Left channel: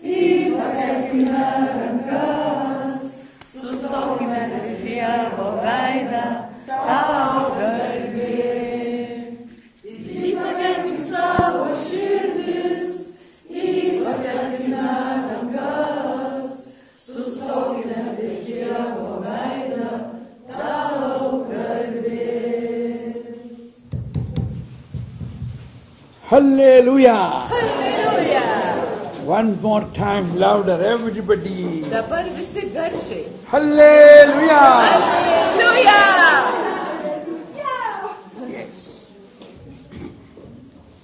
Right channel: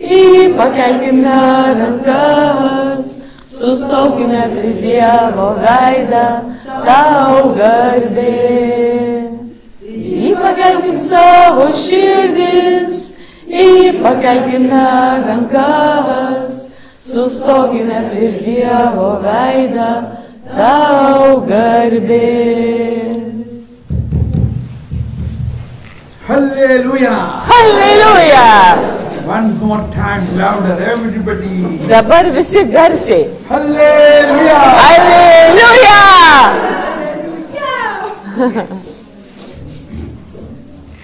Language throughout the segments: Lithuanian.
pakelkime rankas, sustokime prieš Dievo veidą, tau garbė. Pakelkim savo širdis, pakelkime rankas, sustokime prieš Dievo veidą, tau garbė. Hallelujah! Hallelujah! One more time, louder, everybody. Dabar visi garsiai. Hallelujah! Hallelujah!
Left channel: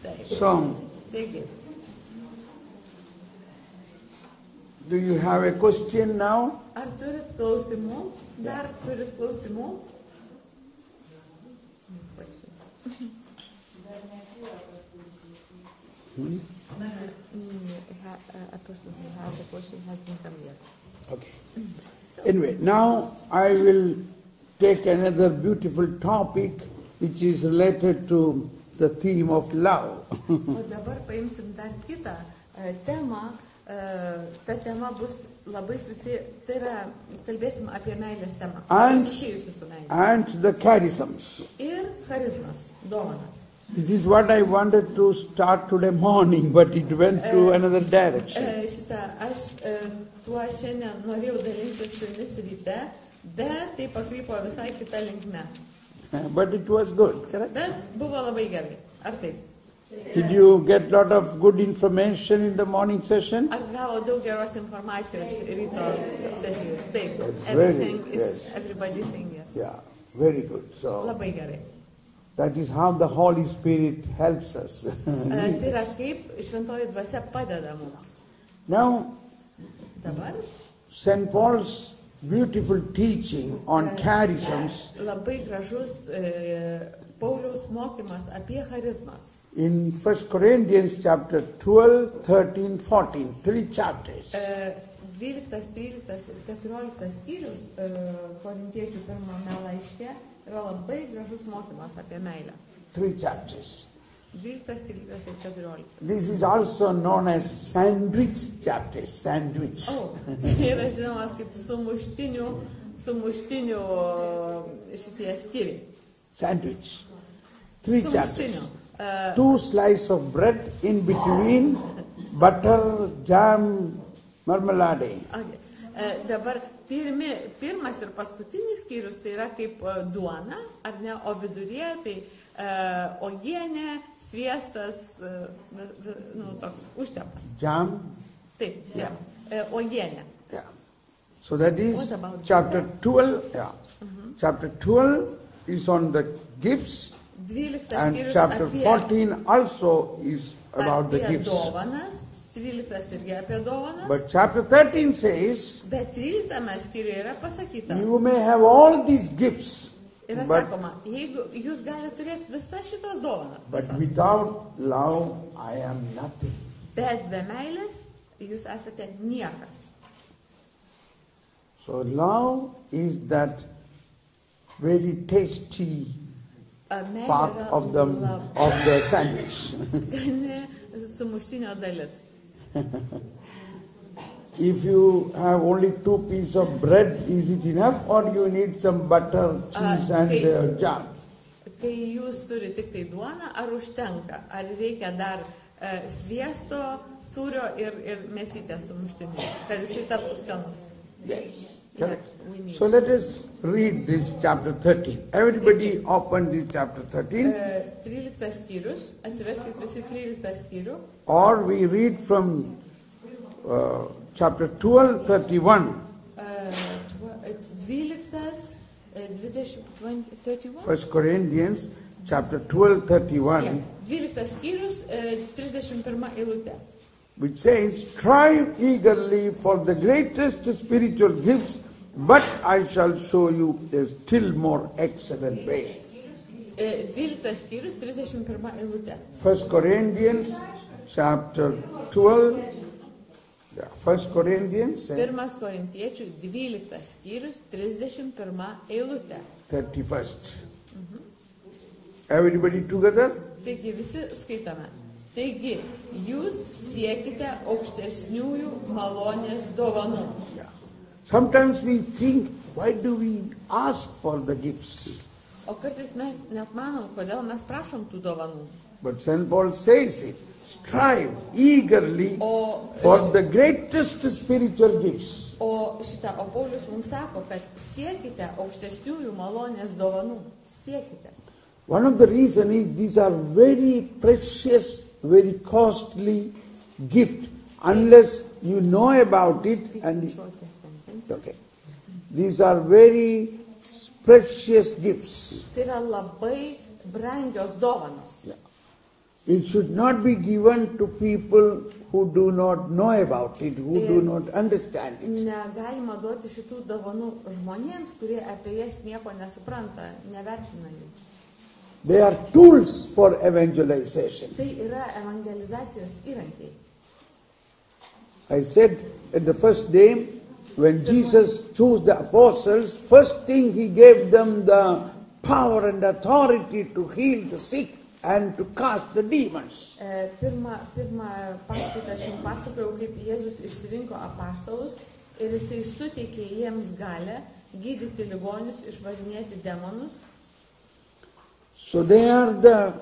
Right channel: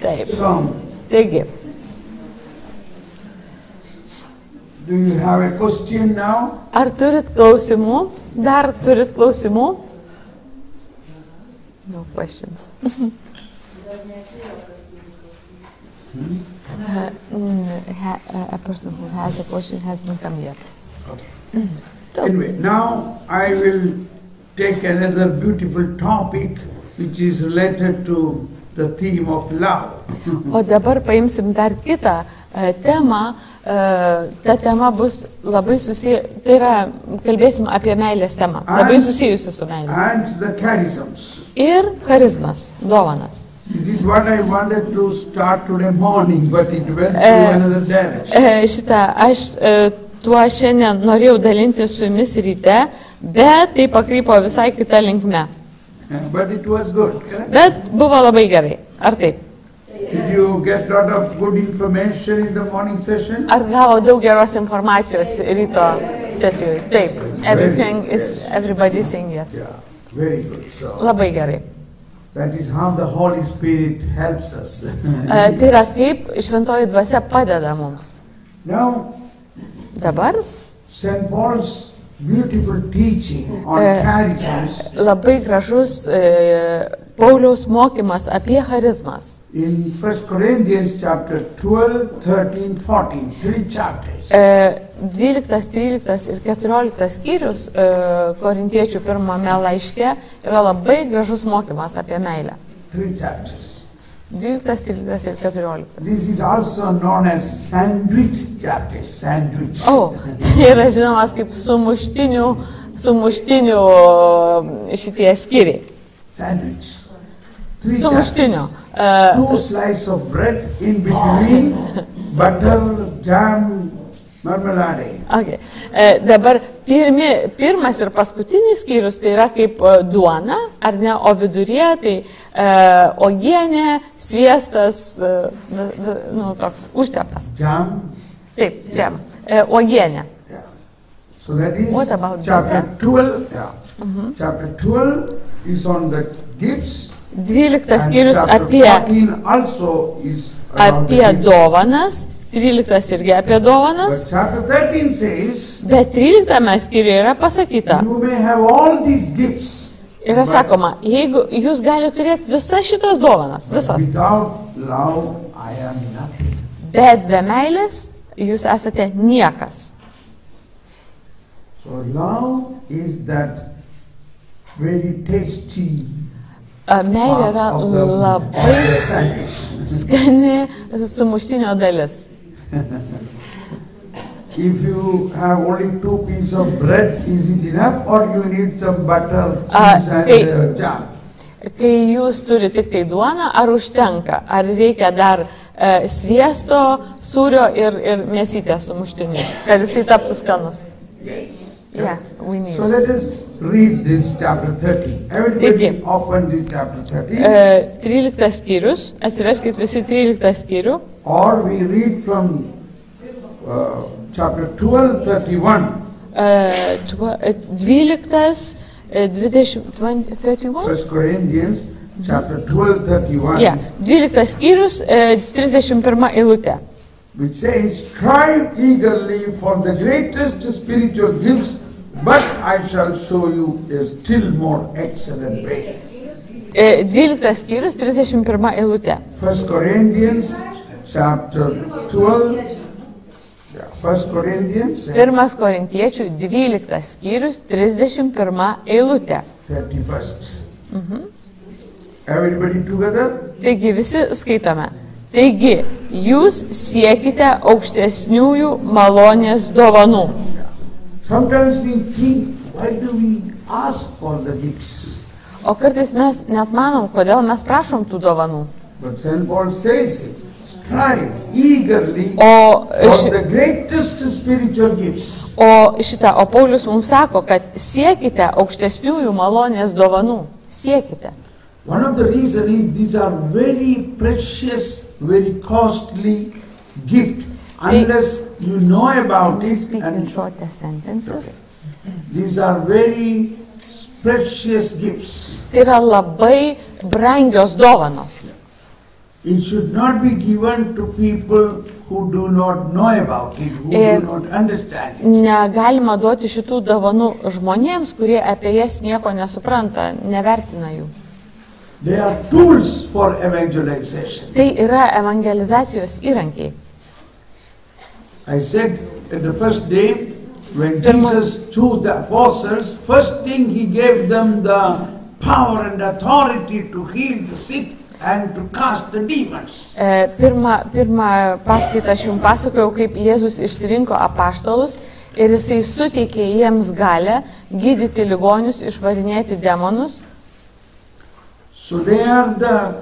Taip. So, Taigi, do you have a question now? ar turit klausimų? Dar turit klausimų? No questions. A person who has a question hasn't come yet. Okay. So, Anyway, now I will take another beautiful topic which is related to the theme of love. o dabar paimsim dar kitą temą. Ta tema bus labai susiję, tai yra, kalbėsim apie meilės temą, labai susijusi su meilė. And the charisms. Ir charizmas, dovanas. This is what I wanted to start today morning, but it went to another direction. Šitą aš tuo šiandien norėjau dalinti su jumis ryte, bet tai pakrypo visai kitą linkmę. But it was good, correct? Bet buvo labai gerai. Ar taip? Did you get a lot of good information in the morning session? Ar gavo daug geros informacijos ryto sesijoje? Taip. Everybody saying yes. Yeah, very good. So Labai gerai. that is how the Holy Spirit helps us. Tai yra kaip šventoji dvasia padeda mums. Now, Dabar St. Paul's beautiful teaching on charisms labai gražus Pauliaus mokymas apie charizmas. in 1 Corinthians chapter 12, 13, 14, 3 chapters. 12, 13 ir 14 skyrius Korintiečių pirmame laiške yra labai gražus mokymas apie meilę. 3 chapters. 12, 13 ir 14. This is also known as sandwich chapters, sandwich. O, tai yra žinomas kaip sumuštinių šitie skyriai. Sandwich. 3 Sumuštinio. chapters. 2 slices of bread in between, butter, jam, marmalade. Okay. Dabar pirmas ir paskutinis skyrius tai yra kaip duona, ar ne, o viduryje tai uogienė, sviestas, toks užtepas. Jam. Taip, čia, uogienė. Yeah. So that is What about chapter butter? 12. Yeah. Chapter 12 is on the gifts. 12 And skyrius chapter apie 14 also is about the gifts. dovanas, 13 irgi apie dovanas, But chapter 13 says, bet 13 skyriuje yra pasakyta. you may have all these gifts, Yra sakoma, jeigu jūs galite turėti visas šitas dovanas, but visas, without love I am nothing. bet be meilės jūs esate niekas. So love is that very tasty Meilė part yra of the labai sandwich. skani sumuštinio dalis. If you have only 2 pieces of bread, is it enough or you need some butter, cheese and jam? Kai jūs turite tik tai duoną, ar užtenka? Ar reikia dar sviesto, sūrio ir mėsytės sumuštinių, kad jisai taptų skanus? Yes. Yeah, we need. So let us read this chapter 30. Everybody Taigi. open this chapter 30. 13 skyrius, atsiverskit visi 13 skyrių, Or we read from chapter 12, 31. 12, 20, 31? 1 Corinthians chapter 12, 31. Yeah, 12 skyrius, 31 eilutė. Which says, strive eagerly for the greatest spiritual gifts, but I shall show you a still more excellent way. 12 skyrius, 31 eilutė. 1 Corinthians chapter 12. 1 Corinthians 1 Korintiečių 12 skyrius, 31 eilutė. 31st. Everybody together? Taigi visi skaitome. Taigi, jūs siekite aukštesniųjų malonės dovanų. Sometimes we think, why do we ask for the gifts? O kartais mes net manom, kodėl mes prašom tų dovanų. But St. Paul says it, strive eagerly O, for the greatest spiritual gifts. o Paulius mums sako, kad siekite aukštesniųjų malonės dovanų. Siekite. One of the reasons is these are very precious, very costly gifts. Unless you know about it, and these are very precious gifts. Tai yra labai brangios dovanos. It should not be given to people who do not know about it, who do not understand it. Negalima duoti šitų dovanų žmonėms, kurie apie jas nieko nesupranta, nevertina jų. They are tools for evangelization. Tai yra evangelizacijos įrankiai. I said at the first day, when Jesus chose the apostles, first thing he gave them the power and authority to heal the sick and to cast the demons. Pirmą paskaitą aš jums pasakojau, kaip Jėzus išsirinko apaštalus ir jisai suteikė jiems galę gydyti ligonius, išvarinėti demonus. So they are the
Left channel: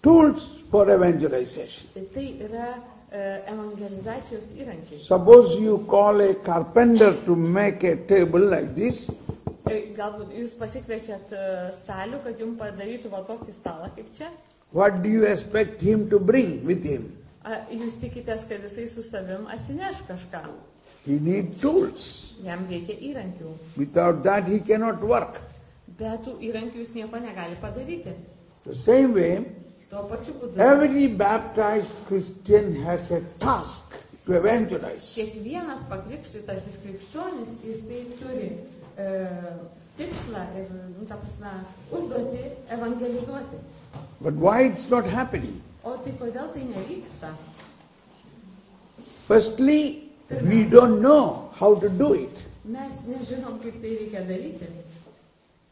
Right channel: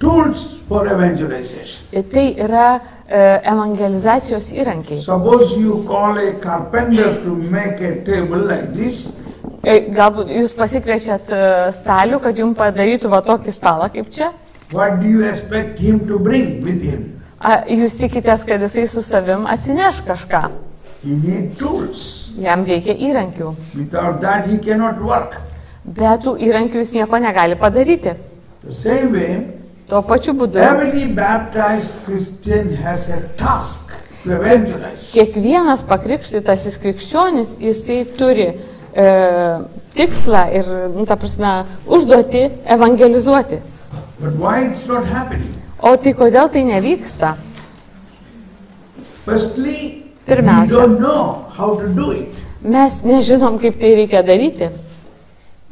tools for evangelization. Tai yra evangelizacijos įrankiai. Suppose you call a carpenter to make a table like this. Galbūt jūs pasikviečiat stalių, kad jums padarytų va tokį stalą kaip čia. What do you expect him to bring with him? Jūs tikitės, kad jisai su savim atsineš kažką. He needs tools. Jam reikia įrankių. Without that he cannot work. Be tų įrankių jis nieko negali padaryti. The same way, Tuo pačiu būdu. every baptized Christian has a task to evangelize. Kiekvienas pakrikštytasis krikščionis, jisai turi tikslą ir, ta prasme, užduoti evangelizuoti. But why it's not happening? O tai kodėl tai nevyksta? Firstly, we Pirmiausia, don't know how to do it. mes nežinom, kaip tai reikia daryti.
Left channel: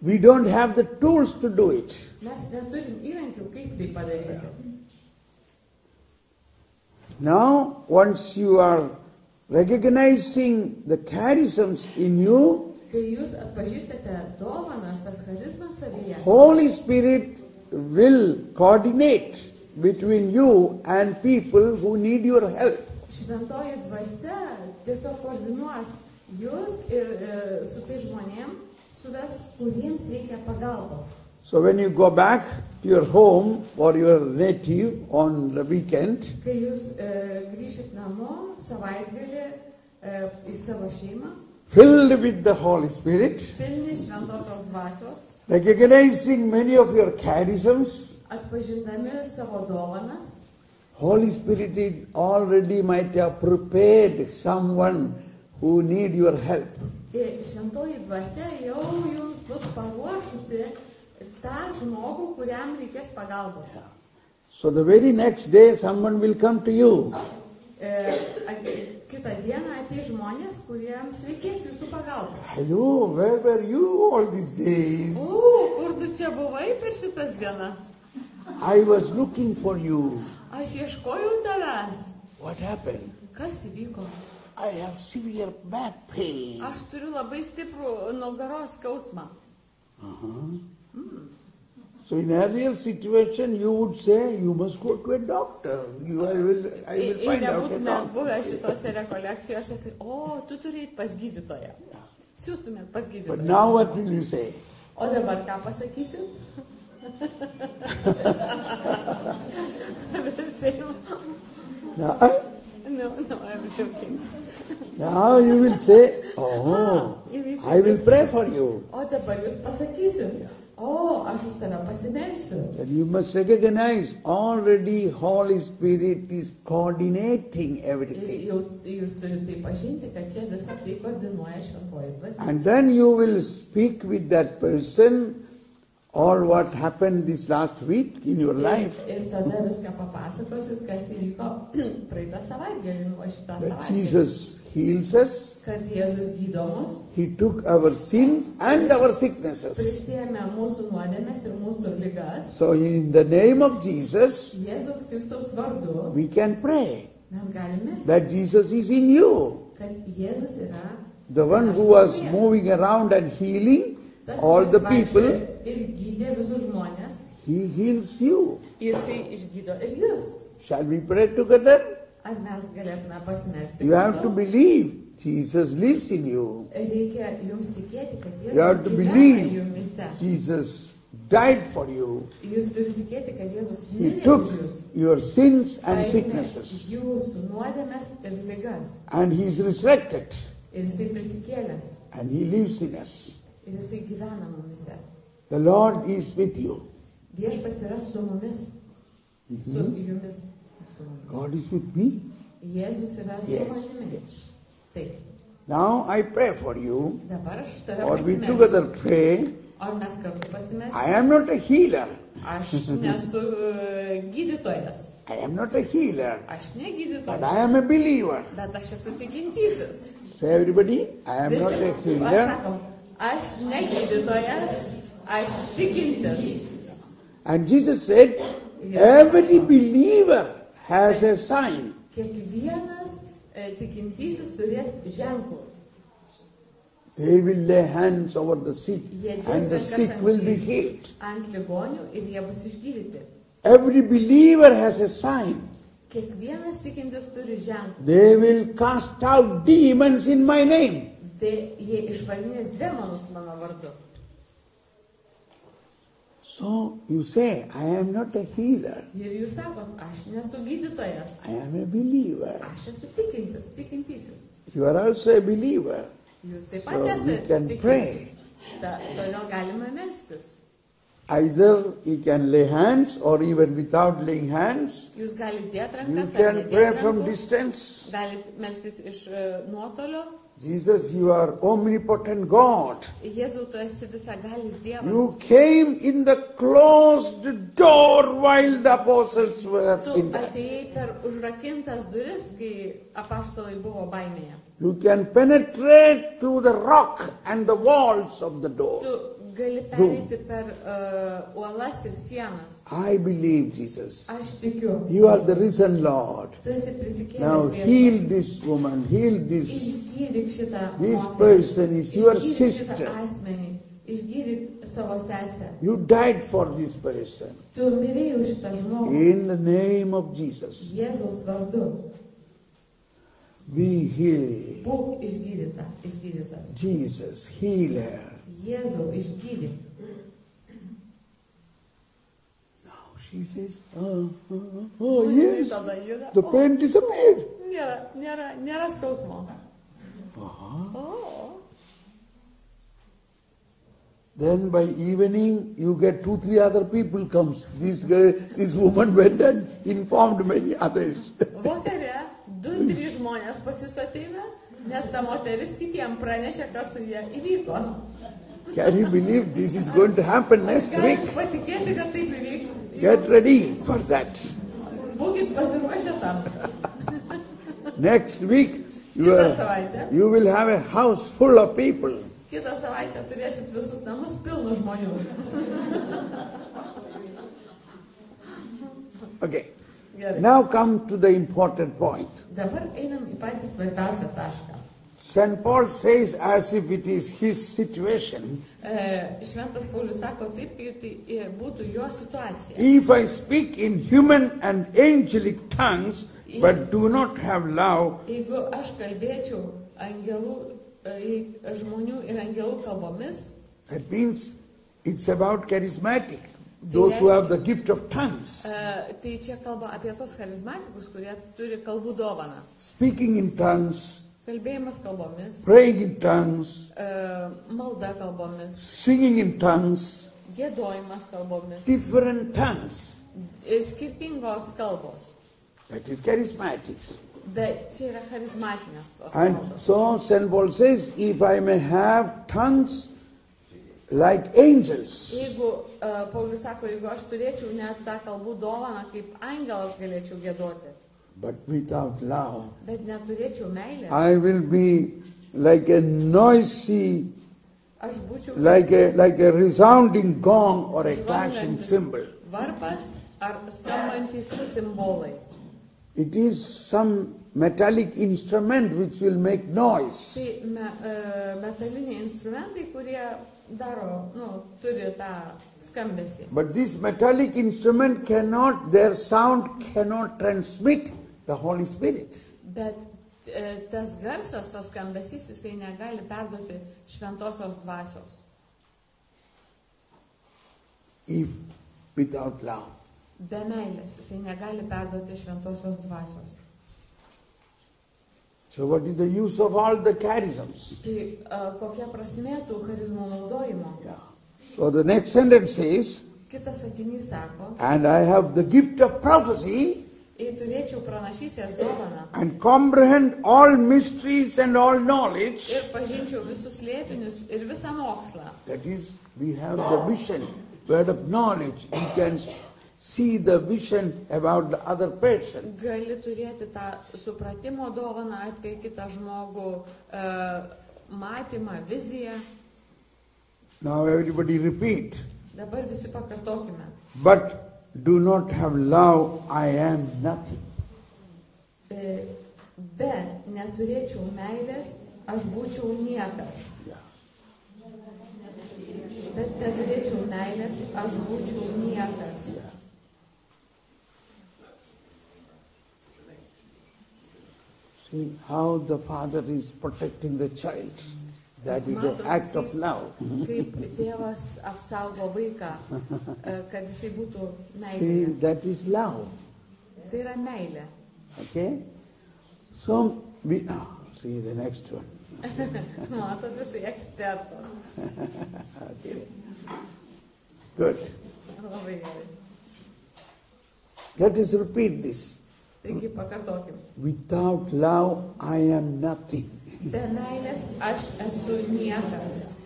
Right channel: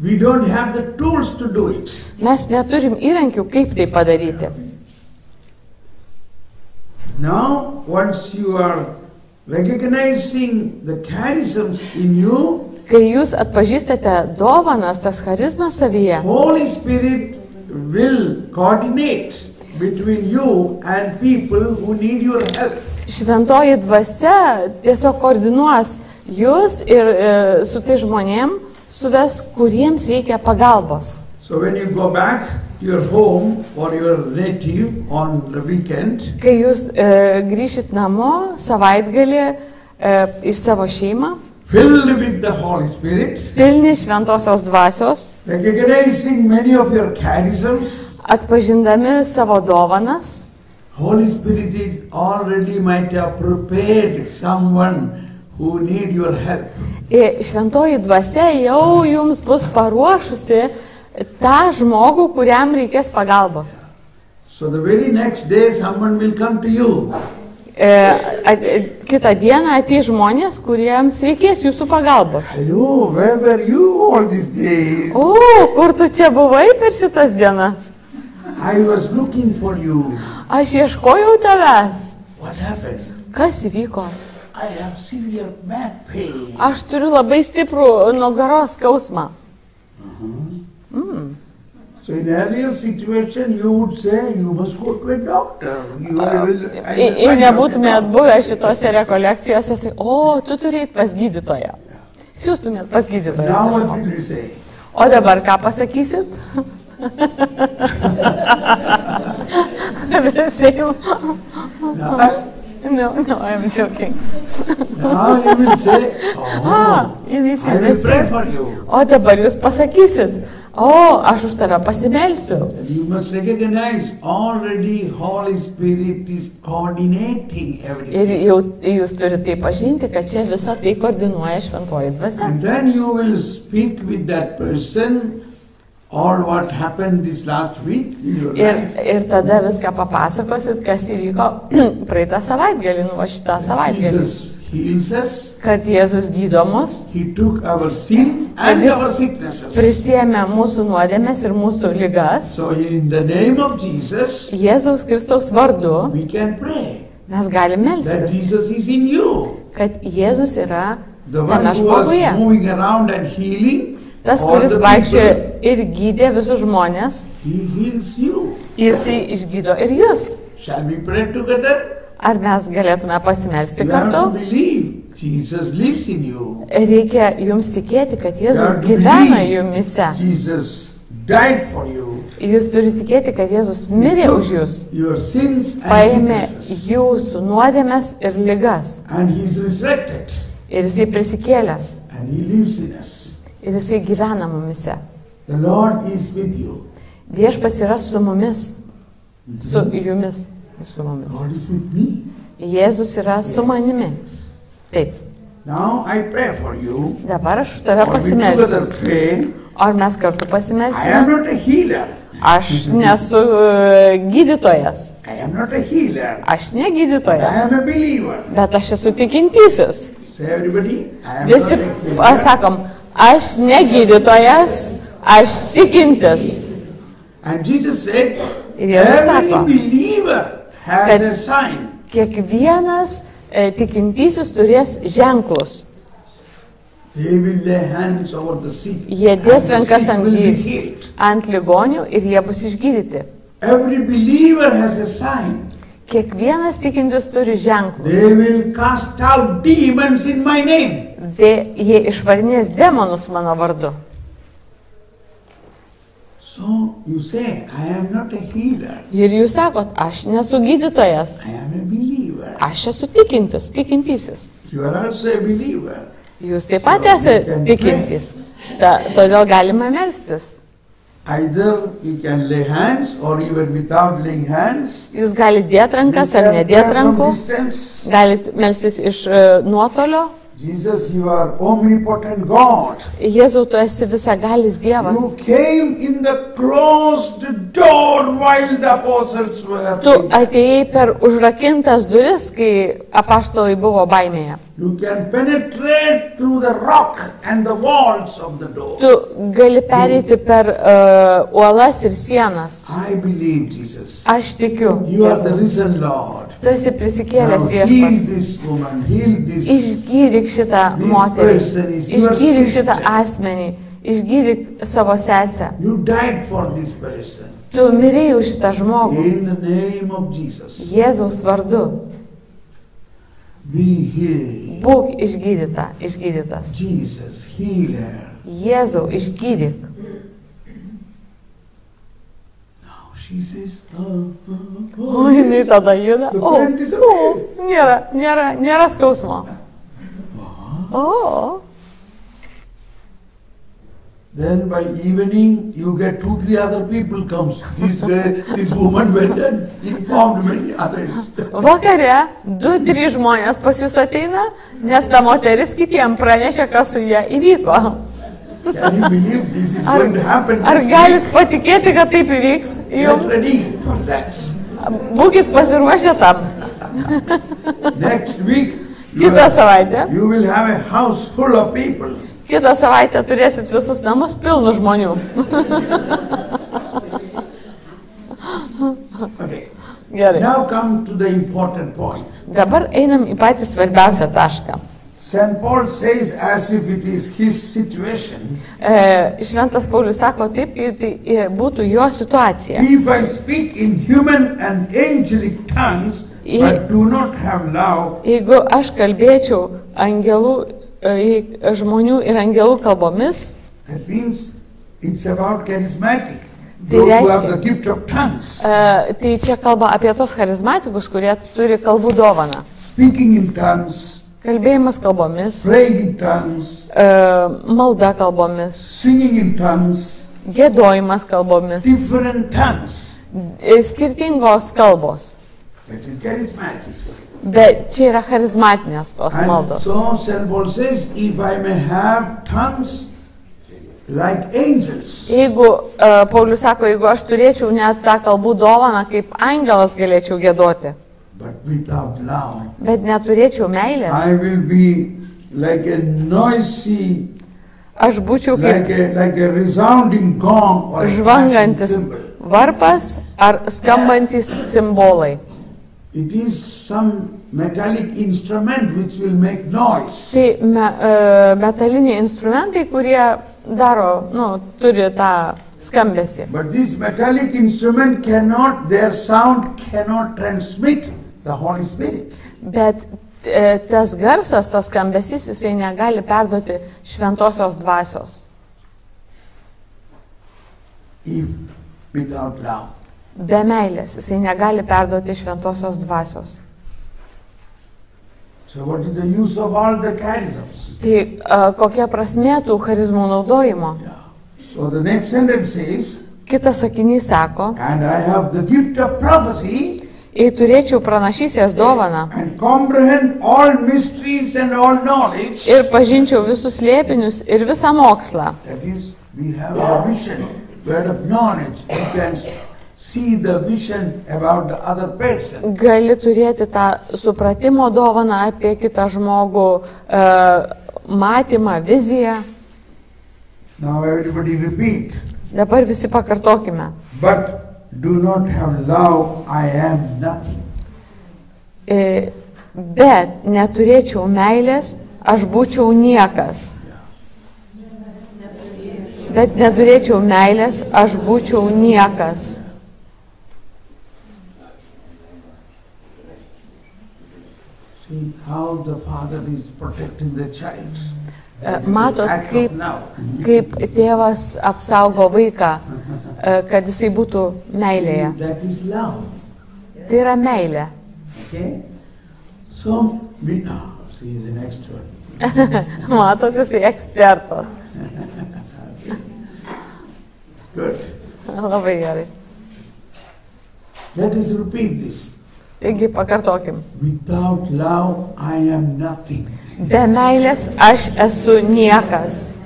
We don't have the tools to do it. Mes neturim įrankių, kaip tai padaryti. Now, once you are recognizing the charisms in you, Kai jūs atpažįstate dovanas, tas charizmas savyje, Holy Spirit will coordinate between you and people who need your help. šventoji dvasia tiesiog koordinuos jūs ir su tai žmonėm suves, kuriems reikia pagalbos. So when you go back to your home or your native on the weekend, Kai jūs grįšit namo savaitgalį iš savo šeimą, filled with the Holy Spirit, pilni šventosios dvasios, recognizing many of your charisms, atpažindami savo dovanas, Holy Spirit is already might have prepared someone who need your help. šventoji dvasia jau jums bus paruošusi tą žmogų, kuriam reikės pagalbos. So the very next day someone will come to you. Kitą dieną ateis žmonės, kuriems reikės jūsų pagalbos. Hello, where were you all these days? O, kur tu čia buvai per šitas dienas? I was looking for you. Aš ieškojau tavęs. What happened? Kas įvyko? I have severe back pain. Aš turiu labai stiprų nugaros skausmą. So in earlier situation you would say you must go to a doctor. Jei nebūtumėt buvę šitose rekolekcijose, sakai, o, tu turėjai pas gydytoją. Siūstumėt pas gydytoją. Now what will you say? O dabar ką pasakysit? Visi jau. No, I'm joking. Now you will say, Ir visi, I will pray for you. O dabar jūs pasakysit, o, aš už tave pasimelsiu. And you must recognize already Holy Spirit is coordinating Ir everything. jau jūs turite tai pažinti, kad čia visą tai koordinuoja šventoji dvasia. And then you will speak with that person all what happened this last week in your life. Ir tada viską papasakosit, kas įvyko praeitą savaitgalį, nu va šitą savaitgalį. Jesus heals us. Kad Jėzus gydo mus. He took our sins and our sicknesses. Prisiėmė mūsų nuodėmes ir mūsų ligas. So in the name of Jesus, Jėzaus Kristaus vardu we can pray mes galime that melstis, Jesus is in you. kad Jėzus yra The one tame who was žmoguje. moving around and healing Tas, all kuris the vaikščiojo people, ir gydė visus žmonės, he heals you. jisai išgydo ir jūs. Shall we pray together? Ar mes galėtume pasimelsti You have to kartu? believe Jesus lives in you. Reikia jums tikėti, kad You Jėzus have to gyvena believe jumise. Jesus died for you. Jūs turite tikėti, kad Jėzus mirė He už jūs. took your sins and Paėmė sicknesses, jūsų nuodėmes ir ligas. and he's resurrected, Ir jisai prisikėlęs. and he lives in us. Ir jisai gyvena mumise. The Lord is with you. Viešpats yra su mumis. Su jumis. Su mumis. God is with me. Jėzus yra su manimi. Taip. Now I pray for you. Dabar aš už tave Or we pasimelsiu. together pray. Ar mes kartu I am pasimelsime? not a healer. Aš nesu gydytojas. I am not a healer. Aš ne I gydytojas. am a believer. Bet aš esu tikintysis. Say everybody, I am Visi not a healer. pasakom, aš ne gydytojas, aš tikintis. And Jesus said, Ir Jėzus every sako, believer has kad a sign. kiekvienas tikintysis turės ženklus. They will lay hands over the sick, Jie and dės the rankas sick ant will be healed. ant ligonių ir jie bus išgydyti. Every believer has a sign. Kiekvienas tikintis turi ženklus. They will cast out demons in my name. Jie išvarinės demonus mano vardu. So you say, I am not a healer. Ir jūs sakot, aš nesu gydytojas, I am a believer. aš esu tikintis, tikintysis. You are also a believer. Jūs taip pat esate tikintis. Todėl galime melstis. Either you can lay hands or even without laying hands. Jūs galite dėti rankas ar You can nedėti pray from rankų. distance. Galite melstis iš nuotolio. Jesus, you are omnipotent God. Jėzau, tu esi visagalis Dievas. You came in the closed door while the apostles were Tu sleeping. atėjai per užrakintas duris, kai apaštalai buvo baimėje. You can penetrate through the rock and the walls of the door. Tu gali pereiti per uolas ir sienas. I believe, Jesus. Aš tikiu. You are Jėzau. the risen Lord. Tu esi Now prisikėlęs heal Viešpats. this woman, heal this. Išgydyk šitą This moterį. person is your Išgydyk šitą sister. asmenį. Išgydyk savo sesę. You died for this person. Tu mirėjai už šitą žmogų. In the name of Jesus, Jėzaus vardu. be healed. Būk išgydytas. Jesus, healer. Jėzau, išgydyk. Now she says, O, jinai tada juda. the O, pain disappeared. nėra skausmo. O, Then by evening, you get 2-3 other people comes. This woman went and informed many others. vakare 2-3 žmonės pas jūs ateina, nes ta moteris kitiem pranešė, kas su ją įvyko. Can you believe this is going to happen Ar this galit week? patikėti, kad taip įvyks? Get Jums ready for that. būkit pasiruošę tam. Next week, Kitą savaitę. you will have a house full of people. Kitą savaitę turėsit visus namus pilnus žmonių. Okay. Gerai. Now come to the important point. Dabar einam į patį svarbiausią tašką. St. Paul says as if it is his situation. Šventas Paulius sako taip, kaip tai būtų jo situacija. If I speak in human and angelic tongues, but do not have love, Jeigu aš kalbėčiau žmonių ir angelų kalbomis, that means it's about charismatic. Tai Those who have reiškia- the gift of tongues. tai čia kalba apie tos charizmatikus, kurie turi kalbų dovaną. Speaking in tongues, Kalbėjimas kalbomis, praying in tongues, malda kalbomis, singing in tongues, gėdojimas kalbomis, different tongues. skirtingos kalbos. That is charismatic. Bet čia yra charizmatinės tos And maldos. so St. Paul says, if I may have tongues like angels. Jeigu, Paulius sako, jeigu aš turėčiau net tą kalbų dovaną, kaip angelas galėčiau giedoti, But without love, bet neturėčiau meilės, I will be like a noisy, aš būčiau kaip like a resounding gong or a flashing žvangantis cymbal. varpas ar skambantis cimbolai. It is some metallic instrument which will make noise. Tai metaliniai instrumentai, kurie daro, turi tą skambesį. But this metallic instrument cannot, their sound cannot transmit the Holy Spirit. Bet tas garsas, tas skambesys, jisai negali perduoti šventosios dvasios. If without love. Be meilės, jisai negali perduoti šventosios dvasios. So what is the use of all the charisms? Tai kokia prasmė tų charizmų naudojimo? So the next sentence says, Kitas sakinys sako, and I have the gift of prophecy jei turėčiau pranašystės dovaną and comprehend all mysteries and all knowledge. ir pažinčiau visus slėpinius ir visą mokslą. That is, we have a vision, word of knowledge. You can see the vision about the other person. Gali turėti tą supratimo dovaną apie kitą žmogų, matymą, viziją. Now everybody repeat. Dabar visi pakartokime. But do not have love, I am nothing. Bet neturėčiau meilės, aš būčiau niekas. Bet neturėčiau meilės, aš būčiau niekas. See how the father is protecting the child. That is Matot, the act of love. kaip tėvas apsaugo vaiką, kad jisai būtų meilėje. That is love. Tai yra meilė. Okay? So, see the next one. Matot, jisai ekspertas. Good. Labai gerai. Let us repeat this. Taigi pakartokim. Without love, I am nothing. Be meilės aš esu niekas.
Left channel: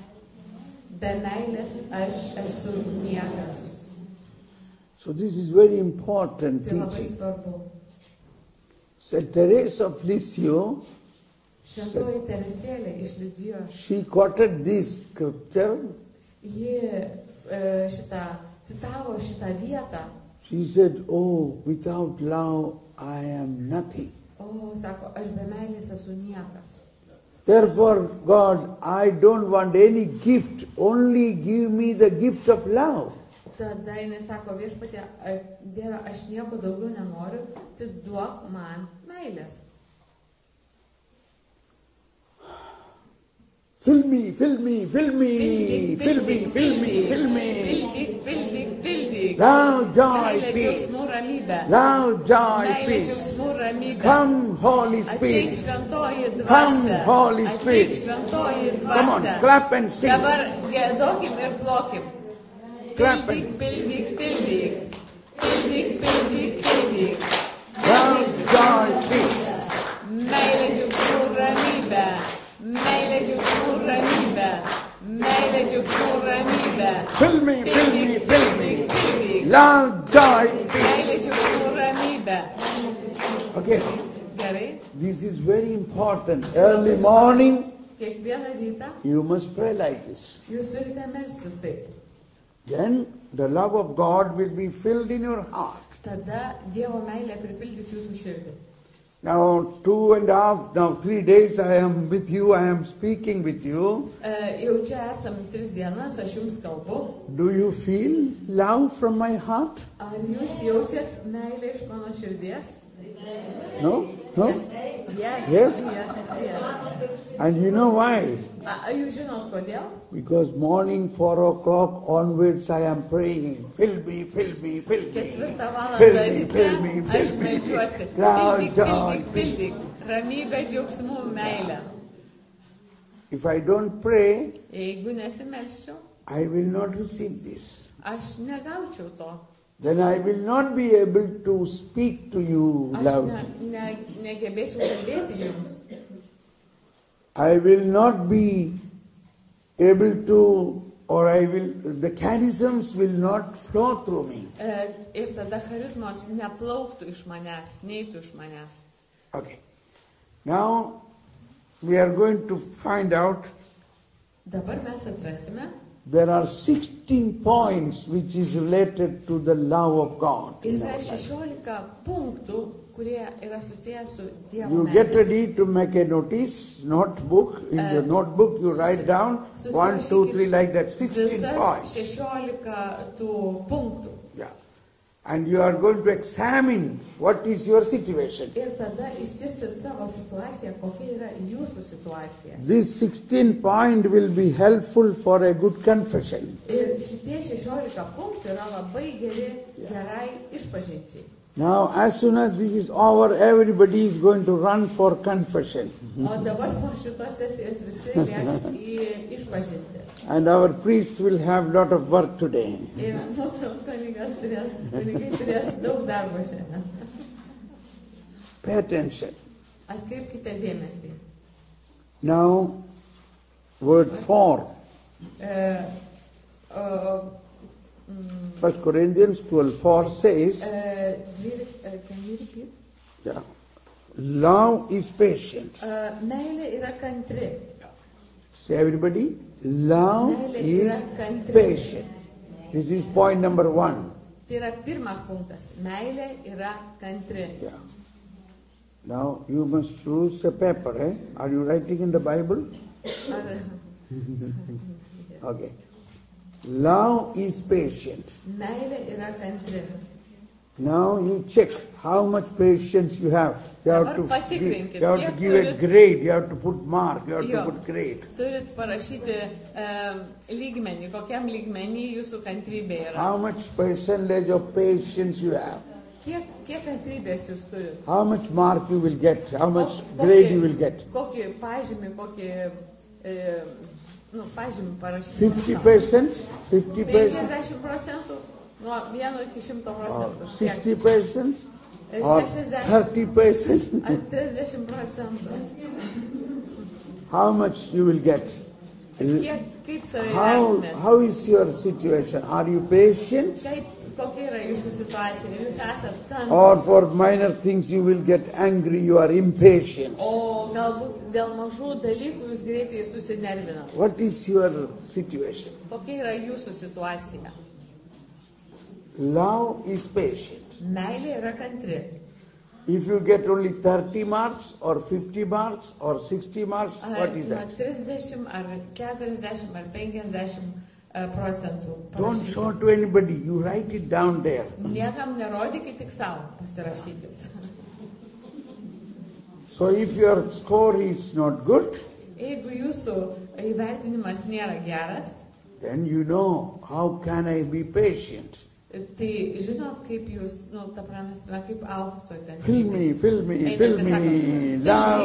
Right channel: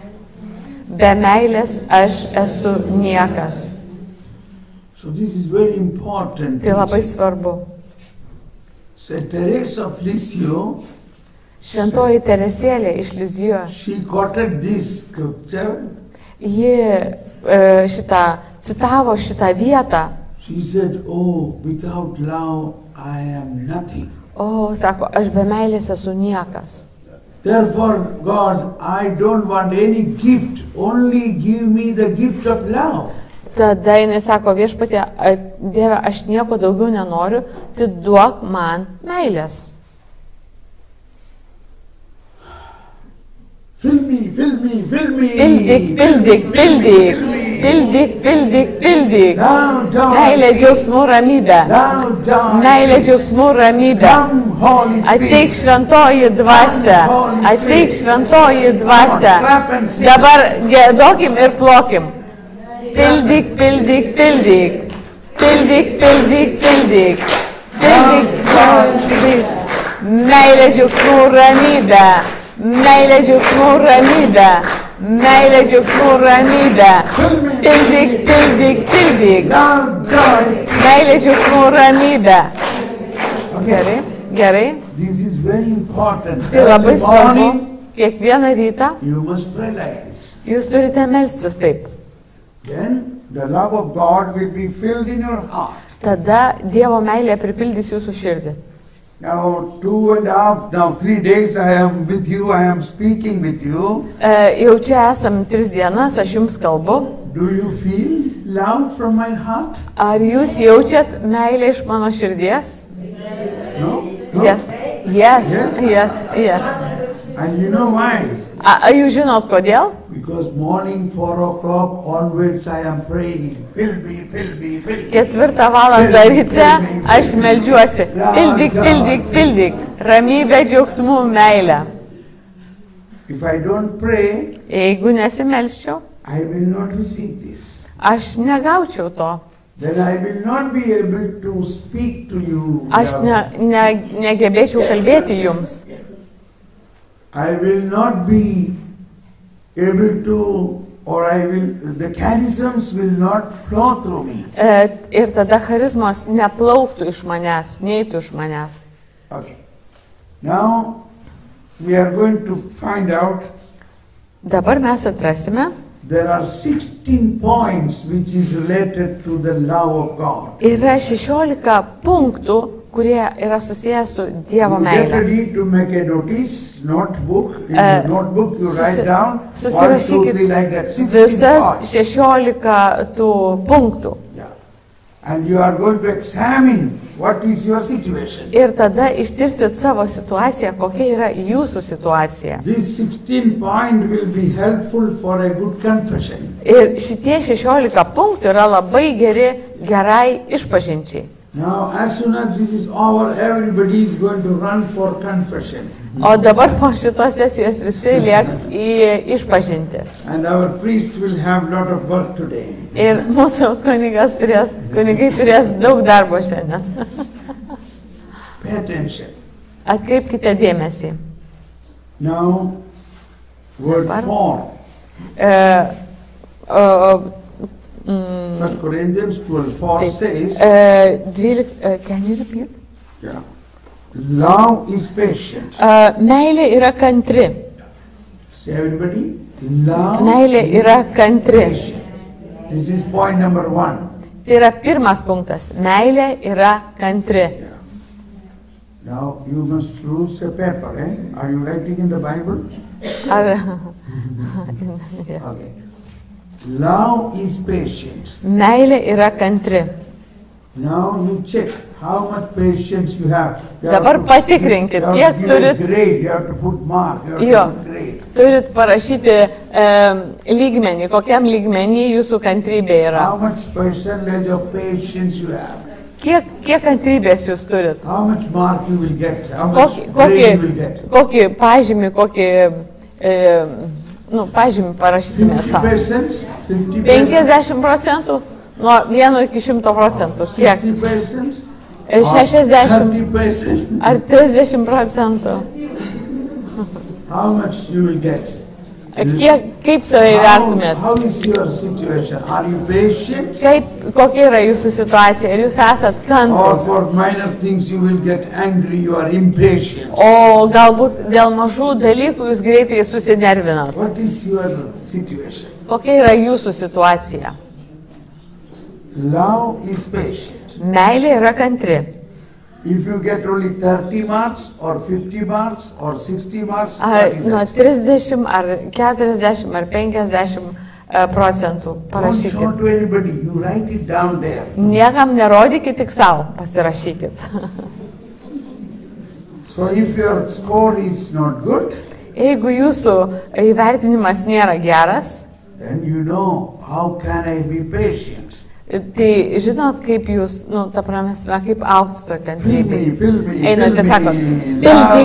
Be meilės aš esu niekas. So this is very important. Tai labai svarbu. Saint Teresa of Lisieux, Šventoji Teresėlė iš Lizijo, she quoted this scripture. ji citavo šitą vietą. She said, oh, without love, I am nothing. O, sako, aš be meilės esu niekas. Therefore, God, I don't want any gift, only give me the gift of love. Tada jinai sako, viešpatie, Dieve, aš nieko daugiau nenoriu, tai duok man meilės. Fill me, fill me, fill me. Pildyk, pildyk, pildyk. Pildyk, pildyk, pildyk. Down, down. Meilė, džiaugsmų, ramybė. Down, down. Meilė, džiaugsmų, ramybė. Come, Holy Spirit. Ateik šventoji dvasia. Ateik šventoji dvasia. Dabar gėdokim ir plokim. Pildyk, pildyk, pildyk. Pildyk, pildyk, pildyk. Pildyk, pildyk. Meilė, džiaugsmų, ramybė. Meilė, džiaugsmų, ramybė. Meilė, džiaugsmų, ramybė. Pildyk, pildyk, pildyk. Meilė, džiaugsmų, ramybė. Gerai, gerai. This is very important. Tai labai Every svarbu. morning, Kiekvieną rytą you must pray like this. jūs turite melstis taip. Then the love of God will be filled in your heart. Tada Dievo meilė pripildys jūsų širdį. Now 3 days I am with you, I am speaking with you. Jau čia esam 3 dienas, aš jums kalbu. Do you feel love from my heart? Ar jūs jaučiat meilę iš mano širdies? No? No? Yes. Yes. Yes? Yes. Yes. And you know why? Ar jūs žinot kodėl? Because morning 4 o'clock onwards I am praying. Fill me, fill me, fill me. 4 valandą ryte aš meldžiuosi. Pildyk, pildyk, pildyk. Ramybė, džiaugsmų, meilę. If I don't pray, Jeigu nesimelščiau, I will not receive this. aš negaučiau to. Then I will not be able to speak to you. Aš negebėčiau kalbėti jums. I will not be able to or the charisms will not flow through me. Ir tada charizmos neplauktų iš manęs, neįtų iš manęs. Okay. Now we are going to find out. Dabar mes atrasime. There are 16 points which is related to the love of God. Yra 16 punktų, kurie yra susijęs su Dievo You meile. get ready to make a notice, notebook. In the notebook you write down 1, 2, 3 like that. 16 Visas points. 16 tų punktų. Yeah. And you are going to examine what is your situation. Ir tada ištirsit savo situaciją, kokia yra jūsų situacija. These 16 points will be helpful for a good confession. Ir šitie 16 punktų yra labai gerai išpažinčiai. Now, as soon as this is over, everybody is going to run for confession. O dabar po šitos sesijos visi lieks į išpažinti. And our priest will have a lot of work today. Ir mūsų kunigai turės daug darbo šiandien. Pay attention. Atkreipkite dėmesį. Now, word 4. 1 Corinthians 12:4 says, 12, can you repeat? yeah, love is patient. Meilė yra kantri. Say everybody, love Meilė yra is kantri. patient. This is point number 1. Tai yra pirmas punktas. Meilė yra kantri. Yeah. Now you must choose a paper, eh? Are you writing in the Bible? Ar... Okay. Love is patient. Meilė yra kantri. Now you check how much patience you have. Dabar patikrinkit, kiek turit. Grade, you have to put mark, you have to put grade. Turit parašyti lygmenį, kokiam lygmenį jūsų kantrybė yra. How much percentage of patience you have? Kiek kantrybės jūs turit? How much mark you will get? How much grade you will get? Kokį pažymį, pažymį parašytumėt savo. 50%? 50%? Nuo 1 iki 100%. Kiek? 60%? 60? 30%? Ar 30%? How much you will get? Kaip save įvertumėt? How is your situation? Are you patient? Kokia yra jūsų situacija? Ar jūs esat Or kantrūs? for minor things you will get angry, you are impatient. O galbūt dėl mažų dalykų jūs greitai susinervinat? What is your situation? Kokia yra jūsų situacija? Love is patient. Meilė yra kantri. If you get only 30 marks or 50 marks or 60 marks, Nuo 30 ar 40 ar 50% don't parašykit. show to anybody, you write it down there. Niekam nerodykit, tik savo pasirašykit. So if your score is not good, Jeigu jūsų įvertinimas nėra geras, then you know how can I be patient. tai žinot, kaip jūs, ta prasme, kaip augti to kantrybėje. Fill me, Einate, sako, love,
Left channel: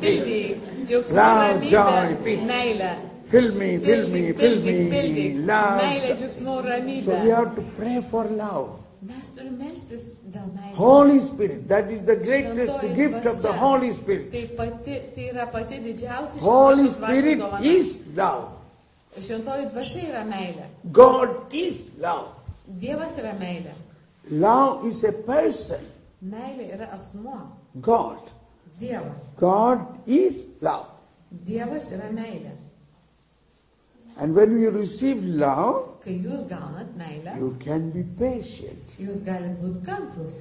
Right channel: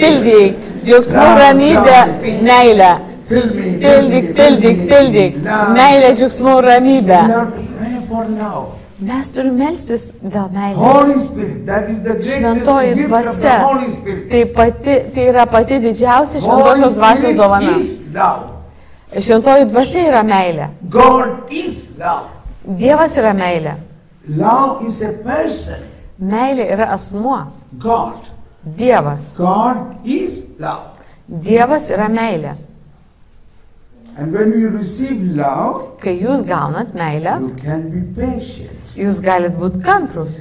pildyk, džiaugsmų, ramybę, meilę. fill me, Pildyk, meilę, džiaugsmų, ramybę. You have to pray for love. Mes turime melstis dėl meilės. Holy Spirit, that is the greatest Šventoji gift of the dvasia. Holy Spirit. Tai yra pati didžiausia Holy šventosios dvasios Spirit dovana. is love. Šventoji dvasia yra meilė. God is love. Dievas yra meilė. Love is a person. Meilė yra asmuo. God. Dievas. God is love. Dievas yra meilė. And when you receive love, Kai jūs gaunat meilę, you can be patient. jūs galit būti kantrus.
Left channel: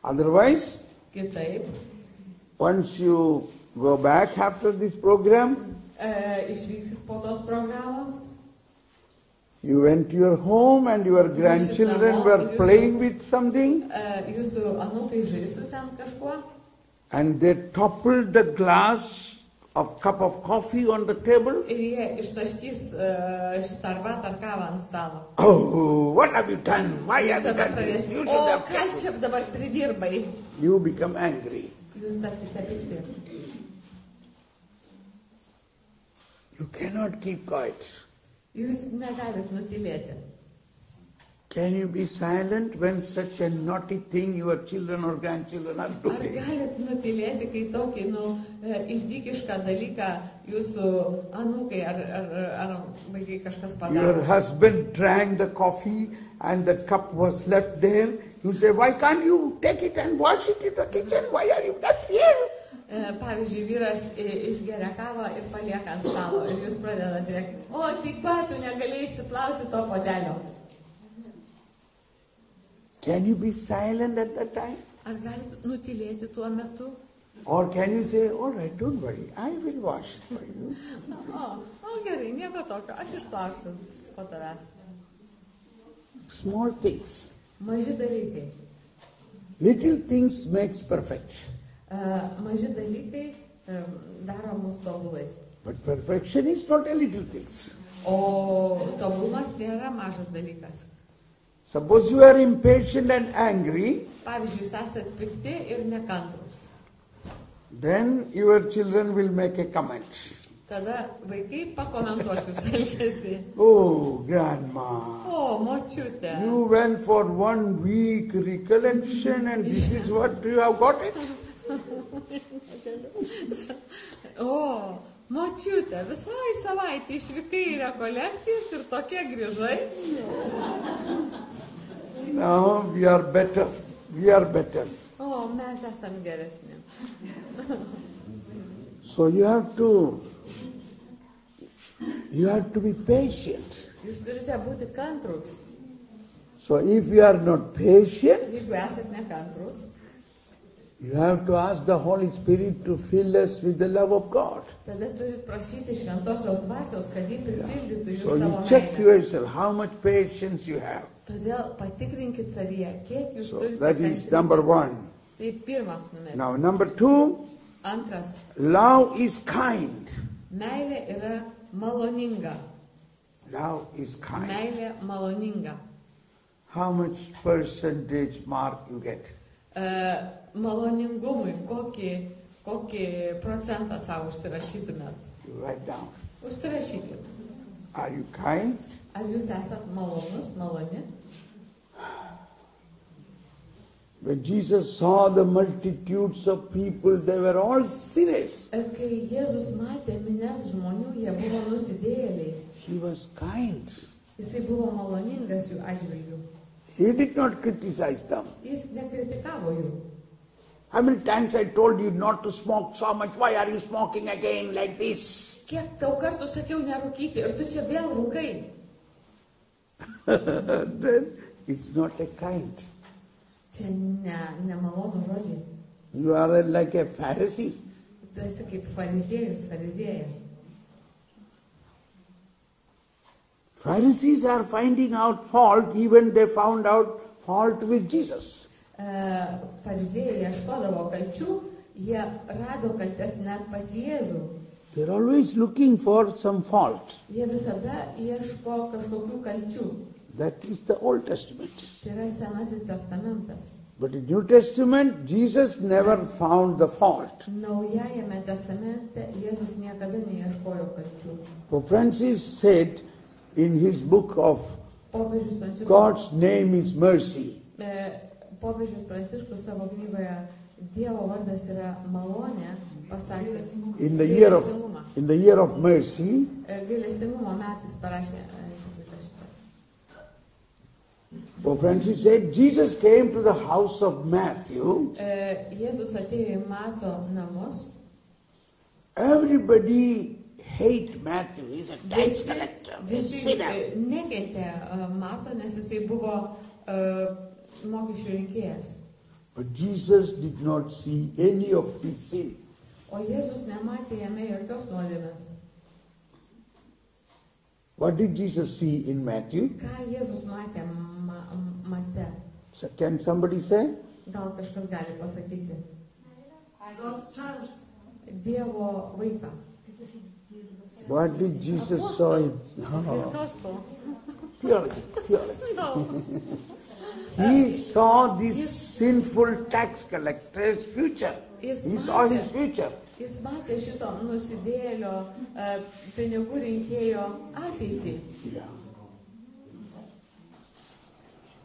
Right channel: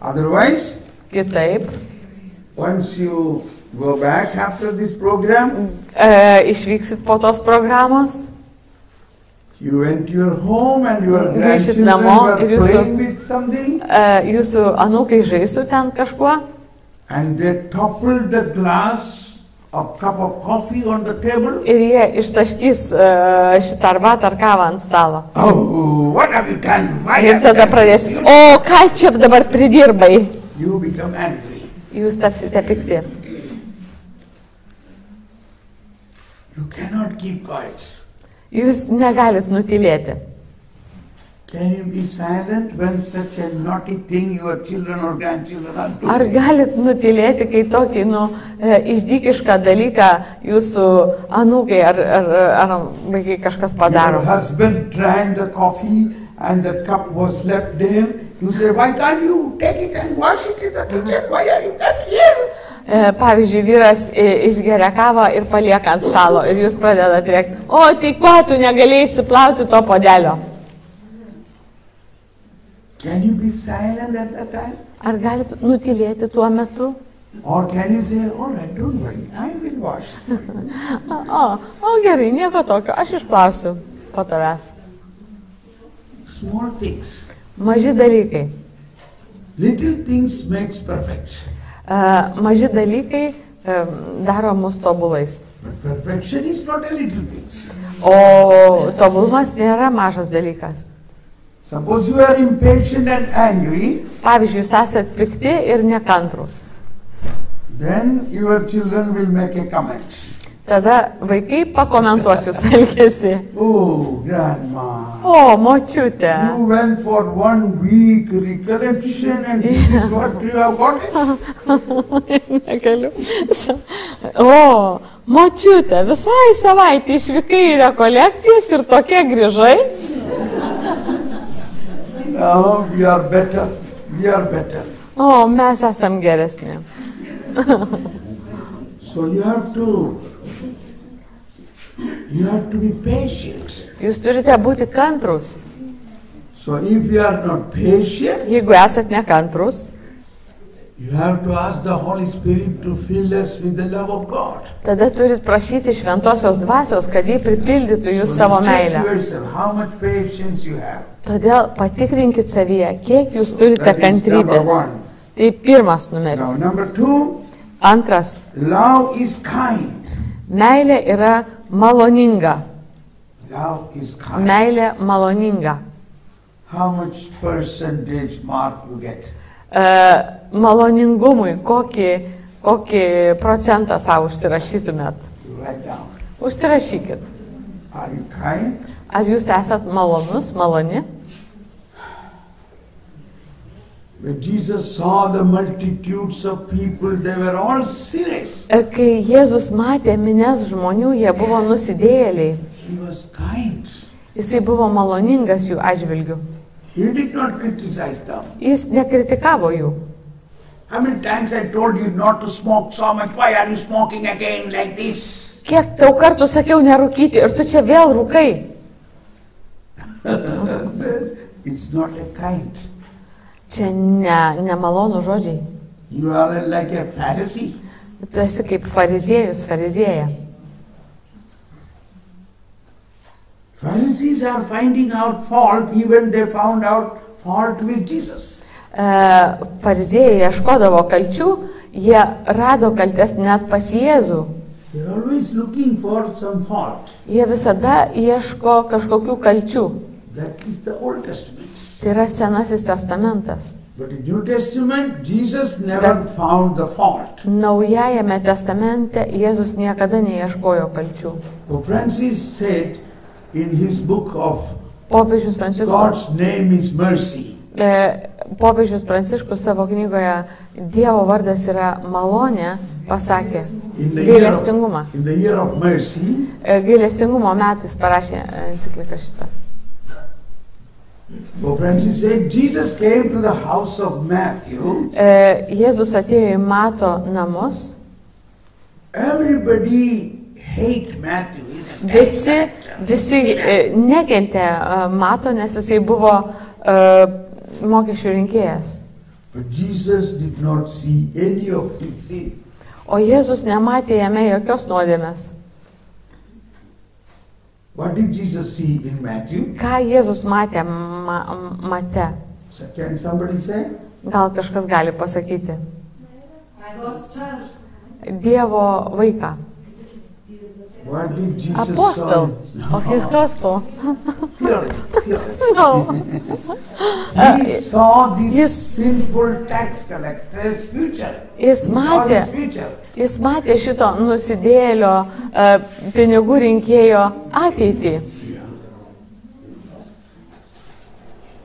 Otherwise, Kitaip, once you go back after this program, išvyksit po tos programos, you went to your home and your Grįšit grandchildren namo were ir jūsų- playing with something, jūsų anūkai žaistų ten kažkuo and they toppled the glass of cup of coffee on the table. ir jie ištaškys šitą arbatą ar kavą ant stalo. Oh, what have you done? Why Ir have you tada done pradėsit, this? o ką čia dabar pridirbai? You become angry. Jūs tapsite pikti. You cannot keep quiet. Jūs negalit nutilėti. Can you be silent when such a naughty thing your children or grandchildren are doing? Ar galit nutilėti, kai tokį, išdykišką dalyką jūsų anūkai ar vaikai kažkas padaro? Your husband drank the coffee and the cup was left there. You say, why can't you take it and wash it in the kitchen? Why are you left here? Pavyzdžiui, vyras išgeria kavą ir palieka ant stalo ir jūs pradedate rėkti, o tai ko tu negalėjai išsiplauti to puodelio? Can you be silent at that time? Ar galit nutilėti tuo metu? Or can you say, all right, don't worry, I will wash it for you. O gerai, nieko tokio, aš išplausiu po tavęs. Small things. Maži dalykai. Little things makes perfect. Maži dalykai daro mus tobulais. But perfection is not a little thing. O tobulumas nėra mažas dalykas. Suppose you are impatient and angry, Pavyzdžiui, jūs esat pikti ir nekantrus. then your children will make a comment. Tada vaikai pakomentuos jūsų elgesį. Oh, grandma, O, močiutė. you went for 1 week recollection and this is what you have got. Negaliu. O, močiutė, visai savaitę išvykai į rekolekcijas ir tokie grįžai. Now we are better. We are better. O, mes esam geresni. So you have to be patient. Jūs turite būti kantrus. So if you are not patient, Jeigu esat nekantrus, you have to ask the Holy Spirit to fill us with the love of God. tada turit prašyti šventosios dvasios, kad jį pripildytų jūs So savo you check meilę. yourself, how much patience you have. Todėl patikrinkit savyje, kiek jūs turite That is number kantrybės. one. Tai pirmas Now, numeris. number 2, Antras. love is kind. Meilė yra maloninga. Love is kind. Meilė maloninga. How much percentage mark you get? Maloningumui kokį procentą savo užsirašytumėt? You write down. Užsirašykit. Are you kind? Ar jūs esat malonus, maloni? When Jesus saw the multitudes of people, they were all sinners. Kai Jėzus matė mines žmonių, jie buvo nusidėjėliai. He was kind. Jisai buvo maloningas jų atžvilgių. He did not criticize them. Jis nekritikavo jų. How many times I told you not to smoke so much? Why are you smoking again like this? Kiek tau kartų sakiau nerūkyti ir tu čia vėl rūkai? It's not a kind. Čia nemalonų žodžiai. You are like a Pharisee. Tu esi kaip fariziejus, farizėja. Pharisees are finding out fault, even they found out fault with Jesus. Fariziejai ieškodavo kalčių, jie rado kaltes net pas Jėzų. They're always looking for some fault. Jie visada ieško kažkokių kalčių. That is the Old Testament. Tai yra Senasis testamentas. But in New Testament, Jesus never found the fault. Naujajame testamente Jėzus niekada neieškojo kalčių. Pope Francis said in his book of Popiežius Pranciškus, God's name is mercy. Popiežius Pranciškus savo knygoje Dievo vardas yra malonė, pasakė gailestingumą. In the year of mercy, Gailestingumo metais parašė encikliką šitą. Pope Francis said Jesus came to the house of Matthew. Jėzus atėjo į Mato namus. Everybody hate Matthew. He's a Visi nekentė Mato, nes jisai buvo mokesčių rinkėjas. But Jesus did not see any of his sin. O Jėzus nematė jame jokios nuodėmės. What did Jesus see in Matthew? Ką Jėzus matė Mate? So can somebody say? Gal kažkas gali pasakyti? Dievo vaiką. What did Jesus Apostle saw? of his gospel. Theology. No. He saw this sinful tax collector's future. He saw his future. Jis matė šito nusidėlio pinigų rinkėjo ateitį.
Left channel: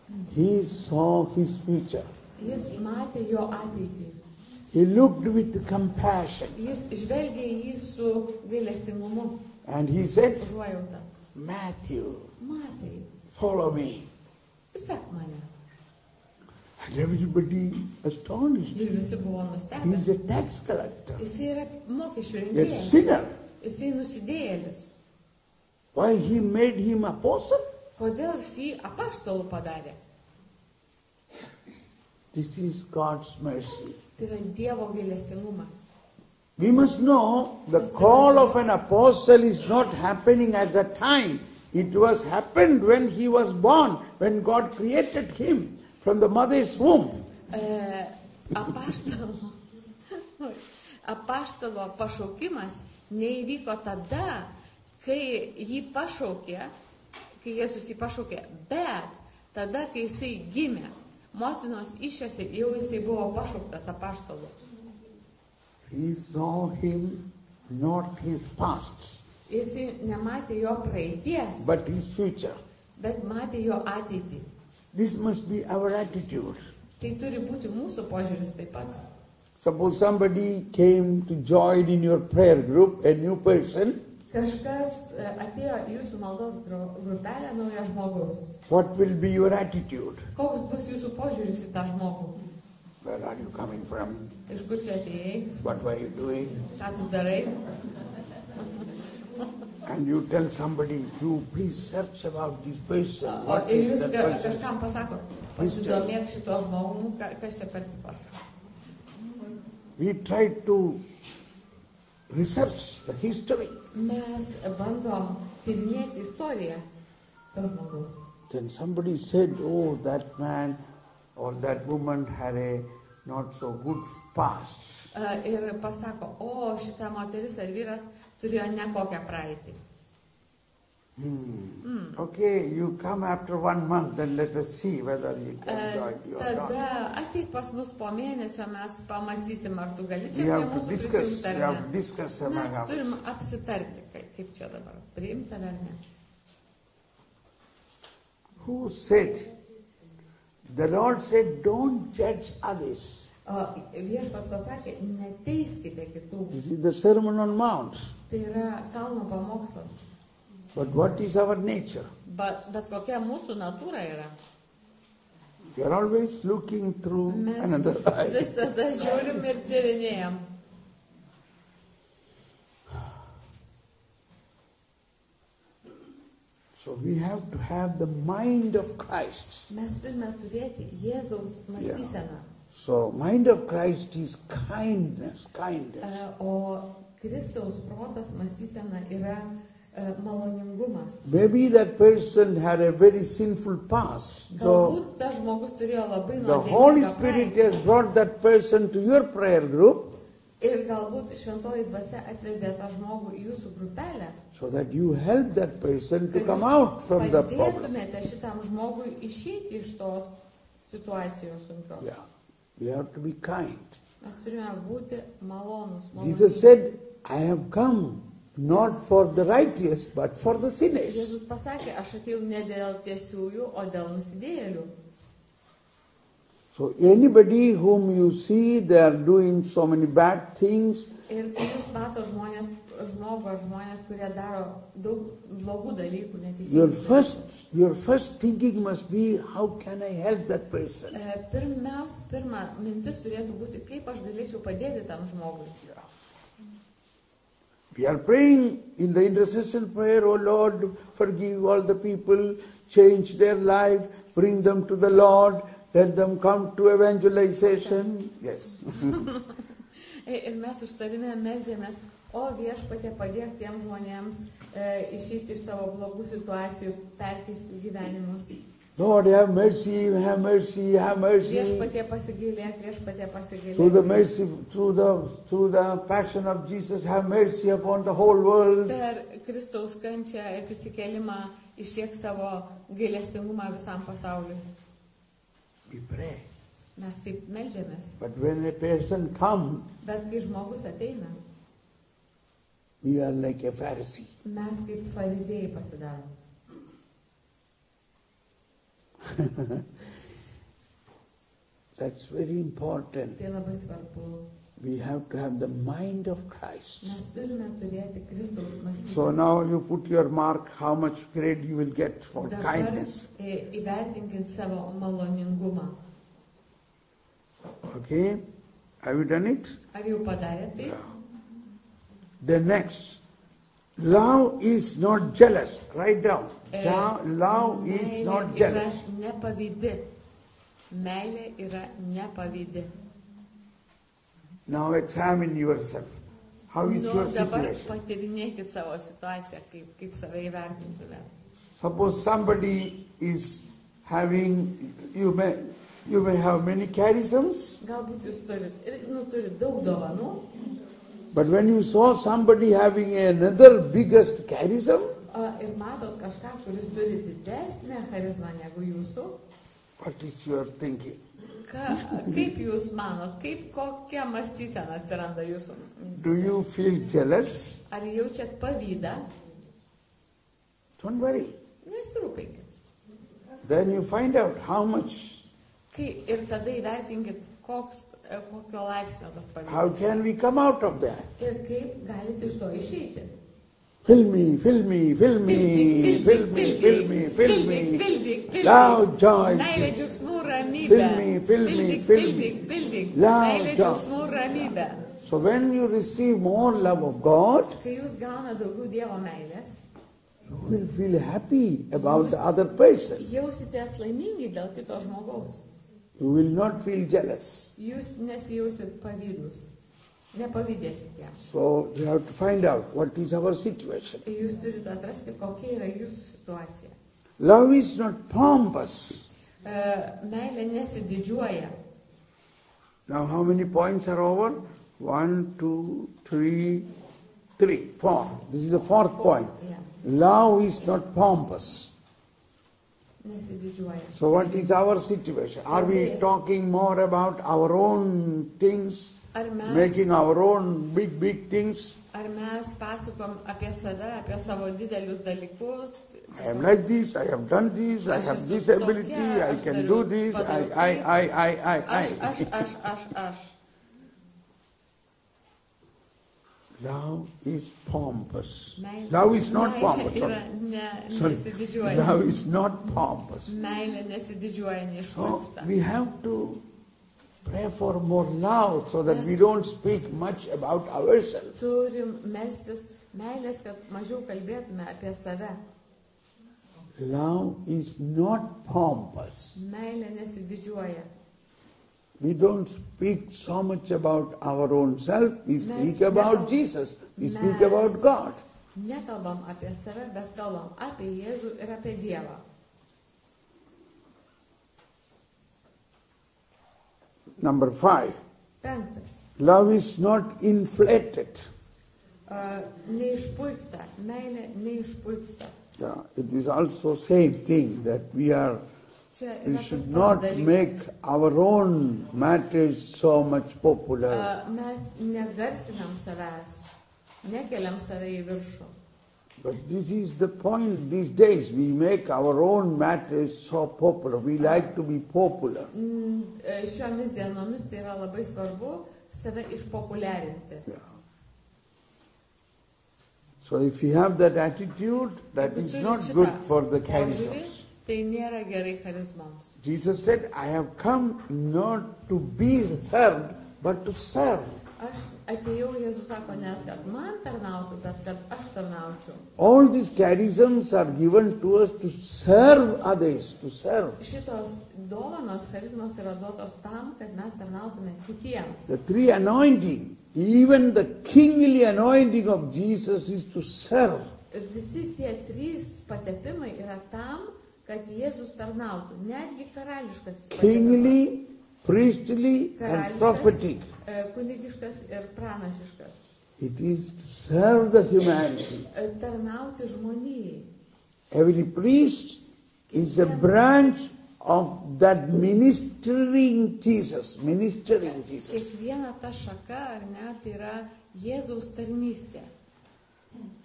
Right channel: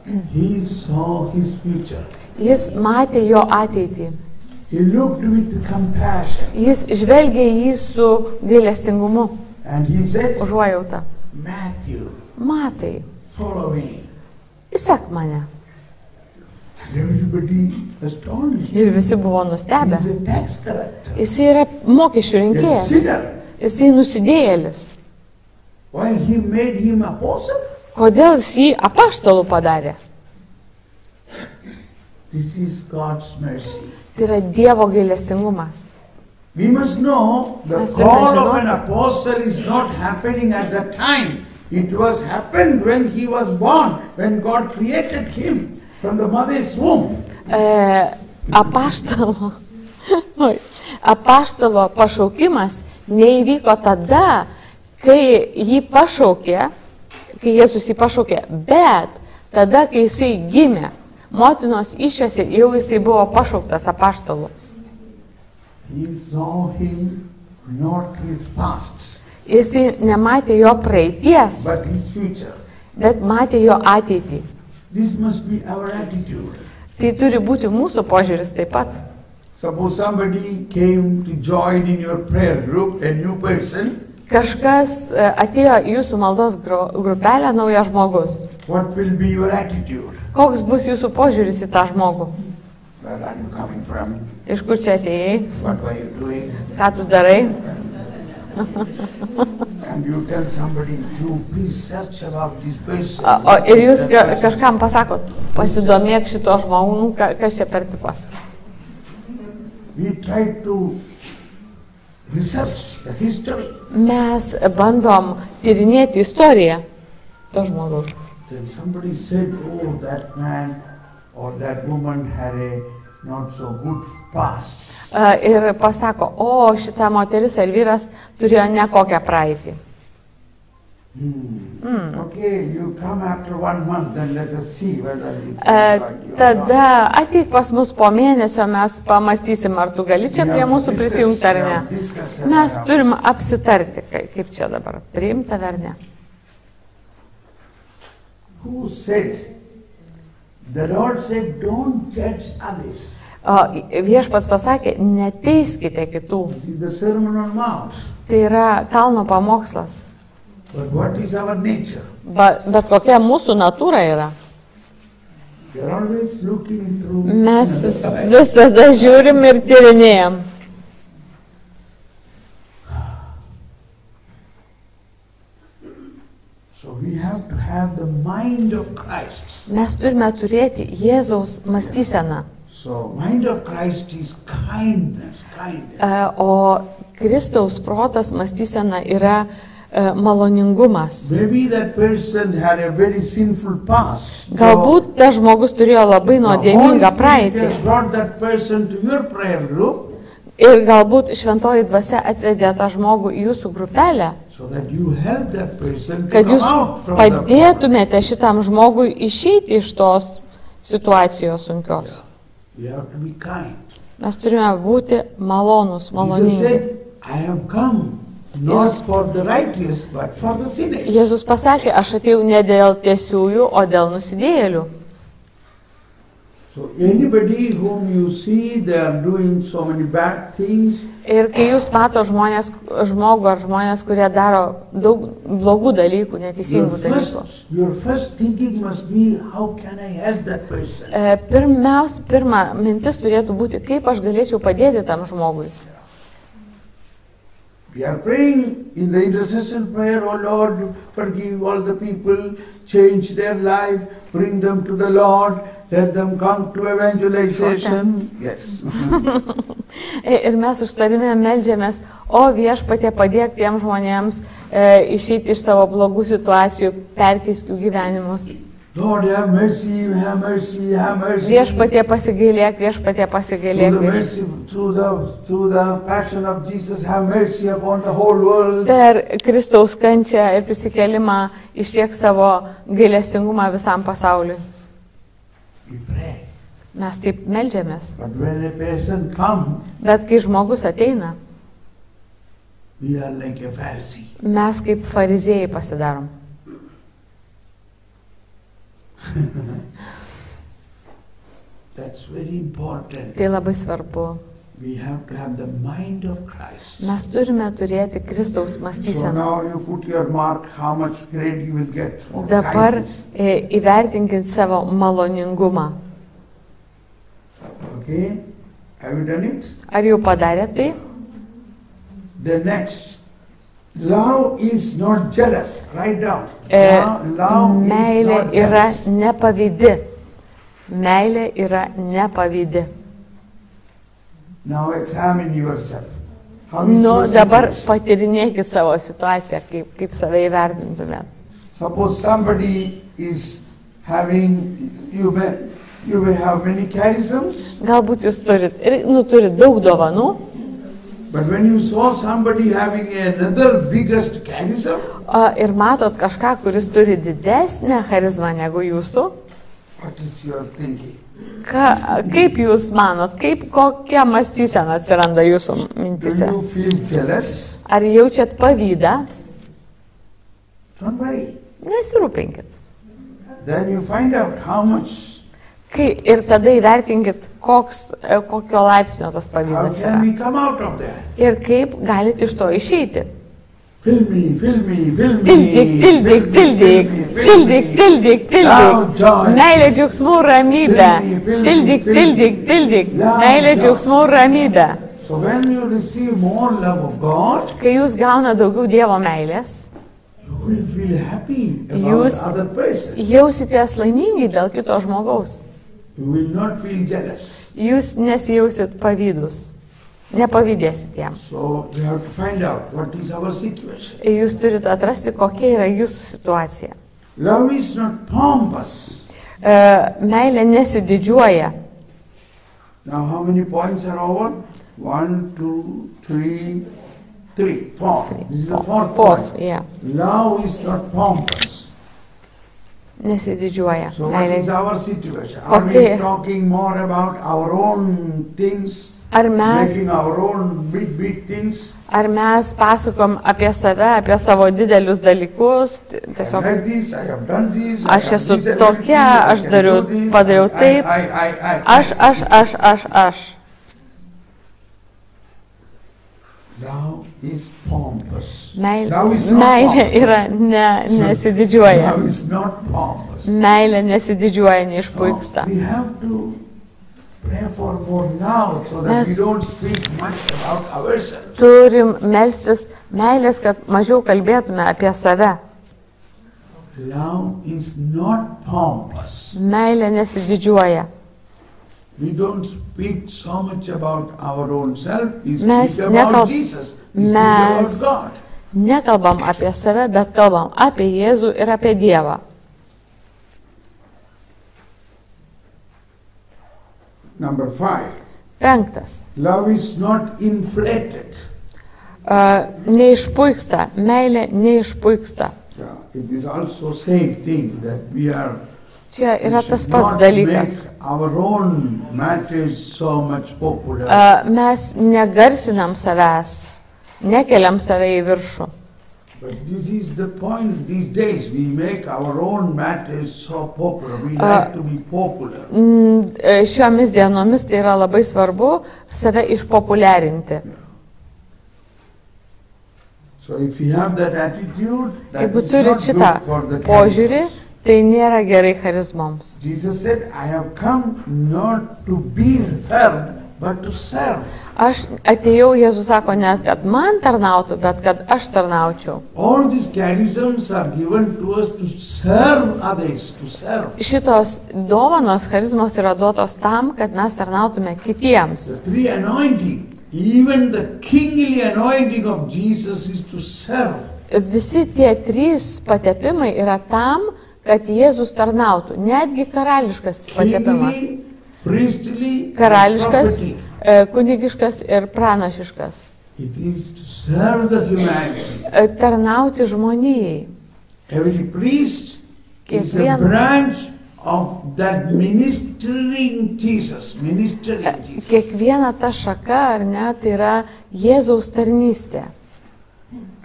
He saw his future. Jis matė jo ateitį. He looked with compassion. Jis žvelgė jį su gailestingumu, And he said, užuojauta. Matthew, Matai, follow me. įsek mane. And everybody astonished. Ir visi buvo nustebę. He's a tax collector. Jis yra mokesčių A rinkėjas. sinner. Jisai nusidėjėlis. Why he made him apostle? Kodėl jis jį apaštalų padarė? This is God's mercy. Tai yra Dievo gailestingumas. We must know the Must call have of an apostle is not happening at that time. It was happened when he was born, when God created him from the mother's womb. Apaštalo pašaukimas neįvyko tada, kai jį pašaukė, kai Jėzus jį pašaukė, bet tada, kai jisai gimė, motinos iššiose jau jisai buvo pašauktas apaštalu. He saw him, not his past, Jisai nematė jo praeities, but his future. bet matė jo ateitį. This must be our attitude. Tai turi būti mūsų požiūris taip pat. Suppose somebody came to join in your prayer group, a new person. Kažkas atėjo į jūsų maldos grupelę, naujas žmogus. What will be your attitude? Koks bus jūsų požiūris į tą žmogų? Where are you coming from? Iš kur čia atėjai? What were you doing? Ką tu darai? And you tell somebody to please search about this person. Ir jūs kažkam pasakot, pasidomėk šito žmogų, kas čia per tipas. We try to research the history. Mes bandom tyrinėti istoriją to žmogaus. Then somebody said, oh, that man or that woman had a not so good past. Ir pasako, o šita moteris ar vyras turėjo nekokią praeitį. Okay, you come after 1 month and let us see whether we can find you or not. Tada ateik pas mus po mėnesio, mes pamastysim, ar tu gali čia prie mūsų prisijungti ar ne. Mes turim apsitarti, kaip čia dabar, priimta ar ne. Who said? The Lord said, don't judge others. Viešpats pasakė, neteiskite kitų. This is the Sermon on Mount. Tai yra kalno pamokslas. But what is our nature? Bet kokia mūsų natūra yra. We are always looking through Mes another eye. visada žiūrim ir tyrinėjam. So we have to have the mind of Christ. Mes turime turėti Jėzaus mąstyseną. So mind of Christ is kindness. O Kristaus protas mąstysena yra maloningumas. Maybe that person had a very sinful past. Galbūt tas žmogus turėjo labai nuodėmingą praeitį. has brought that person to your prayer group Ir galbūt šventoji dvasia atvedė tą žmogų į jūsų grupelę, so that you help that person to kad come jūs out from the problem. padėtumėte šitam žmogui išeiti iš tos situacijos sunkios. We have to be kind. Mes turime būti malonūs, Jesus maloningi. said, I have come not Jėzus- for the righteous, but for the sinners. Jėzus pasakė, aš atėjau ne dėl tiesiųjų, o dėl nusidėjėlių. So anybody whom you see, they are doing so many bad things, Ir kai jūs mato žmogų ar žmonės, kurie daro daug blogų dalykų, your neteisingų dalykų. first thinking must be, how can I help that person? Pirma mintis turėtų būti, kaip aš galėčiau padėti tam žmogui. We are praying in the intercession prayer, oh Lord, forgive all the people, change their life, bring them to the Lord, let them come to evangelization. Yes. Ir mes užtarime meldžiamės, o viešpatie padėk tiem žmonėms išeiti iš savo blogų situacijų, perkeisk jų gyvenimus. Lord, have mercy, have mercy, have mercy. Viešpatie pasigailėk, viešpatie Through pasigailėk. the mercy, through the passion of Jesus, have mercy upon the whole world. Per Kristaus kančią ir prisikelimą ištiek savo gailestingumą visam pasauliui. We pray. Mes taip meldžiamės. But when a person comes, Bet kai žmogus ateina, we are like a Pharisee. mes kaip fariziejai pasidarom. That's very important. Tai labai svarbu. We have to have the mind of Christ. Mes turime turėti Kristaus So mąstyseną. now you put your mark how much grade you will get for Dabar kindness. įvertinkit savo maloningumą. Okay? Have you done it? Ar jau padarėte tai? The next. Love is not jealous. Write down. Love is Meilė not yra jealous. nepavydi. Meilė yra nepavydi. Now examine yourself. How is Nu, your dabar situation? patirinėkit savo situaciją, kaip save įvertintumėt. Suppose somebody is having, you may have many charisms, Galbūt jūs turit daug dovanų, but when you saw somebody having another biggest charism, ir matot kažką, kuris turi didesnę charizmą negu jūsų, what is your thinking? kaip jūs manot, kokia mąstysena atsiranda jūsų Do mintise? you feel jealous? Ar jaučiat pavydą? Don't worry. Nesirūpinkit. Then you find out how much, Ir tada įvertinkit, kokio laipsnio tas how pavydas can yra. we come out of that? Ir kaip galite iš to išeiti. Fill me, fill me, fill me. Pildyk, pildyk, pildyk, pildyk, pildyk, pildyk. Meilė, džiaugsmų, ramybė. Pildyk, pildyk, pildyk. Meilė, džiaugsmų, ramybė. So when you receive more love of God, Kai jūs gauna daugiau Dievo meilės, you will feel happy about Jūs- the other person. jausitės laimingi dėl kito žmogaus. You will not feel jealous. Jūs nesijausit pavydus. Nepavydėsit jam. So you have to find out what is our situation. Jūs turite atrasti, kokia yra jūsų situacija. Love is not pompous. Meilė nesididžiuoja. Now how many points are over? 1, 2, 3, 4. This is the fourth point. Yeah. Love is not pompous. Nesididžiuoja. So what is Meilė. our situation? Are we Kokia- talking more about our own things? Ar mes Making our own big things? pasakom apie save, apie savo didelius dalykus, I tiesiog like this, I have done this, Aš I have esu this ability, tokia, I aš can dariau- do this, padariau taip. I. aš. Love is pompous. Meilė Love is not pompous. yra nesididžiuoja. Love is not pompous. Meilė nesididžiuoja, neišpuiksta. We have to pray for more love so that Mes- we don't speak much about ourselves. Turim melstis meilės, kad mažiau kalbėtume apie save. Love is not pompous. Meilė nesididžiuoja. We don't speak so much about our own self. We Mes speak about nekal- Jesus. We speak about mes- God. Nekalbam apie save, bet kalbam apie Jėzų ir apie Dievą. Number 5. 5. Love is not inflated. Neišpuiksta. Meilė neišpuiksta. Yeah, it is also same thing that we are. Čia We yra tas should pats not dalykas. make our own matters so much popular. Mes negarsinam savęs, nekeliam save į viršų. But this is the point these days. We make our own matters so popular. We like to be popular. Šiomis dienomis tai yra labai svarbu save išpopuliarinti. So if you have that attitude, that Jeigu is turit not šitą good for the požiūrį, charismas. tai nėra gerai charizmoms. Jesus said, I have come not to be served, but to serve. Aš atėjau, Jėzus sako, ne kad man tarnautų, bet kad aš tarnaučiau. All these charisms are given to us to serve others, to serve. Šitos dovanos, charizmos yra duotos tam, kad mes tarnautume kitiems. The three anointing, even the kingly anointing of Jesus is to serve. Visi tie 3 patepimai yra tam, kad Jėzus tarnautų. Netgi karališkas patepimas. Kingly, priestly, and Karališkas, prophetic. kunigiškas ir pranašiškas. It is to serve the humanity. Tarnauti žmonijai. Every priest is a Kiekvien- branch of that ministering Jesus. Kiekviena ta šaka, ar ne, tai yra Jėzaus tarnystė.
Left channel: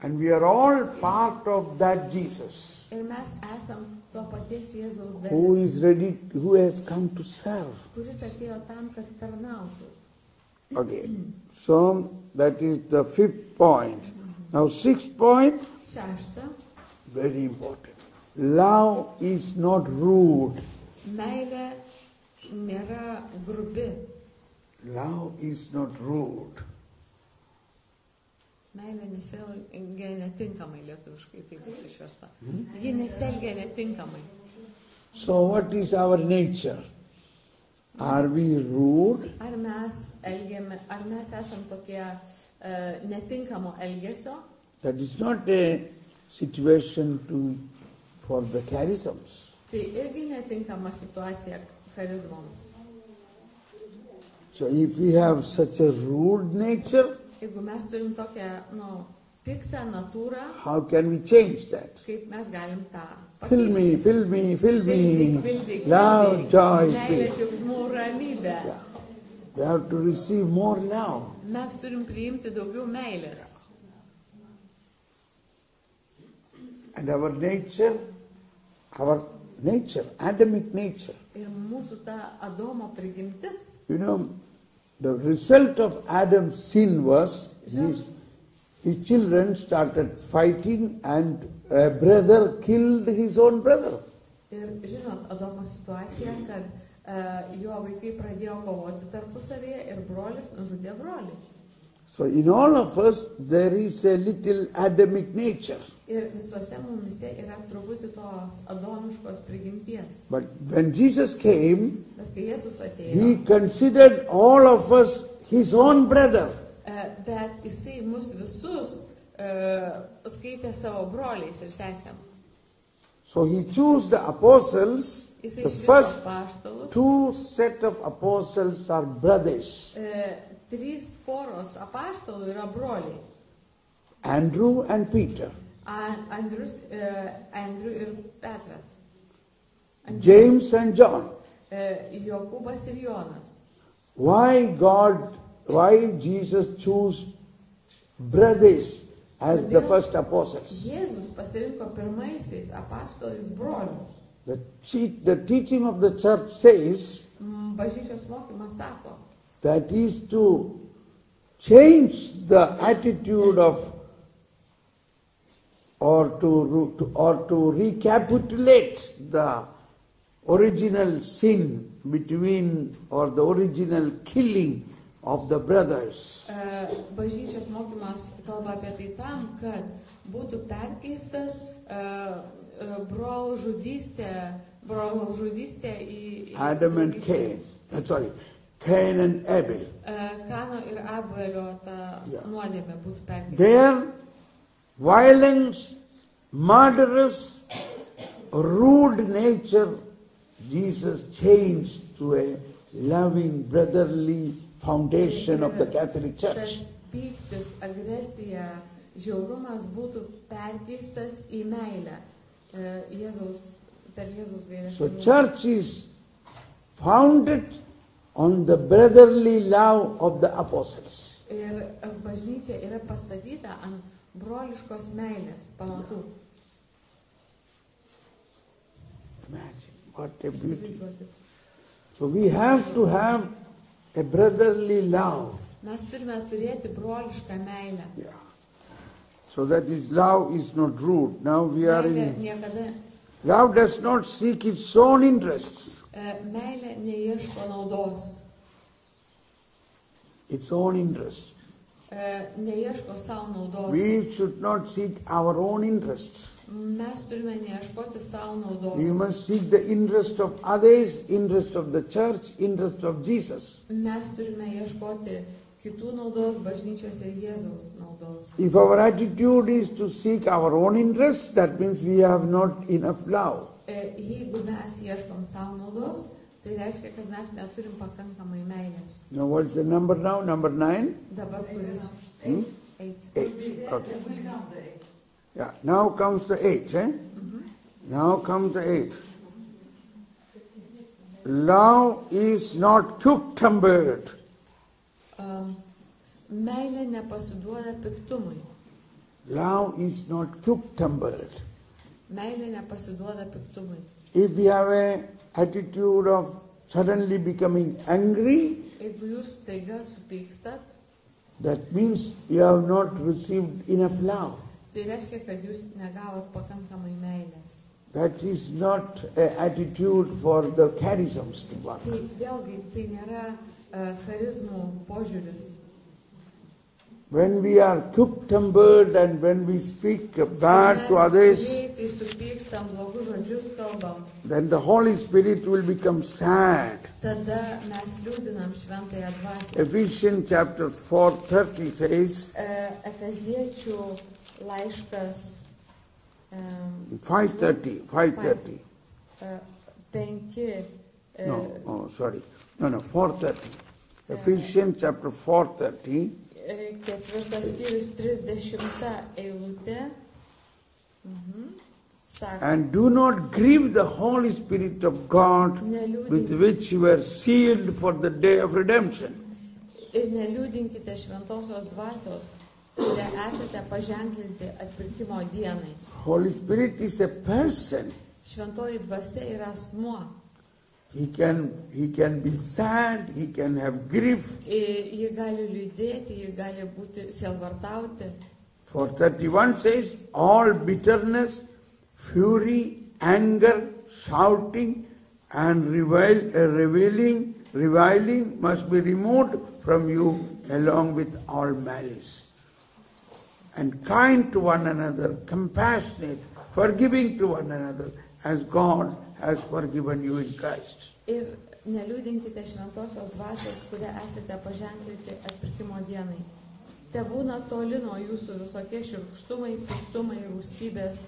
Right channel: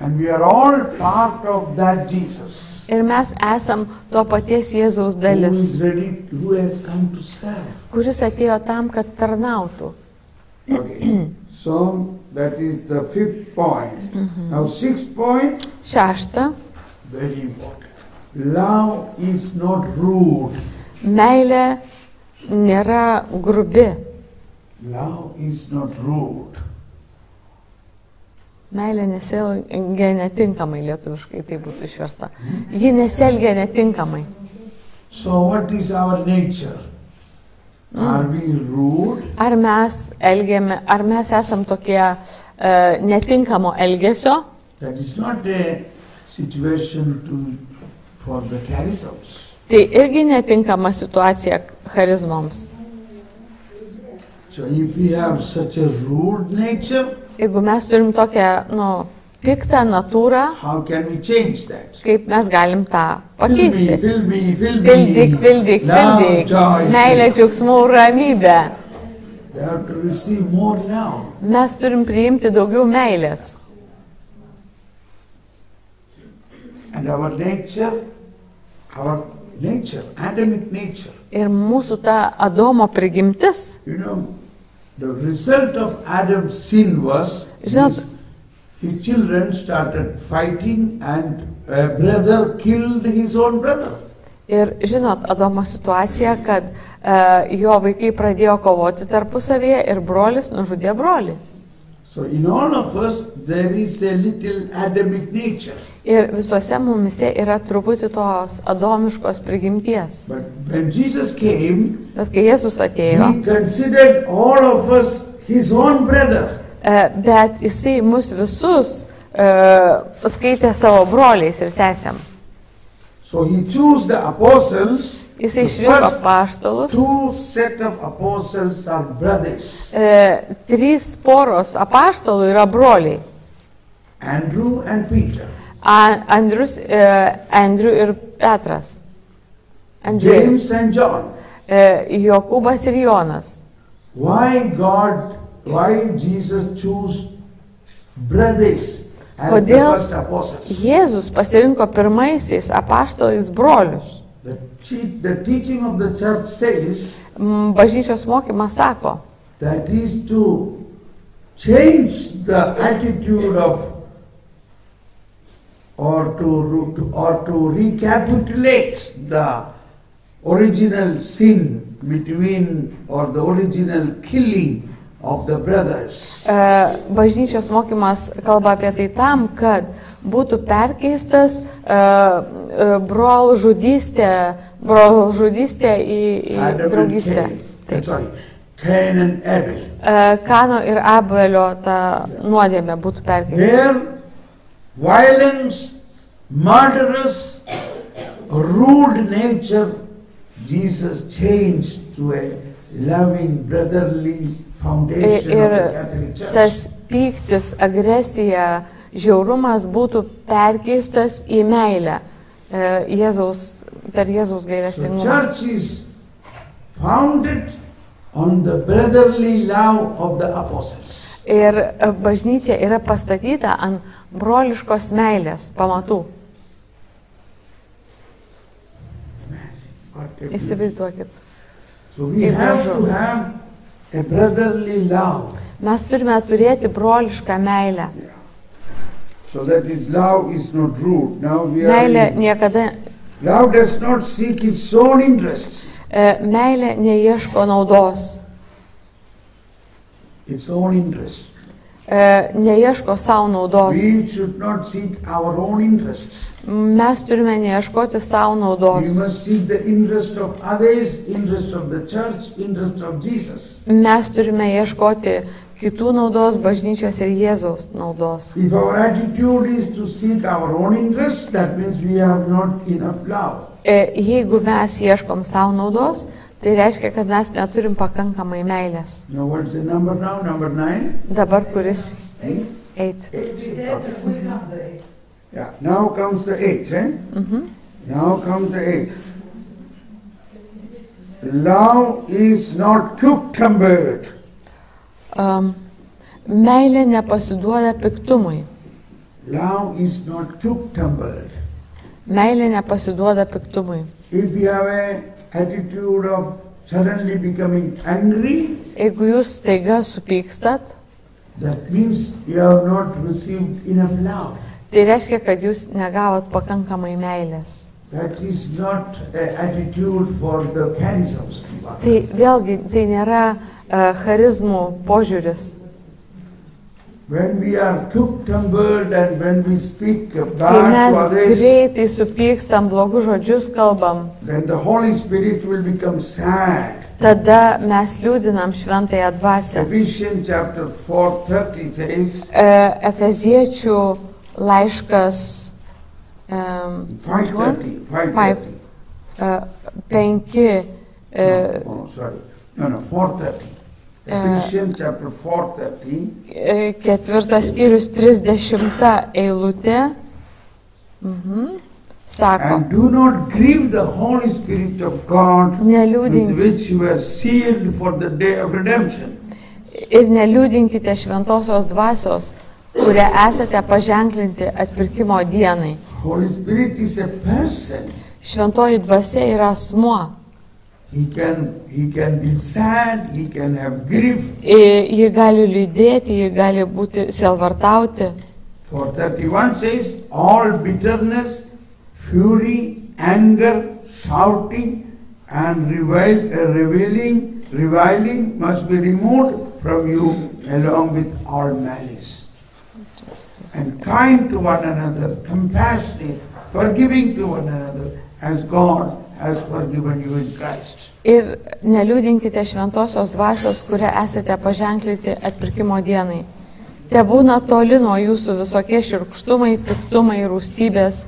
And we are all part of that Jesus. Ir mes esam to paties Jėzaus Who dalis, is ready, who has come to serve. kuris atėjo tam, kad tarnautų. Okay. So that is the 5th point. Now 6th point, 6. very important. Love is not rude. Meilė nėra grubi. Love is not rude. Meilė nesielgia netinkamai, lietuviškai tai būtų išversta. Ji nesielgia netinkamai. So what is our nature? Are we rude? Ar mes esam tokie netinkamo elgesio? That is not a situation for the charisms. Tai irgi netinkama situacija charizmoms. So if we have such a rude nature, Jeigu mes turim tokią, piktą natūrą, how can we change that? kaip mes galim tą pakeisti? Fill me. Pildyk. Love, joy. Meilė, džiaugsmų, ramybė. We have to receive more love. Mes turim priimti daugiau meilės. And our nature, Adamic nature. Ir mūsų ta Adomo prigimtis, You know, the result of Adam's sin was his children started fighting and a brother killed his own brother. ir žinot, Adomo situacija, kad jo vaikai pradėjo kovoti tarpusavėje ir brolis nužudė brolį. So in all of us there is a little Adamic nature. Ir visuose mumise yra truputį tos adomiškos prigimties. But when Jesus came, Bet kai Jėzus atėjo, he considered all of us his own brother. bet jisai mus visus skaitė savo broliais ir sesėm. So he chose the apostles. Jisai The išrinko first apaštalus. 2 set of apostles are brothers. 3 poros apaštalų yra broliai. Andrew and Peter. Andrew ir Petras. James and John. Jokūbas ir Jonas. Why Jesus chose brothers as the Kodėl first apostles? Jėzus pasirinko pirmaisiais apaštalais brolius? The teaching of the church says Bažnyčios mokymas sako, that is to change the attitude of or to recapitulate the original sin between or the original killing of the brothers. Bažnyčios mokymas kalba apie tai tam, kad būtų perkeistas brolžudystė į draugystę. Cain and Abel. Kano ir Abelio ta nuodėmė būtų perkeista. Their violence, murderous, rude nature, Jesus changed to a loving, brotherly foundation of the Catholic Church. Tas pyktis, agresija, žiaurumas būtų perkeistas į meilę per Jėzaus The gailestingumą. church is founded on the brotherly love of the apostles. Ir bažnyčia yra pastatyta ant broliškos meilės pamatų. Įsivaizduokit. So we have to have a brotherly love. Mes turime turėti brolišką meilę. Yeah. So that is love is not rude. Now we Meilė are. niekada, Love does not seek its own interests, meilė neieško naudos, its own interest. neieško savo naudos. We should not seek our own interests. Mes turime neieškoti savo We naudos. must seek the interest of others, interest of the church, interest of Jesus. Mes turime ieškoti kitų naudos, bažnyčios ir Jėzaus naudos. If our attitude is to seek our own interest, that means we have not enough love. Jeigu mes ieškom savo naudos, tai reiškia, kad mes neturim pakankamai meilės. Now what's the number now? Number 9? Dabar kuris 8? 8. Yeah, now comes the 8, eh? Now comes the 8. Love is not quick-tempered. Meilė nepasiduoda piktumui. Love is not quick-tempered. Meilė nepasiduoda piktumui. If you have an attitude of suddenly becoming angry, Jeigu jūs staiga supykstat, that means you have not received enough love. tai reiškia, kad jūs negavot pakankamai meilės. That is not an attitude for the charisms. Tai vėlgi, tai nėra charizmų požiūris. When we are quick-tempered and when we speak Kai bad mes to others, greitai supykstam, blogus žodžius kalbam, then the Holy Spirit will become sad. tada mes liūdinam šventąją dvasią. Ephesians chapter 4:30 says, Efeziečių laiškas 5:30. 4:30. Ephesians chapter 4:30. ketvirtas skyrius 30 eilutė. Sako, And do not grieve the Holy Spirit of God, with neliūdink, which you were sealed for the day of redemption. ir neliūdinkite šventosios dvasios, kurie esate paženklinti atpirkimo dienai. Holy Spirit is a person. Šventoji dvasia yra asmuo. He can be sad, he can have grief. Ji gali liūdėti, ji gali būti sielvartauti. 4:31 says, all bitterness, fury, anger, shouting, and reviling must be removed from you along with all malice. And kind to one another, compassionate, forgiving to one another, as God has forgiven you in Christ. Ir neliūdinkite šventosios dvasios, kurie esate paženklinti atpirkimo dienai. Te būna toli nuo jūsų visokie šiurkštumai, piktumai, rūstybės,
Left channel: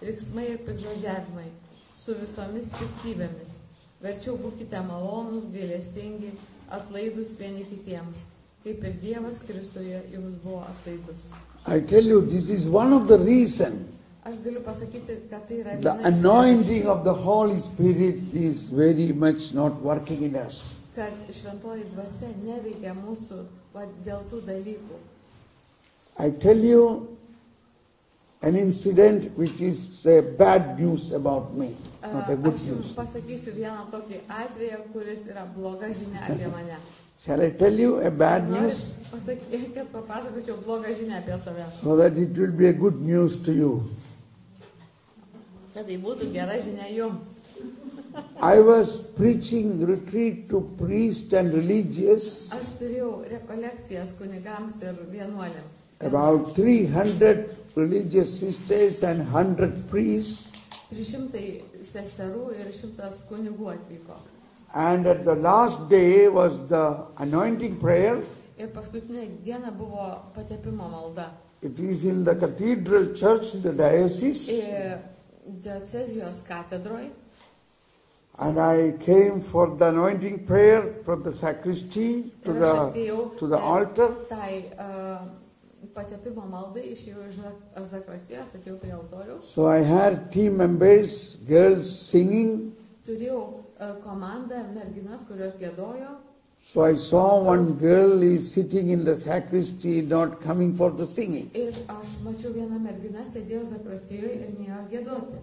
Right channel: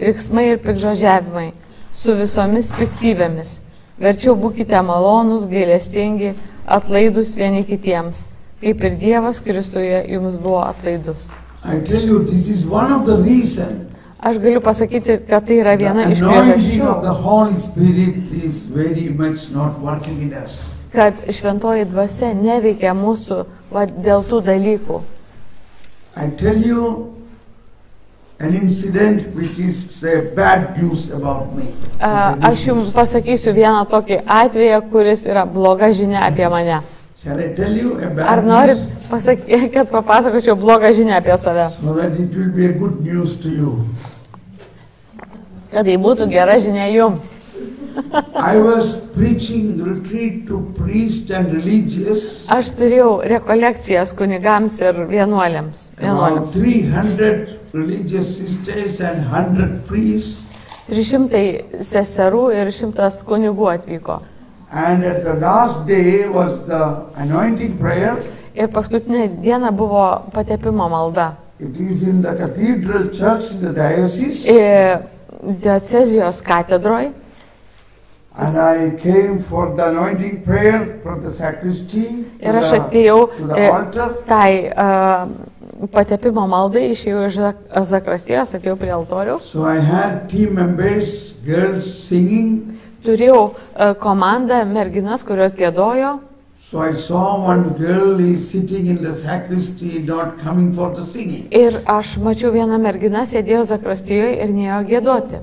riksmai ir pikžodžiavimai, su visomis piktybėmis. Verčiau būkite malonūs, gailestingi, atlaidus vieni kitiems, kaip ir Dievas Kristuje jums buvo atlaidus. I tell you, this is one of the reasons. Aš galiu pasakyti, kad tai yra viena The iš anointing priežasčių, of the Holy Spirit is very much not working in us. kad šventoji dvasia neveikia mūsų dėl tų dalykų. I tell you an incident which is bad news about me. Aš jums pasakysiu vieną tokį atvejį, kuris yra bloga žinia apie mane. Shall I tell you a Ar bad norit, news? kad papasakočiau blogą žinią apie save? So that it will be a good news to you. Kad tai būtų gera žinia jums. I was preaching retreat to priests and religious. Aš turėjau rekolekcijas kunigams ir vienuoliams. About 300 religious sisters and 100 priests. 300 seserų ir 100 kunigų atvyko. And at the last day was the anointing prayer. Ir paskutinė diena buvo patepimo malda. It is in the cathedral church in the diocese. Diocezijos katedroj. And I came for the anointing prayer from the sacristy Ir aš atėjau to the altar. tai patepimo maldai, išėjau iš zakrastijos, atėjau prie altoriaus. So I had team members, girls singing. Turėjau komandą merginas, kurios gėdojo. So I saw one girl is sitting in the sacristy, not coming for the singing. Ir aš mačiau vieną merginą, sėdėjo zakrastijoje ir neėjo gėdoti.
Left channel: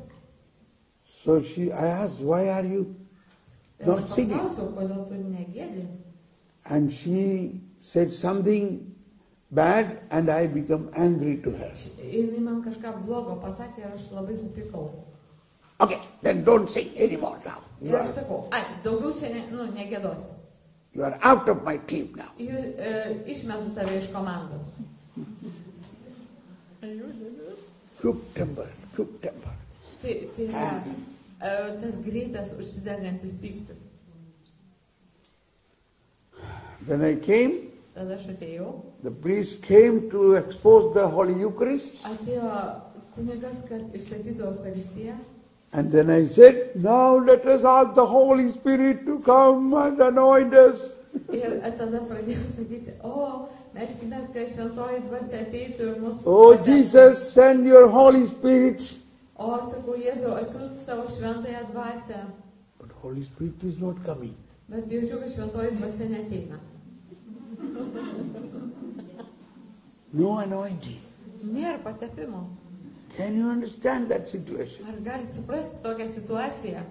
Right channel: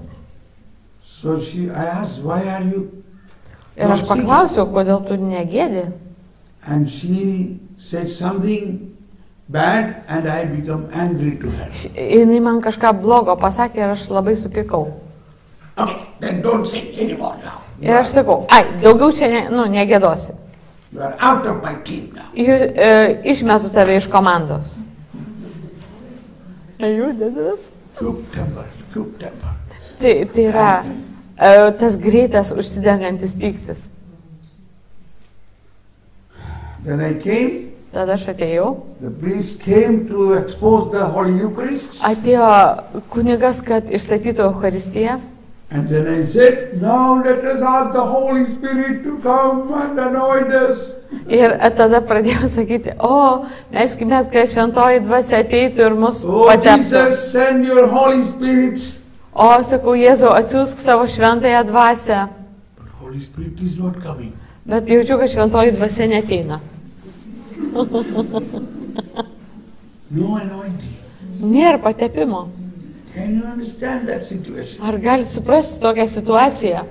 So I asked, why are you Ir aš not singing? paklausiau, kodėl tu negėdi. And she said something bad and I become angry to her. Jinai man kažką blogo pasakė ir aš labai supykau. Then don't sing anymore now. Ir aš sakau, daugiau čia negėdosi. You are out of my team now. Išmetu tave iš komandos. Quick temper. Tai yra tas greitas užsidegantis pyktis. Then I came. Tada aš atėjau. The priest came to expose the Holy Eucharist. Atėjo kunigas, kad išstatytų Eucharistiją. And then I said, now let us ask the Holy Spirit to come and anoint us. Ir tada pradėjau sakyti, melskime, kad šventoji dvasia ateitų ir mus Oh, pateptų. Jesus, send your Holy Spirit. Sakau, Jėzau, atsiųsk savo šventąją dvasią. But Holy Spirit is not coming. Bet jaučiu, kad šventoji dvasia neteina. No anointing. Nėra patepimo. Can you understand that situation? Ar galite suprasti tokią situaciją?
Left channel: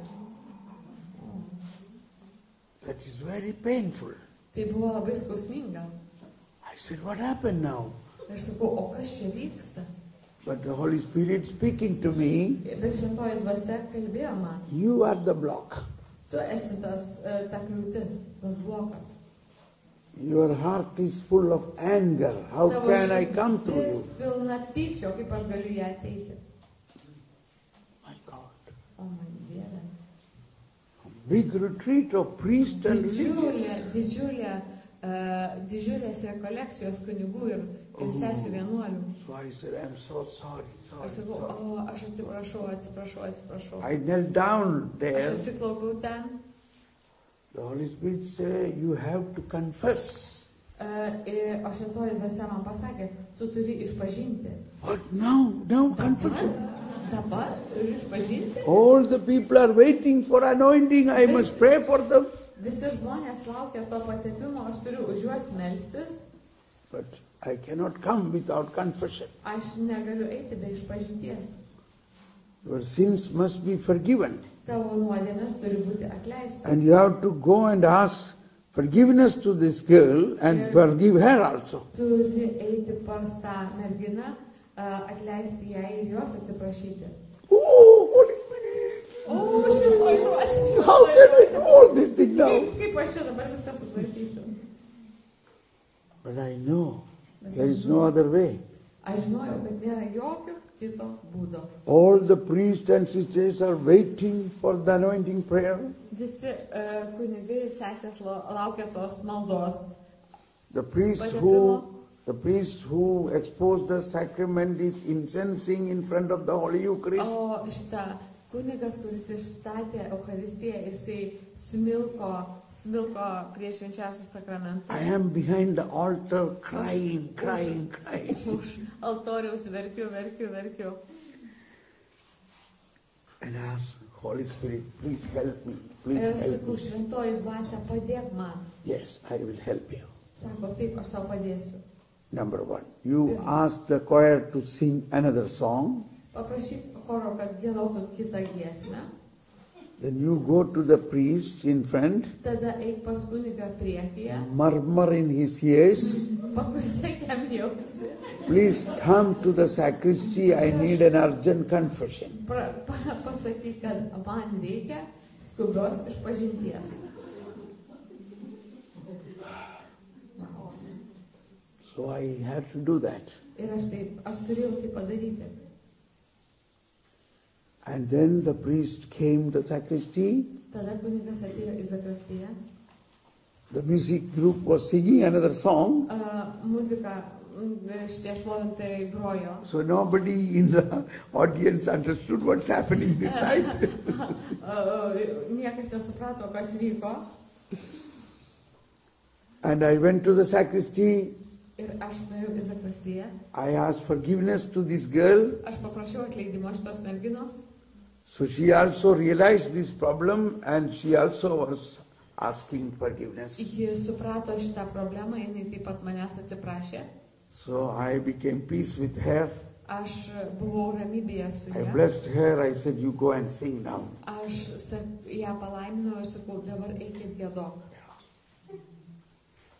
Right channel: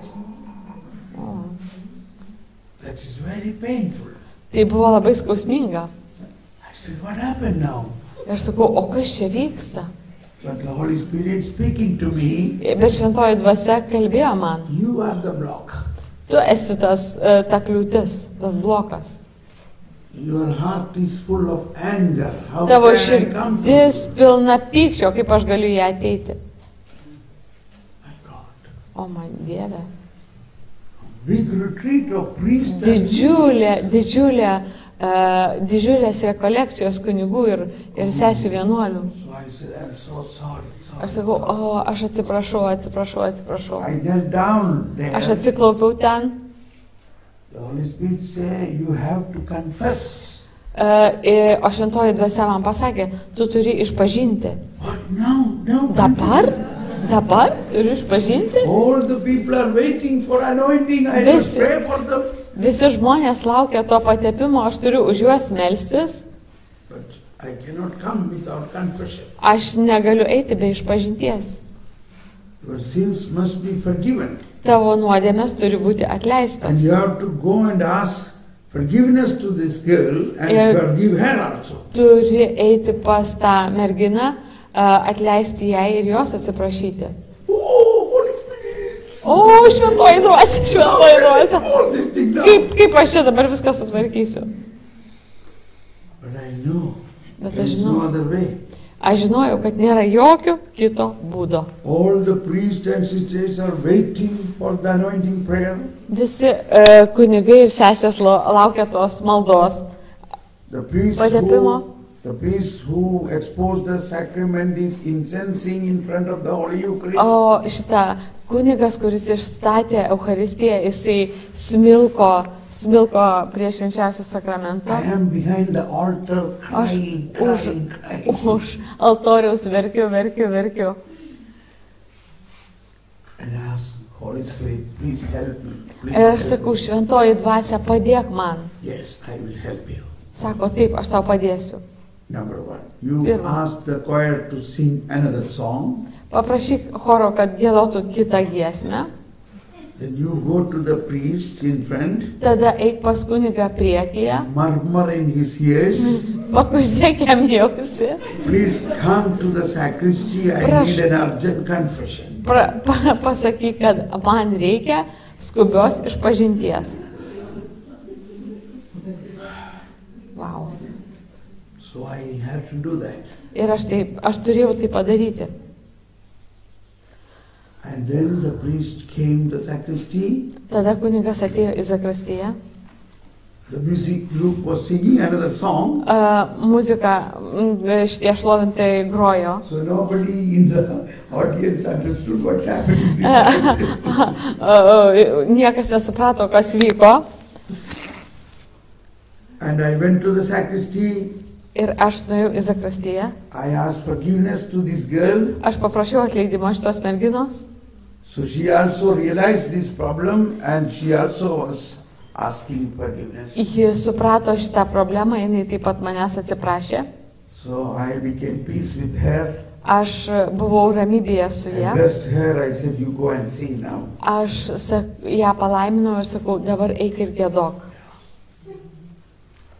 That is very painful. Tai buvo labai skausminga. I said, what happened now? Ir aš sakau, o kas čia vyksta? But the Holy Spirit speaking to me, Bet šventoji dvasia kalbėjo man. you are the block. Tu esi ta kliūtis, tas blokas. Your heart is full of anger. How Tavo can I come to širdis you? pilna pykčio, kaip aš galiu ją ateiti. My God. O man Dieve. Big retreat of priests and Didžiulės rekolekcijos kunigų ir sesių vienuolių. So I said, I'm so sorry. Aš sakau, o aš atsiprašau. I knelt down there. Aš atsiklaupiau ten. The Holy Spirit said, you have to confess. O šventoji dvasia man pasakė, tu turi išpažinti. What? No. Dabar turiu išpažinti. All the people are waiting for anointing. I must pray for them. Visi žmonės laukia to patepimo, aš turiu už juos melstis. But I cannot come without confession. Aš negaliu eiti be išpažinties. Your sins must be forgiven. Tavo nuodėmės turi būti And atleistos. you have to go and ask forgiveness to this girl and forgive her also. Turi eiti pas tą merginą, atleisti jai ir jos atsiprašyti. Oh, Holy Spirit! O, šventoji dvasia. All this thing now. Kaip aš čia dabar viską sutvarkysiu? But I know Bet there aš is no other way. Aš žinojau, kad nėra jokio kito būdo. All the priests and sisters are waiting for the anointing prayer. Visi kunigai ir sesės laukia tos maldos. The priest who exposed the sacrament is incensing in front of the Holy Eucharist. O šitą kunigas, kuris išstatė Eucharistiją, jisai smilko prie švenčiausių sakramentą. I am behind the altar Aš crying. už altoriaus verkiu. And I ask, Holy Spirit, please help me. Ir aš sakau, šventoji dvasia, padėk man. Yes, I will help you. Sako, taip, aš tau padėsiu. Number one, you ask the choir to sing another song. Paprašyk choro, kad giedotų kitą giesmę. Then you go to the priest in front. Tada eik pas kunigą priekyje. Murmur in his ears. Pakuždėk jam jausi. Please come to the sacristy. I need an urgent confession. Pasakyk, kad man reikia skubios išpažinties. Wow. So I have to do that. Ir aš turėjau tai padaryti. And then the priest came to the sacristy. Tada kunigas atėjo į zakristiją. The music group was singing another song. Muzika šitie šlovintai grojo. So nobody in the audience understood what's happening. Niekas nesuprato, kas vyko. And I went to the sacristy. Ir aš nuėjau į zakristiją. I asked forgiveness to this girl. Aš paprašiau atleidimo šitos merginos. So she also realized this problem and she also was asking forgiveness. Ji suprato šitą problemą, jinai taip pat manęs atsiprašė. So I became peace with her. Aš buvau ramybėje su I ja. blessed her. I said, you go and sing now. Aš ją palaiminau ir sakau, dabar eik ir giedok.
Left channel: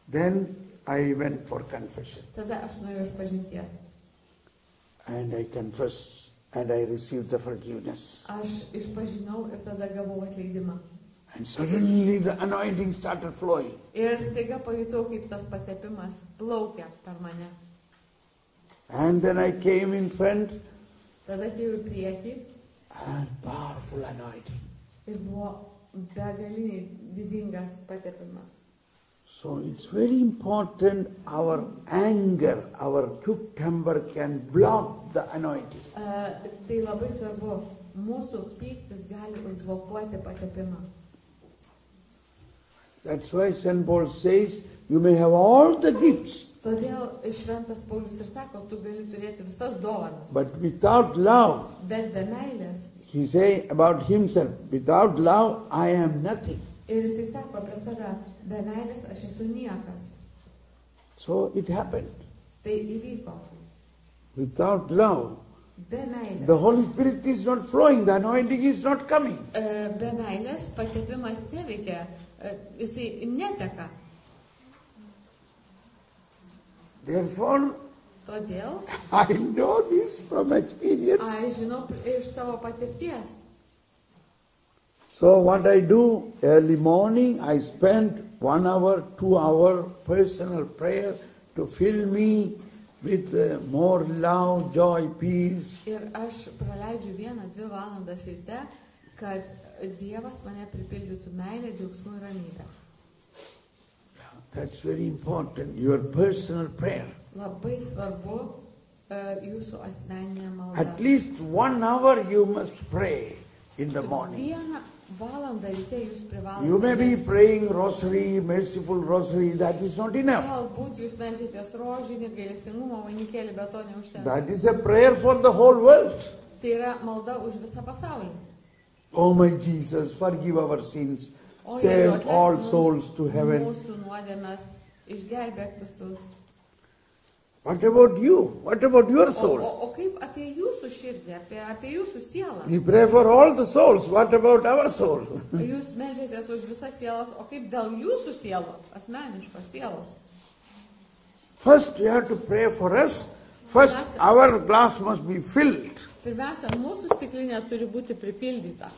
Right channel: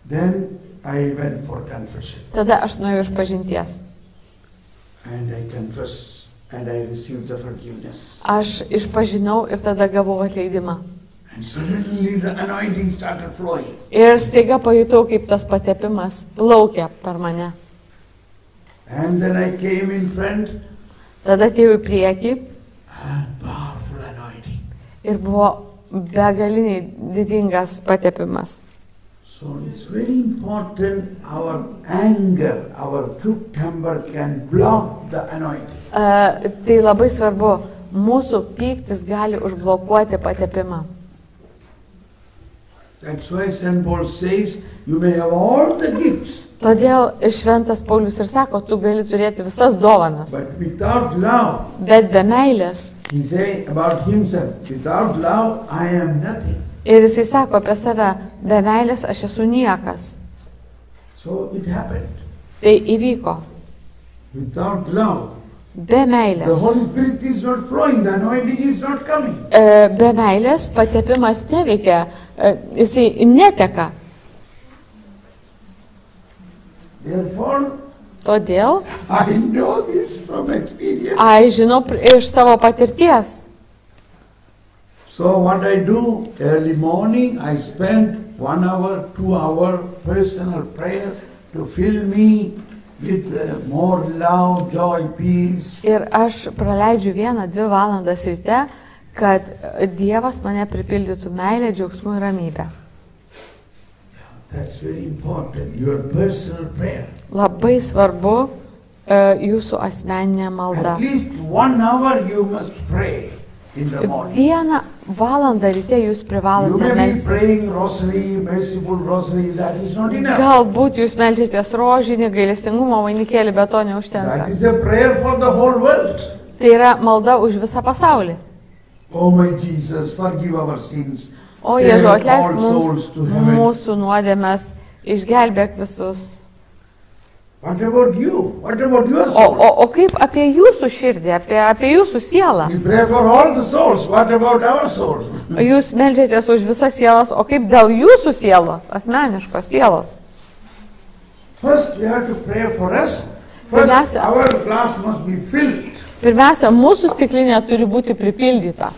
Then I went for confession. Tada aš nuėjau išpažinties. And I confessed and I received the forgiveness. Aš išpažinau ir tada gavau atleidimą. And suddenly the anointing started flowing. Ir staiga pajutau, kaip tas patepimas plaukia per mane. And then I came in front. Tada atėjau į priekį And powerful anointing. ir buvo begaliniai didingas patepimas. So it's very important our anger, our quick temper can block the anointing. Tai labai svarbu, mūsų pyktis gali užblokuoti patepimą. That's why St. Paul says, you may have all the gifts. Todėl šventas Paulius ir sako, tu gali turėti visas dovanas. But without love, Bet be meilės. he say about himself, without love, I am nothing. Ir jisai sako apie save, be meilės aš esu niekas. So it happened. Tai įvyko. without love, Be the meilės. Holy Spirit is not flowing, the anointing is not coming. Be meilės patepimas neveikia, jisai neteka. Therefore, Todėl I know this from experience. aš žinau iš savo patirties. So what I do, early morning, I spend 1 hour, 2 hour personal prayer to fill me with more love, joy, peace. Ir aš praleidžiu 1-2 valandas ryte, kad Dievas mane pripildytų meilę, džiaugsmų ir ramybę. That's very important, your personal prayer. Labai svarbu jūsų asmeninė malda. At least 1 hour you must pray in the morning. 1 valandą ryte jūs You privalote may be melstis. praying rosary, merciful rosary, that is not enough. Galbūt jūs melžiatės rožinį, gailestingumo vainikėlį, bet to neužtenka. That is a prayer for the whole world. Tai yra malda už visą pasaulį. Oh my Jesus, forgive our sins. O Save Jėzau, all atleisk souls to heaven. mūsų nuodėmes, išgelbėk visus. What about you? What about your O soul? kaip apie jūsų širdį, apie jūsų sielą? We pray for all the souls. What about our soul? Jūs melžiatės už visas sielas, o kaip dėl jūsų sielos, asmeniškos sielos? First we have to pray for us. First Pirmiausia- our glass must be filled. Pirmiausia, mūsų stiklinė turi būti pripildyta.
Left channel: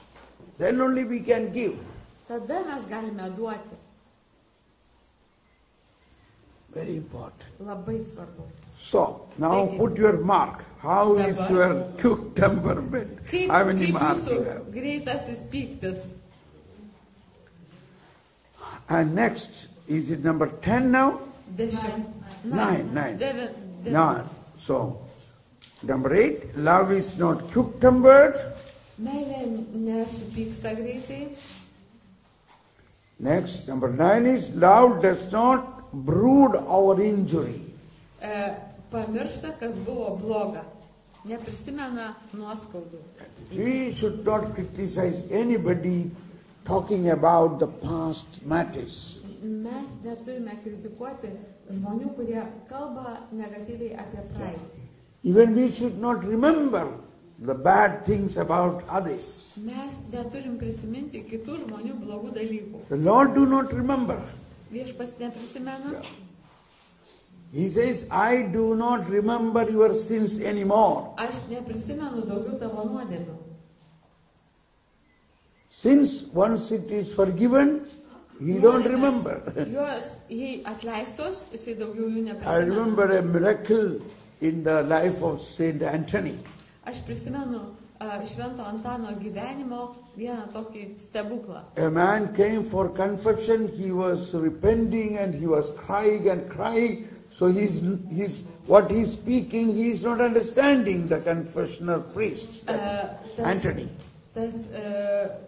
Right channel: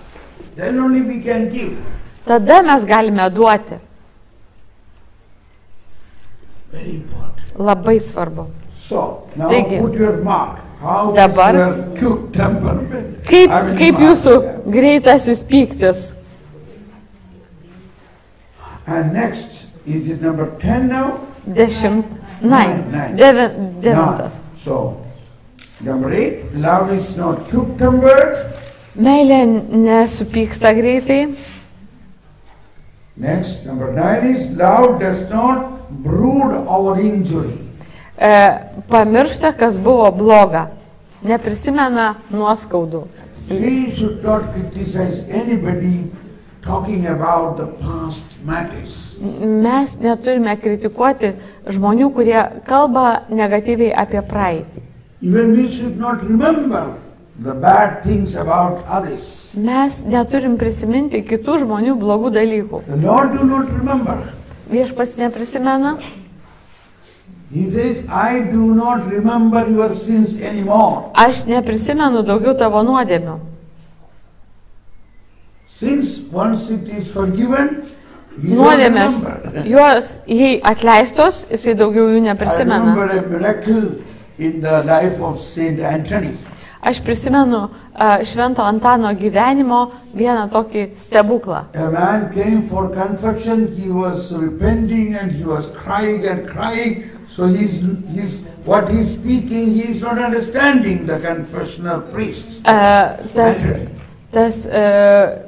Then only we can give. Tada mes galime duoti. Very important. Labai svarbu. So, now Taigi. put your mark. How is Dabar- your quick temperament? Kaip, I will kaip mark jūsų there. greitasis pyktis? And next, is it number 10 now? Nine. Nine. Devintas. So, number 8, love is not quick-tempered. Meilė nesupyksta greitai. Next, number 9 is love does not brood over injury. Pamiršta, kas buvo bloga. Neprisimena nuoskaudų. We should not criticize anybody talking about the past matters. Mes neturime kritikuoti žmonių, kurie kalba negatyviai apie praeitį. Even we should not remember the bad things about others. Mes neturim prisiminti kitų žmonių blogų dalykų. The Lord do not remember. Viešpats neprisimena. He says, I do not remember your sins anymore. Aš neprisimenu daugiau tavo nuodėmių. Since once it is forgiven, you don't Nuodėmės, remember. jos jei atleistos, jisai daugiau jų I neprisimena. remember a miracle in the life of Saint Anthony. Aš prisimenu Švento Antano gyvenimo vieną tokį stebuklą. A man came for confession, he was repenting and he was crying and crying. So what he's speaking, he is not understanding the confessional priest. Anthony. Tas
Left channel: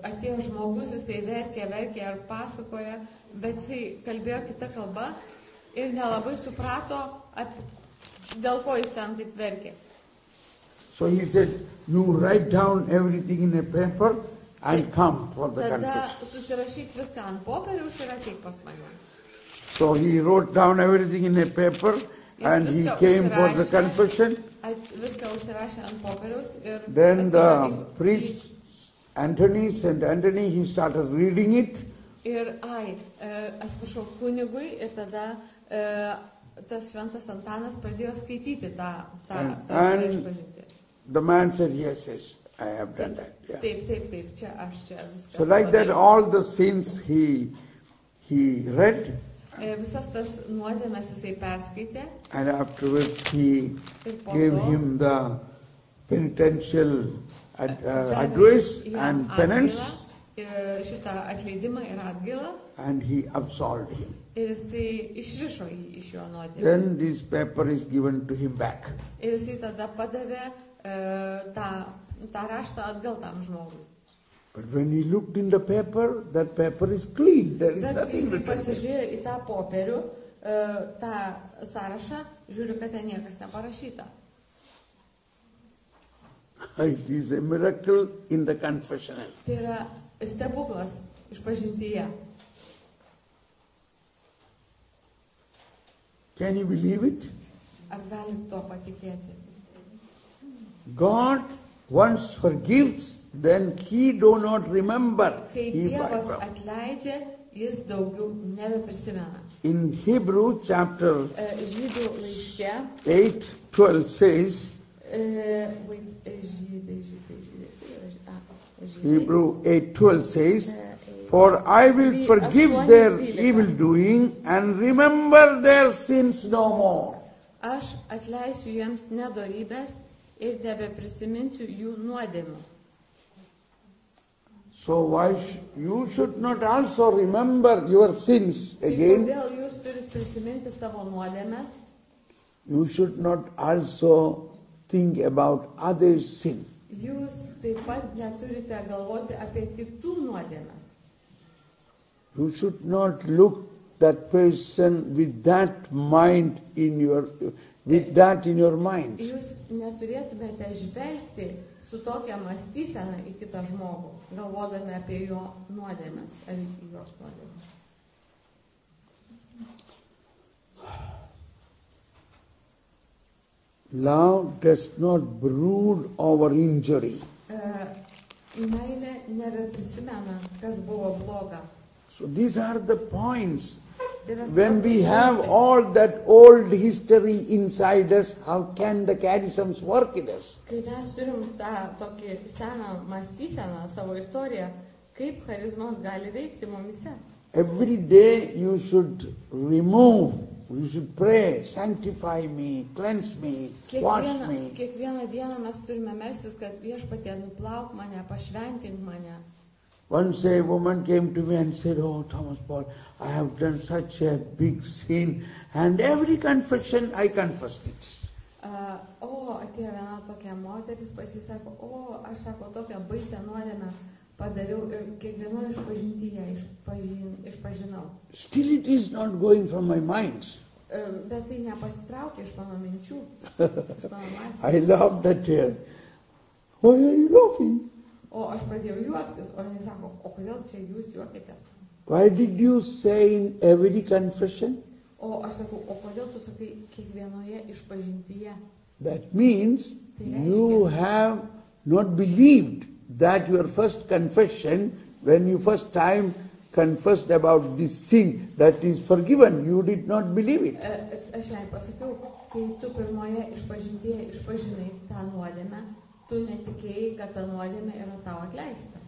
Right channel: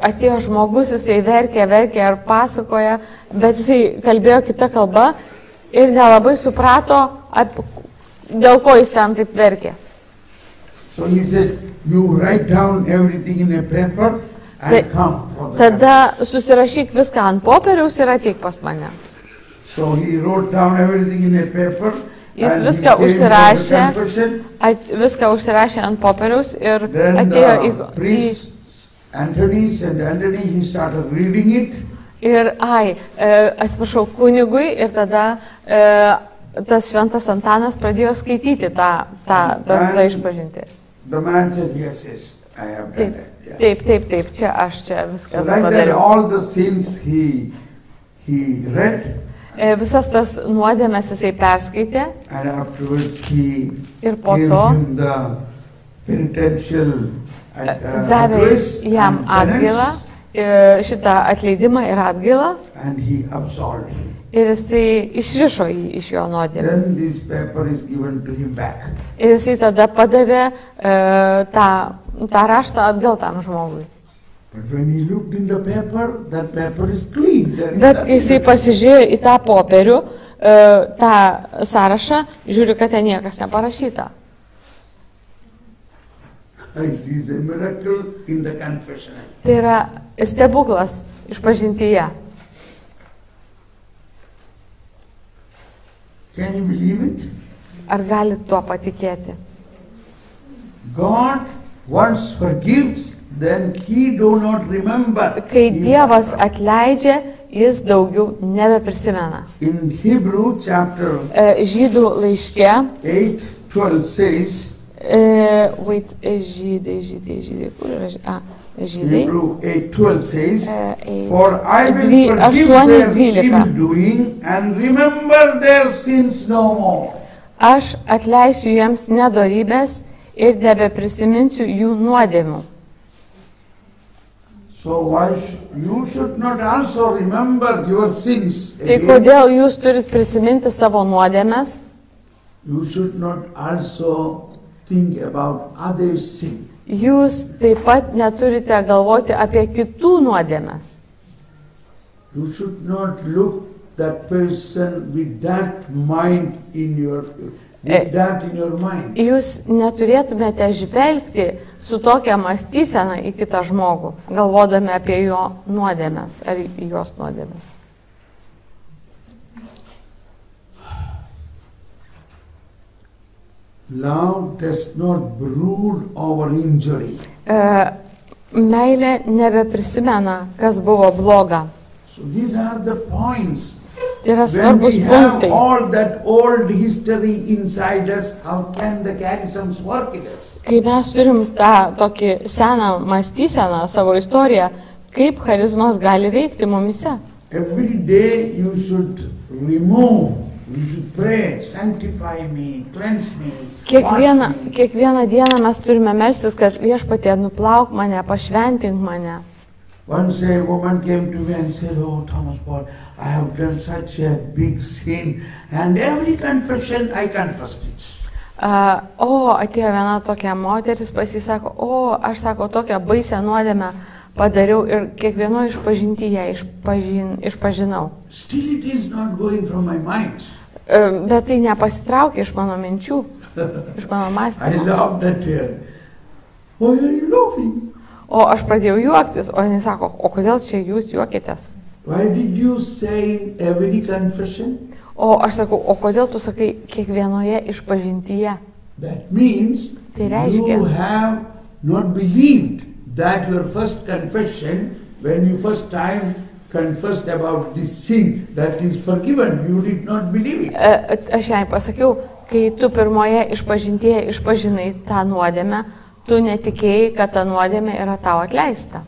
atėjo žmogus, jisai verkė ir pasakoja, bet jisai kalbėjo kitą kalbą ir nelabai suprato, dėl ko jis ten taip verkė. So he said, you write down everything in a paper and come for the Tada susirašyk viską ant popieriaus ir ateik pas mane. So he wrote down everything in a paper Jis and he viską came for the užsirašė, confession. viską užsirašė ant popieriaus ir Then atėjo the priest Anthony, Saint Anthony, he started reading it. ir, atsiprašau, kunigui ir tada tas Šventas Antanas pradėjo skaityti tą išpažintį. The man said, yes, I have done that. Yeah. Taip, čia viską So like that, padariau. all the sins he read, Visas tas nuodėmes jisai perskaitė and afterwards he ir po gave to him the penitential davė address jam and atgailą, penance, šitą atleidimą ir atgailą and he absolved him. ir jisai išrišo jį iš jo nuodėmę. Then this paper is given to him back. Ir jisai tada padavė tą raštą atgal tam žmogui. But when he looked in the paper, that paper is clean. There is Bet kai nothing jisai to- pasižiūrėjo į tą popierių, tą sąrašą, žiūri, kad ten niekas neparašyta. It is a miracle in the confessional. Tai yra stebuklas išpažintyje. Can you believe it? Ar galit tuo patikėti? God once forgives, then He do not remember. Kai Dievas atleidžia, jis daugiau nebeprisimena. In Hebrew chapter Žydų laiške, 8:12 says, žydai, kur yra žydai? Hebrew 8:12 says, for I will forgive them evildoing and remember their sins no more. Aš atleisiu jiems nedorybės ir nebeprisiminsiu jų nuodėmių. So why you should not also remember your sins Tai again? kodėl jūs turit prisiminti savo nuodėmes? You should not also think about others' sin. Jūs taip pat neturite galvoti apie kitų nuodėmes. You should not look that person with that mind in your mind. Jūs neturėtumėte žvelgti su tokia mąstysena į kitą žmogų, galvodami apie jo nuodėmes ar jos nuodėmes. Love does not brood over injury. Meilė nebeprisimena, kas buvo bloga. So these are the points. Tai yra When svarbus we have punktai. all that old history inside us, how can the catechisms work in us? Kai mes turim tą tokį seną mąstyseną, savo istoriją, kaip charizmos gali veikti mumise. Every day you should remove, you should pray, sanctify me, cleanse me, wash me. Kiekvieną dieną mes turime melstis, kad Viešpatie nuplauk mane, pašventink mane. Once a woman came to me and said, oh, Thomas Paul, I have done such a big sin, and every confession I confessed it. Atėjo viena tokia moteris, pasisako, aš sako, tokią baisę nuodėmę padariau ir kiekvieno išpažintyje išpažinau. Still it is not going from my mind. Bet tai nepasitraukė iš mano minčių, iš mano I mąstymo. laughed at her. Why are you laughing? O aš pradėjau juoktis, o jis sako, o kodėl čia jūs juokitės? Why did you say in every confession? O aš sakau, o kodėl tu sakai kiekvienoje išpažintyje? That means Tai reiškia- you have not believed that your first confession, when you first time confessed about this sin that is forgiven, you did not believe it. Aš jai pasakiau, kai tu pirmoje išpažintyje išpažinai tą nuodėmę, tu netikėjai, kad ta nuodėmė yra tau atleista.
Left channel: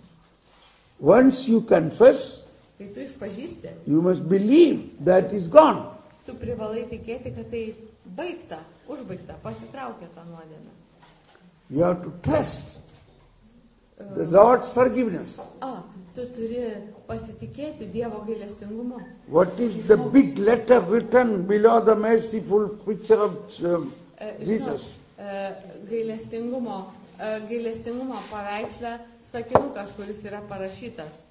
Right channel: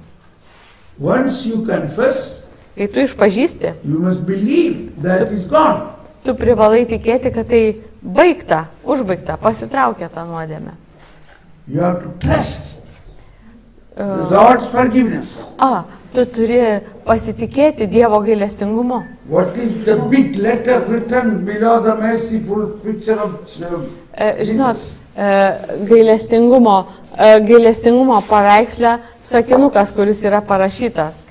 Once you confess, Kai tu išpažįsti, you must believe that is gone. tu privalai tikėti, kad tai baigta, užbaigta, pasitraukė tą nuodėmę. You have to trust the Lord's forgiveness. Tu turi pasitikėti Dievo gailestingumu. What is the big letter written below the merciful picture of Žinot, Jesus? gailestingumo paveiksle sakinukas, kuris yra parašytas.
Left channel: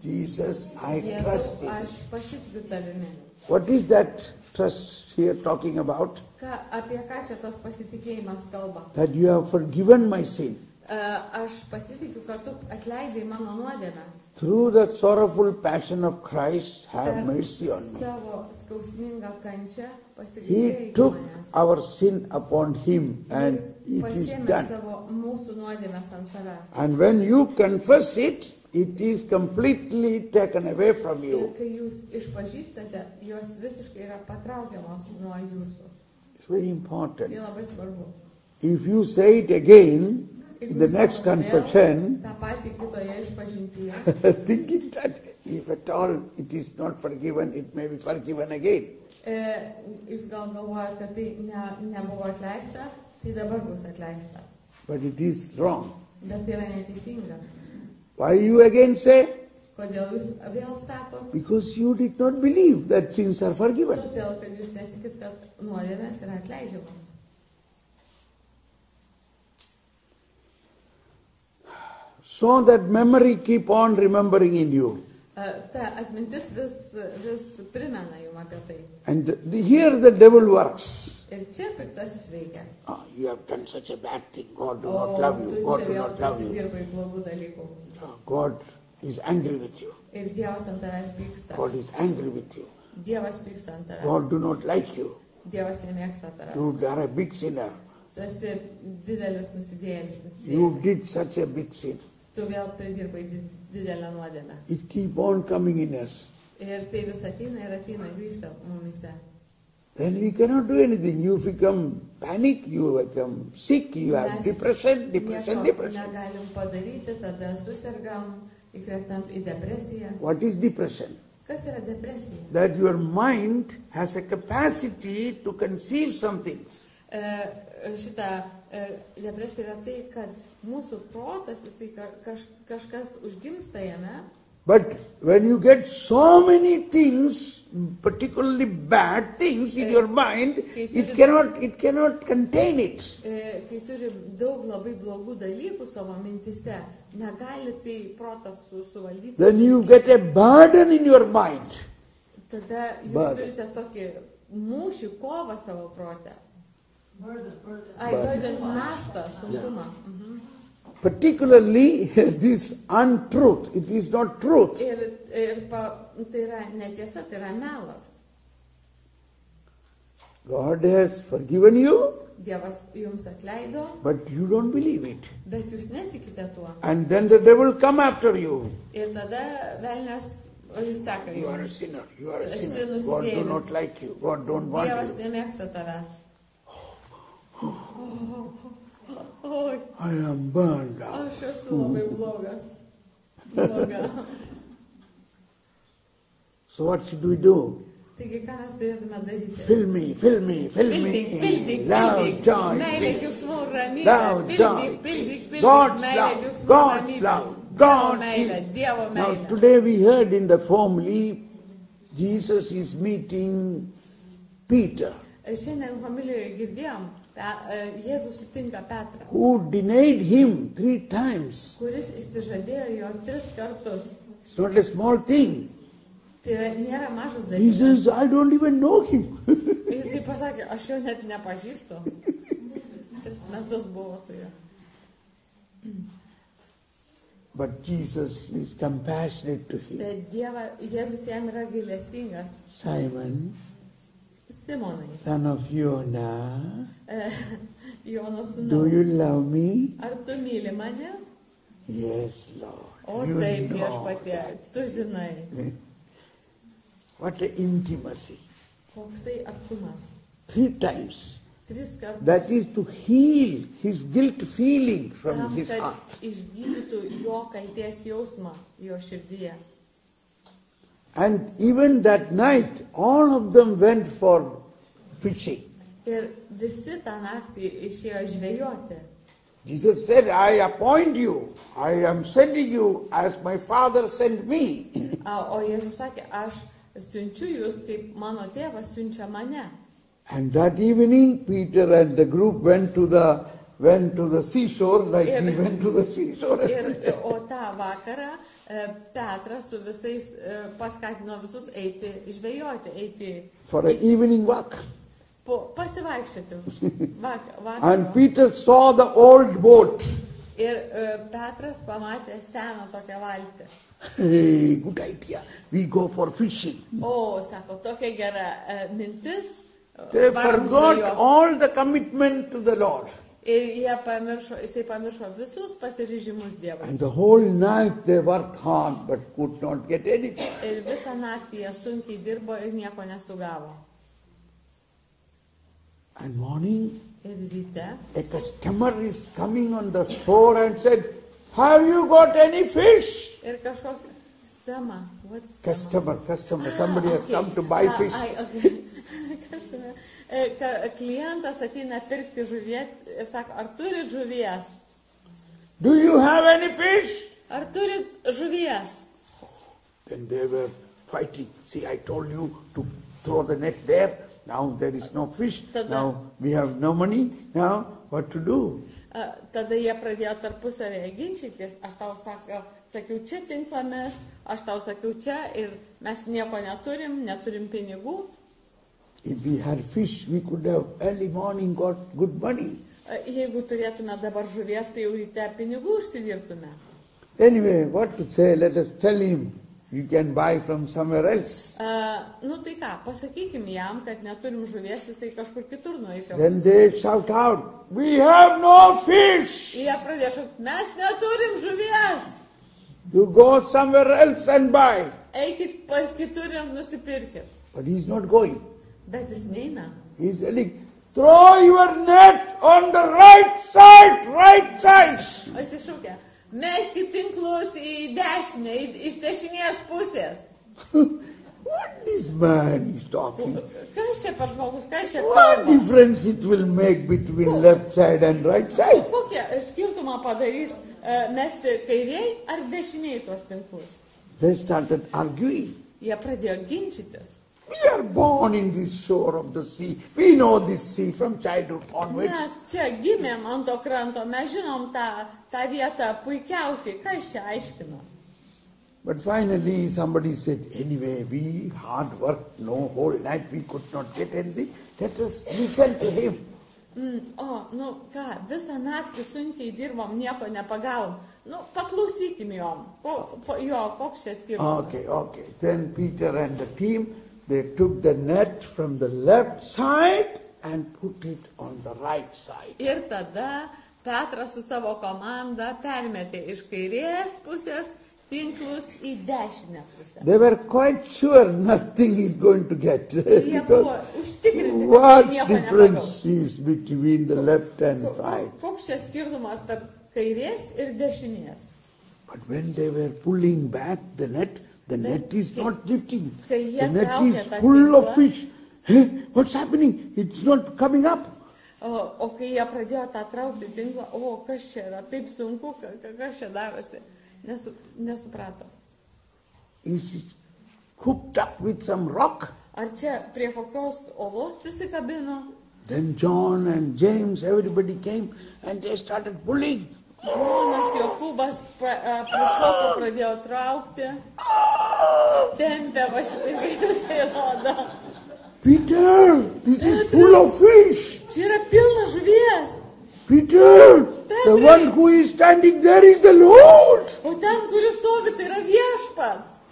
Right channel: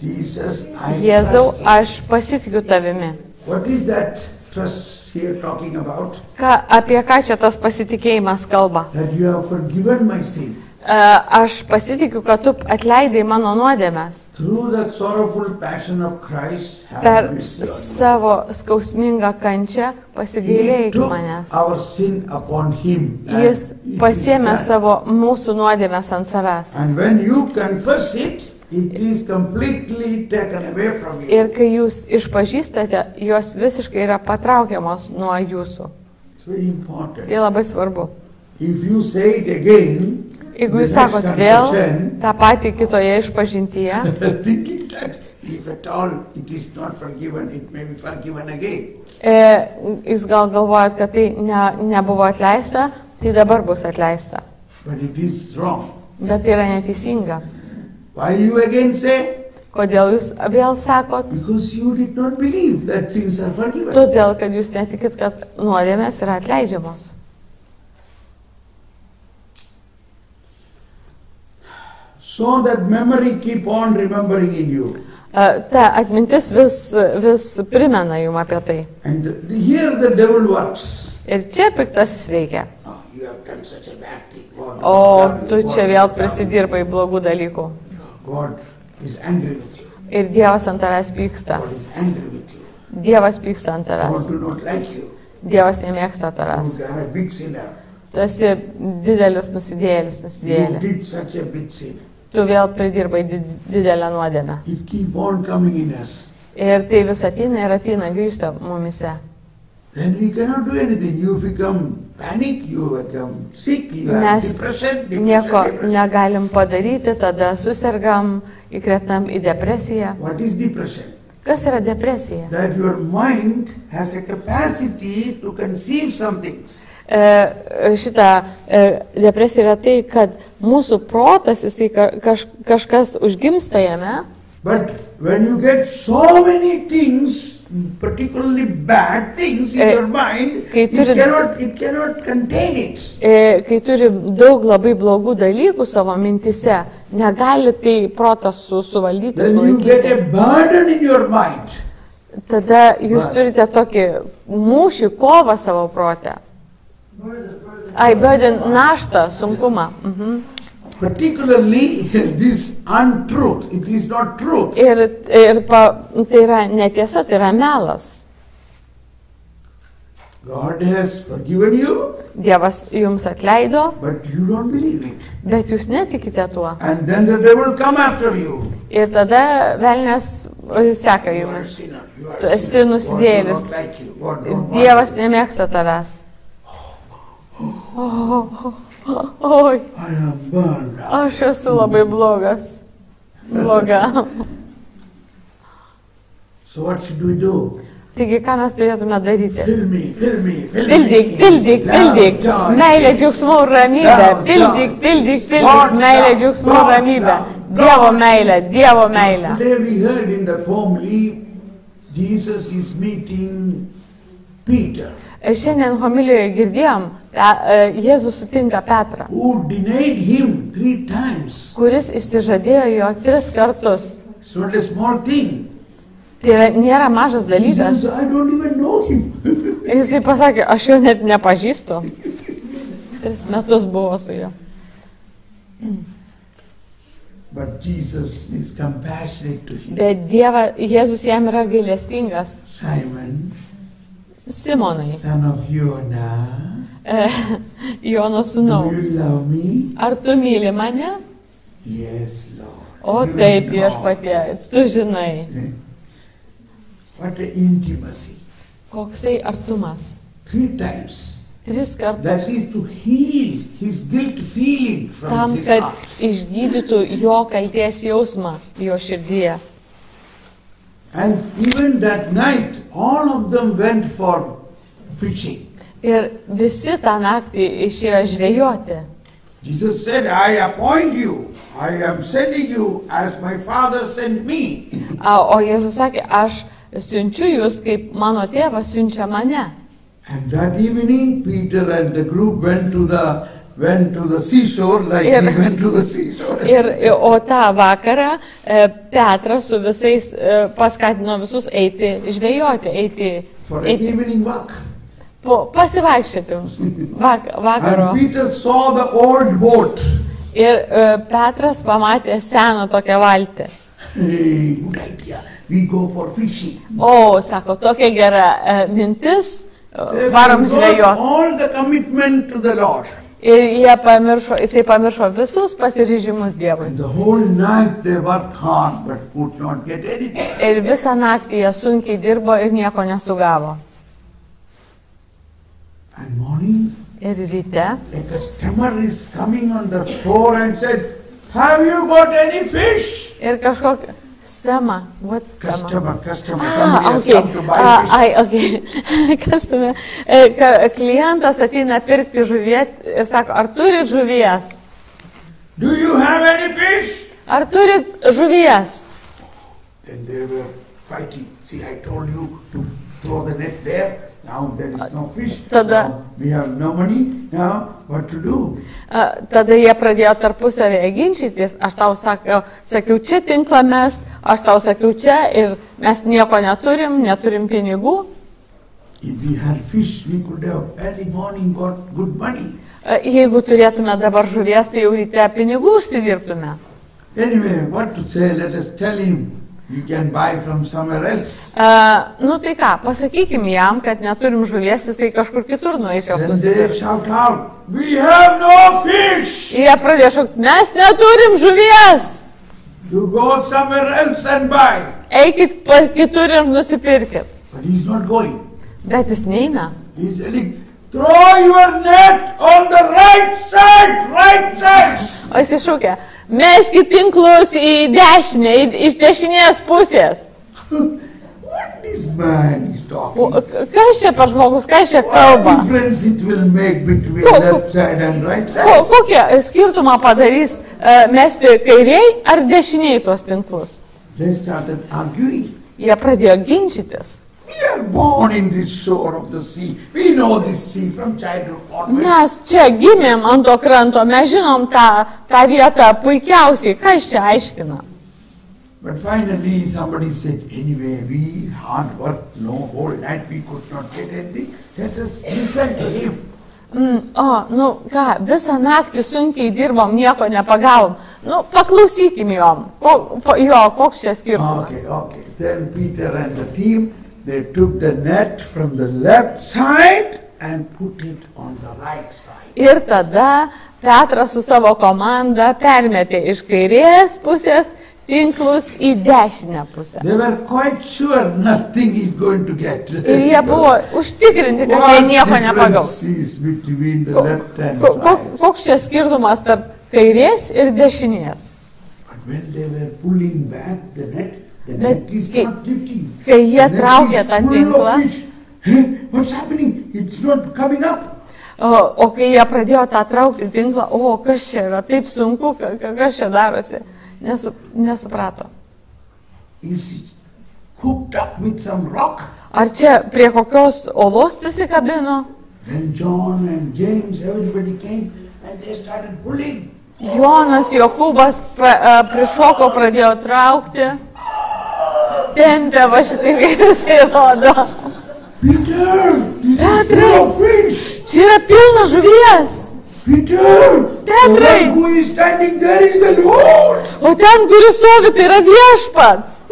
Jesus, I Jėzau, trust you. aš pasitikiu tavimi. What is that trust here talking about? Apie ką čia tas pasitikėjimas kalba? That you have forgiven my sin. Aš pasitikiu, kad tu atleidai mano nuodėmes. Through the sorrowful passion of Christ, have Per mercy on me. savo skausmingą kančią He pasigailėjai took manęs. our sin upon him. And Jis it is pasiėmė done. savo mūsų nuodėmes ant savęs. And when you confess it, it is completely taken away from you. Ir kai jūs išpažįstate, jos visiškai yra patraukiamos nuo jūsų. It's very important. Tai labai svarbu. If you say it again, Jeigu the jūs next sakot vėl confession, tą patį kitoje išpažintyje, thinking that if at all it is not forgiven, it may be forgiven again. jūs gal galvojat, kad tai nebuvo atleista, tai dabar bus atleista. But it is wrong. Bet tai yra neteisinga. Why you again say? Kodėl jūs vėl sakot? Because you did not believe that sins are forgiven. Todėl, kad jūs netikit, kad nuodėmės yra atleidžiamos. So that memory keep on remembering in you. Ta atmintis vis primena jums apie tai. And here the devil works. Ir čia piktasis veikia. Oh, you have done such a bad thing. God, O God, tu God, čia God, vėl God, prisidirbai blogų dalykų. God is angry with you. Ir Dievas ant tavęs pyksta. God is angry with you. Dievas pyksta ant God tavęs. do not like you. Dievas nemėgsta You tavęs. are a big sinner. Tu esi didelis nusidėjėlis. You did such a big sin. Tu vėl pridirbai didelę nuodėmę. It keep on coming in us. Ir tai vis ateina, grįžta mumise. Then we cannot do anything. You become panic, you become sick, you have Mes depression. nieko negalim padaryti, tada susirgam, įkretam į depresiją. What is depression? Kas yra depresija? That your mind has a capacity to conceive some things. Šita depresija yra tai, kad mūsų protas, jisai kažkas užgimsta jame. But when you get so many things, particularly bad things in your mind, it cannot contain it. Kai turi daug labai blogų dalykų savo mintise, negali tai protas suvaldyti. Then you get a burden in your mind. Tada jūs turite tokį mūšį, kovą savo protę. Burden, naštą, sunkumą. Particularly this untruth, it is not truth. Tai yra netiesa, tai yra melas. God has forgiven you, Dievas jums atleido, but you don't believe it. bet jūs netikite tuo. And then the devil come after you. Ir tada velnias seka You are a jumis. sinner. You are Tu a esi sinner. God nusidėjėlis. does not like you. God don't want Dievas you. nemėgsta tavęs. Oi, I am burned out. aš esu labai blogas. Bloga. So what should we do? Taigi, ką mes turėtume daryti? Fill me, fill me, fill me. Pildyk. Love, joy, Meilė, peace. džiaugsmų ir ramybė. Pildyk. Meilė, džiaugsmų ir ramybė. Dievo meilė. Today we heard in the homily, Jesus is meeting Peter, Šiandien homilijoje girdėjom, Jėzus sutinka Petrą, who denied him 3 times. kuris išsižadėjo jo 3 kartus. It's not a small thing. Tai nėra mažas He dalykas. says, I don't even know him. Jisai pasakė, aš jo net nepažįstu. 3 metus buvo su juo. But Jesus is compassionate to him. Bet Jėzus jam yra gailestingas. Simon, Simonai, son of Jonah, Jono do sūnau, you love me? ar tu myli mane? Yes, Lord. O You taip, know. viešpatie, tu žinai. What an intimacy. Koksai artumas. 3 times. 3 kartus. That is to heal his guilt feeling from Tam, his kad heart. išgydytų jo kaltės jausmą jo širdyje. And even that night, all of them went for fishing. Ir visi tą naktį išėjo žvejoti. Jesus said, I appoint you. I am sending you as my Father sent me. O Jėzus sakė, aš siunčiu jūs, kaip mano tėvas siunčia mane. And that evening, Peter and the group went to the seashore like we went to the seashore. O tą vakarą Petras su visais paskatino visus eiti žvejoti, For an evening walk. pasivaikščioti vakaro. And Peter saw the old boat. Ir Petras pamatė seną tokią valtį. Hey, good idea. We go for fishing. O, sako, tokia gera mintis, They varom forgot žvejoti. all the commitment to the Lord. Ir jisai pamiršo visus pasiryžimus Dievui. And the whole night they worked hard but could not get anything. Ir visą naktį jie sunkiai dirbo ir nieko nesugavo. And morning, Ir ryte a customer is coming on the shore and said, have you got any fish? ir kažkokia stema, what's stema? Customer, somebody has come to buy fish. Customer. Klientas ateina pirkti žuvies ir sako, ar turit žuvies? Do you have any fish? Ar turit žuvies? Then they were fighting. See, I told you to throw the net there. Now there is no fish. Now we have no money. Now what to do? Tada jie pradėjo tarpusavėje ginčytis. Aš tau sakiau čia tinklą mest, aš tau sakiau čia ir mes nieko neturim pinigų. If we had fish, we could have early morning got good money. Jeigu turėtume dabar žuvies, tai jau ryte pinigų užsidirbtume. Anyway, what to say? Let us tell him. You can buy from somewhere else. Nu tai ką, pasakykim jam, kad neturim žuvies, jisai kažkur kitur nueis jos Then nusipirkti. they shout out, we have no fish. Jie pradėjo šaukti, mes neturim žuvies. You go somewhere else and buy. Eikit kitur ir nusipirkit. But he's not going. Bet jis neina. He's telling, throw your net on the right side, right side. O jis iššūkė, meskit tinklus į dešinę, iš dešinės pusės. What this man is talking? Kas čia per žmogus, kas čia What kalba? difference it will make between left side and right side? Kokią skirtumą padarys mesti kairiai ar dešiniai tuos tinklus? They started arguing. Jie pradėjo ginčytis. We are born in this shore of the sea. We know this sea from childhood onwards. Mes čia gimėm ant to kranto, mes žinom tą vietą puikiausiai, ką jis čia aiškina. But finally somebody said, anyway, we hard work, no, whole night we could not get anything. Let us listen to him. Nu ką, visą naktį sunkiai dirbom, nieko nepagavom. Nu, paklausykim jom. Koks čia skirtumas? Okay. Then Peter and the team, they took the net from the left side and put it on the right side. Ir tada Petras su savo komanda permetė iš kairės pusės tinklus į dešinę pusę. They were quite sure nothing is going to get. Ir jie buvo užtikrinti, kad jie nieko nepagaus. What difference is between the left and right? Koks čia skirtumas tarp kairės ir dešinės? But when they were pulling back the net is not lifting. Kai jie traukė tą tinklą, What's happening? It's not coming up. o kai jie pradėjo tą traukti tinklą, kas čia yra, taip sunku, kas čia darosi, nesuprato. Is it hooked up with some rock? Ar čia prie kokios olos prisikabino? Then John and James, everybody came and they started pulling. Jonas, Jokūbas prišoko, pradėjo traukti. Tempė, va šitai vėliausiai rodo. Peter, this is full of fish. Čia yra pilna žuvies. Peter, Petrai. the one who is standing there is the Lord. O ten, kuris stovi, tai yra viešpats.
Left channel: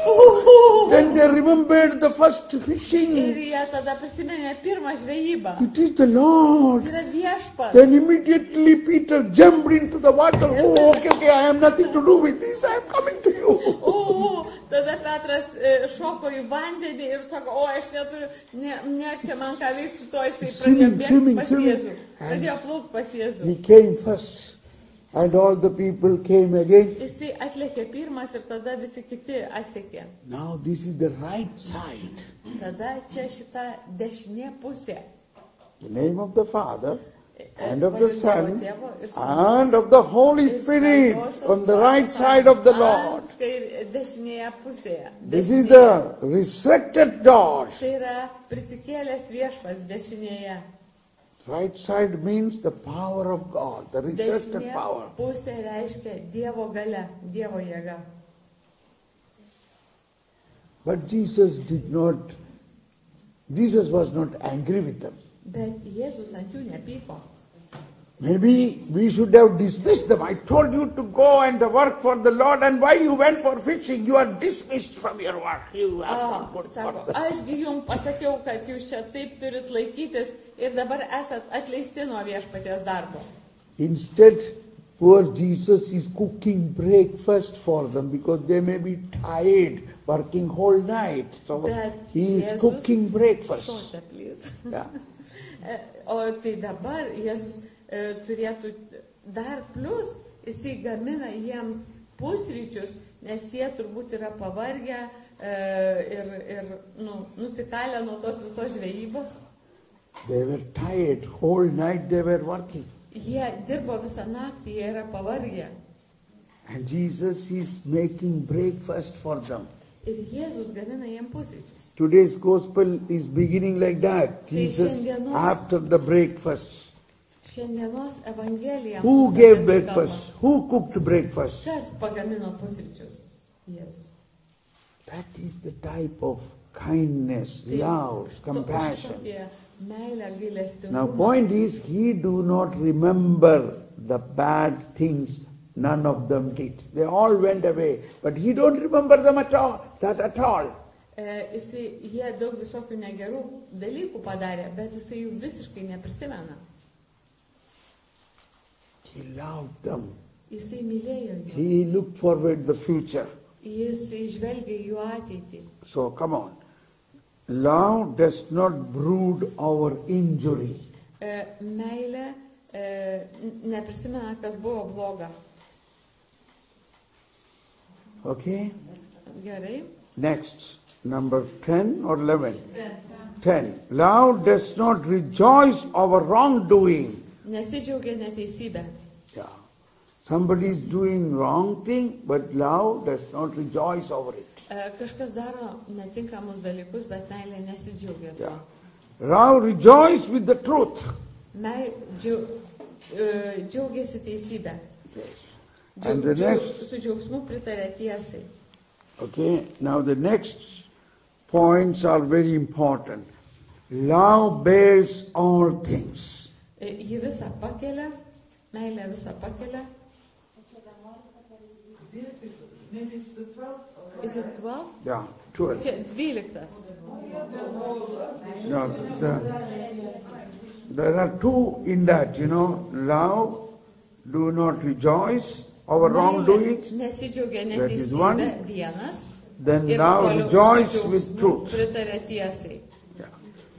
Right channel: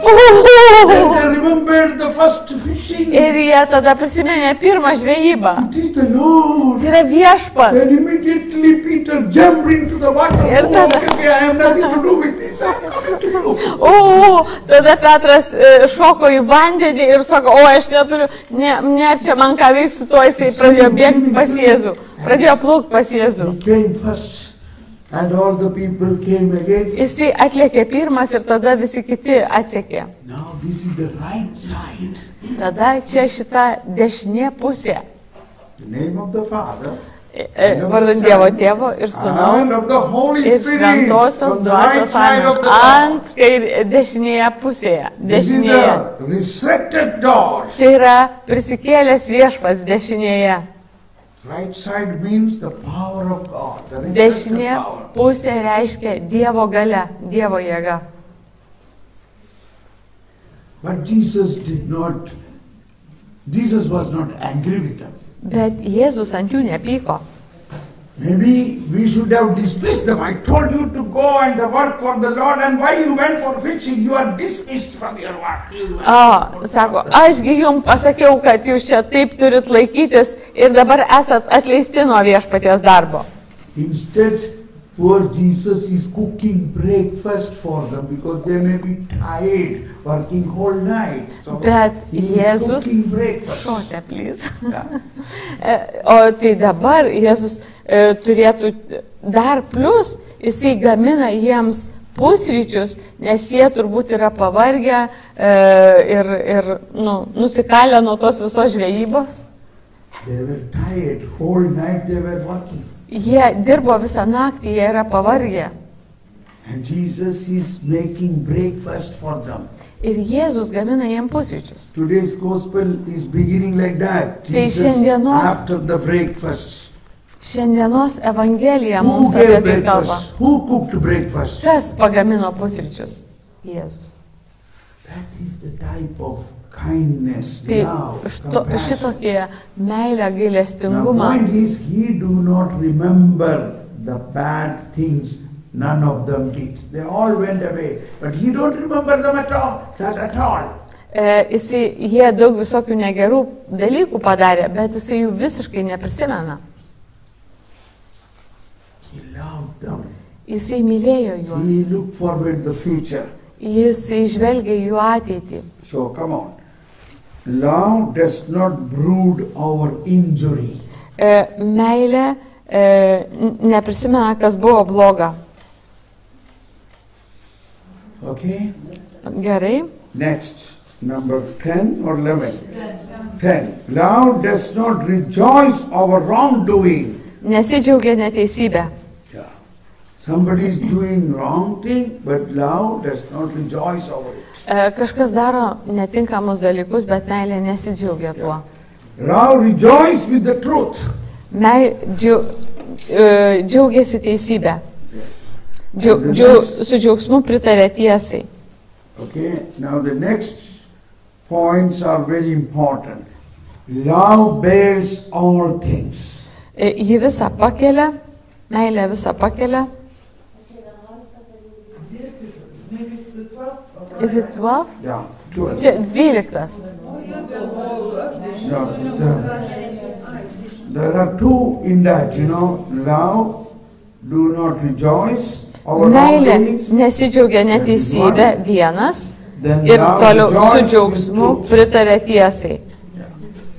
Then they remembered the first fishing. Ir jie tada prisiminė pirmą žvejybą. It is the Lord. Tai yra viešpats. Then immediately Peter jumped into the water. Ir Oh, tada- okay, I have nothing to do with this. I am coming to you. Tada Petras šoko į vandenį ir sako, aš neturiu, ne, čia man ką veiks su to, jisai pradėjo bėgti pas Jėzų. Pradėjo plaukti pas Jėzų. He came first and all the people came again. Jisai atlėkė pirmas ir tada visi kiti atsekė. Now this is the right side. Tada čia šita dešinė pusė. The name of the Father Vardan Dievo Tėvo ir and Sūnaus of the Holy ir Spirit Šventosios on the right Dvasios side of the ant door. dešinėje pusėje. This is Dešinėje. the resurrected God. Tai yra prisikėlęs viešpats dešinėje. Right side means the power of God, the resurrected Dešinė power. pusė reiškia Dievo galia, Dievo jėga. But Jesus was not angry with them. Bet Jėzus ant jų nepyko. Maybe we should have dismissed them. I told you to go and work for the Lord, and why you went for fishing? You are dismissed from your work. Sako, ašgi jums pasakiau, kad jūs čia taip turit laikytis ir dabar esat atleisti nuo viešpaties darbo. Instead, poor Jesus is cooking breakfast for them because they may be tired, working whole night. So Bet he is Jėzus, cooking breakfast. šote, please. Yeah. O tai dabar Jėzus turėtų dar plus, jisai gamina jiems pusryčius, nes jie turbūt yra pavargę ir nusikalę nuo tos visos žvejybos. They were tired, whole night they were working. Jie dirbo visą naktį, jie yra pavargę. And Jesus is making breakfast for them. Ir Jėzus gamina jiems pusryčius. Today's gospel is beginning like that. Tai Jesus, šiandienos- after the breakfast. Šiandienos Evangelija Who mums apie gave tai kalba. breakfast? Who cooked breakfast? Kas pagamino pusryčius? Jėzus. That is the type of kindness, Tai love, compassion. šitokie meilė, Now, gailestingumą. point is, he do not remember the bad things none of them did. They all went away. But he don't remember them at all, that at all. Jie daug visokių negerų dalykų padarė, bet jisai jų visiškai neprisimena. He loved them. Jisai mylėjo He juos. looked forward the future. Jisai žvelgia jų ateitį. So come on. Love does not brood over injury. Meilė neprisimena, kas buvo bloga. Okay? Gerai. Next, number 10 or 11? 10. Love does not rejoice over wrongdoing. Nesidžiaugia neteisybė. Yeah. Somebody is doing wrong thing, but love does not rejoice over it. Kažkas daro netinkamus dalykus, bet meilė nesidžiaugia tuo. Love rejoice with the truth. Džiaugiasi teisybė. Yes. Su džiaugsmu pritarė tiesai. Okay, now the next points are very important. Love bears all things. Ji visą pakelia, meilė visą pakelia. Is it 12? Yeah, 12. Čia 12. Yeah, there are two in that, love, do not rejoice over Meilė wrongdoings. nesidžiaugia neteisybė vienas Then ir love toliau su rejoice with džiaugsmu truth. pritarė tiesai. Yeah.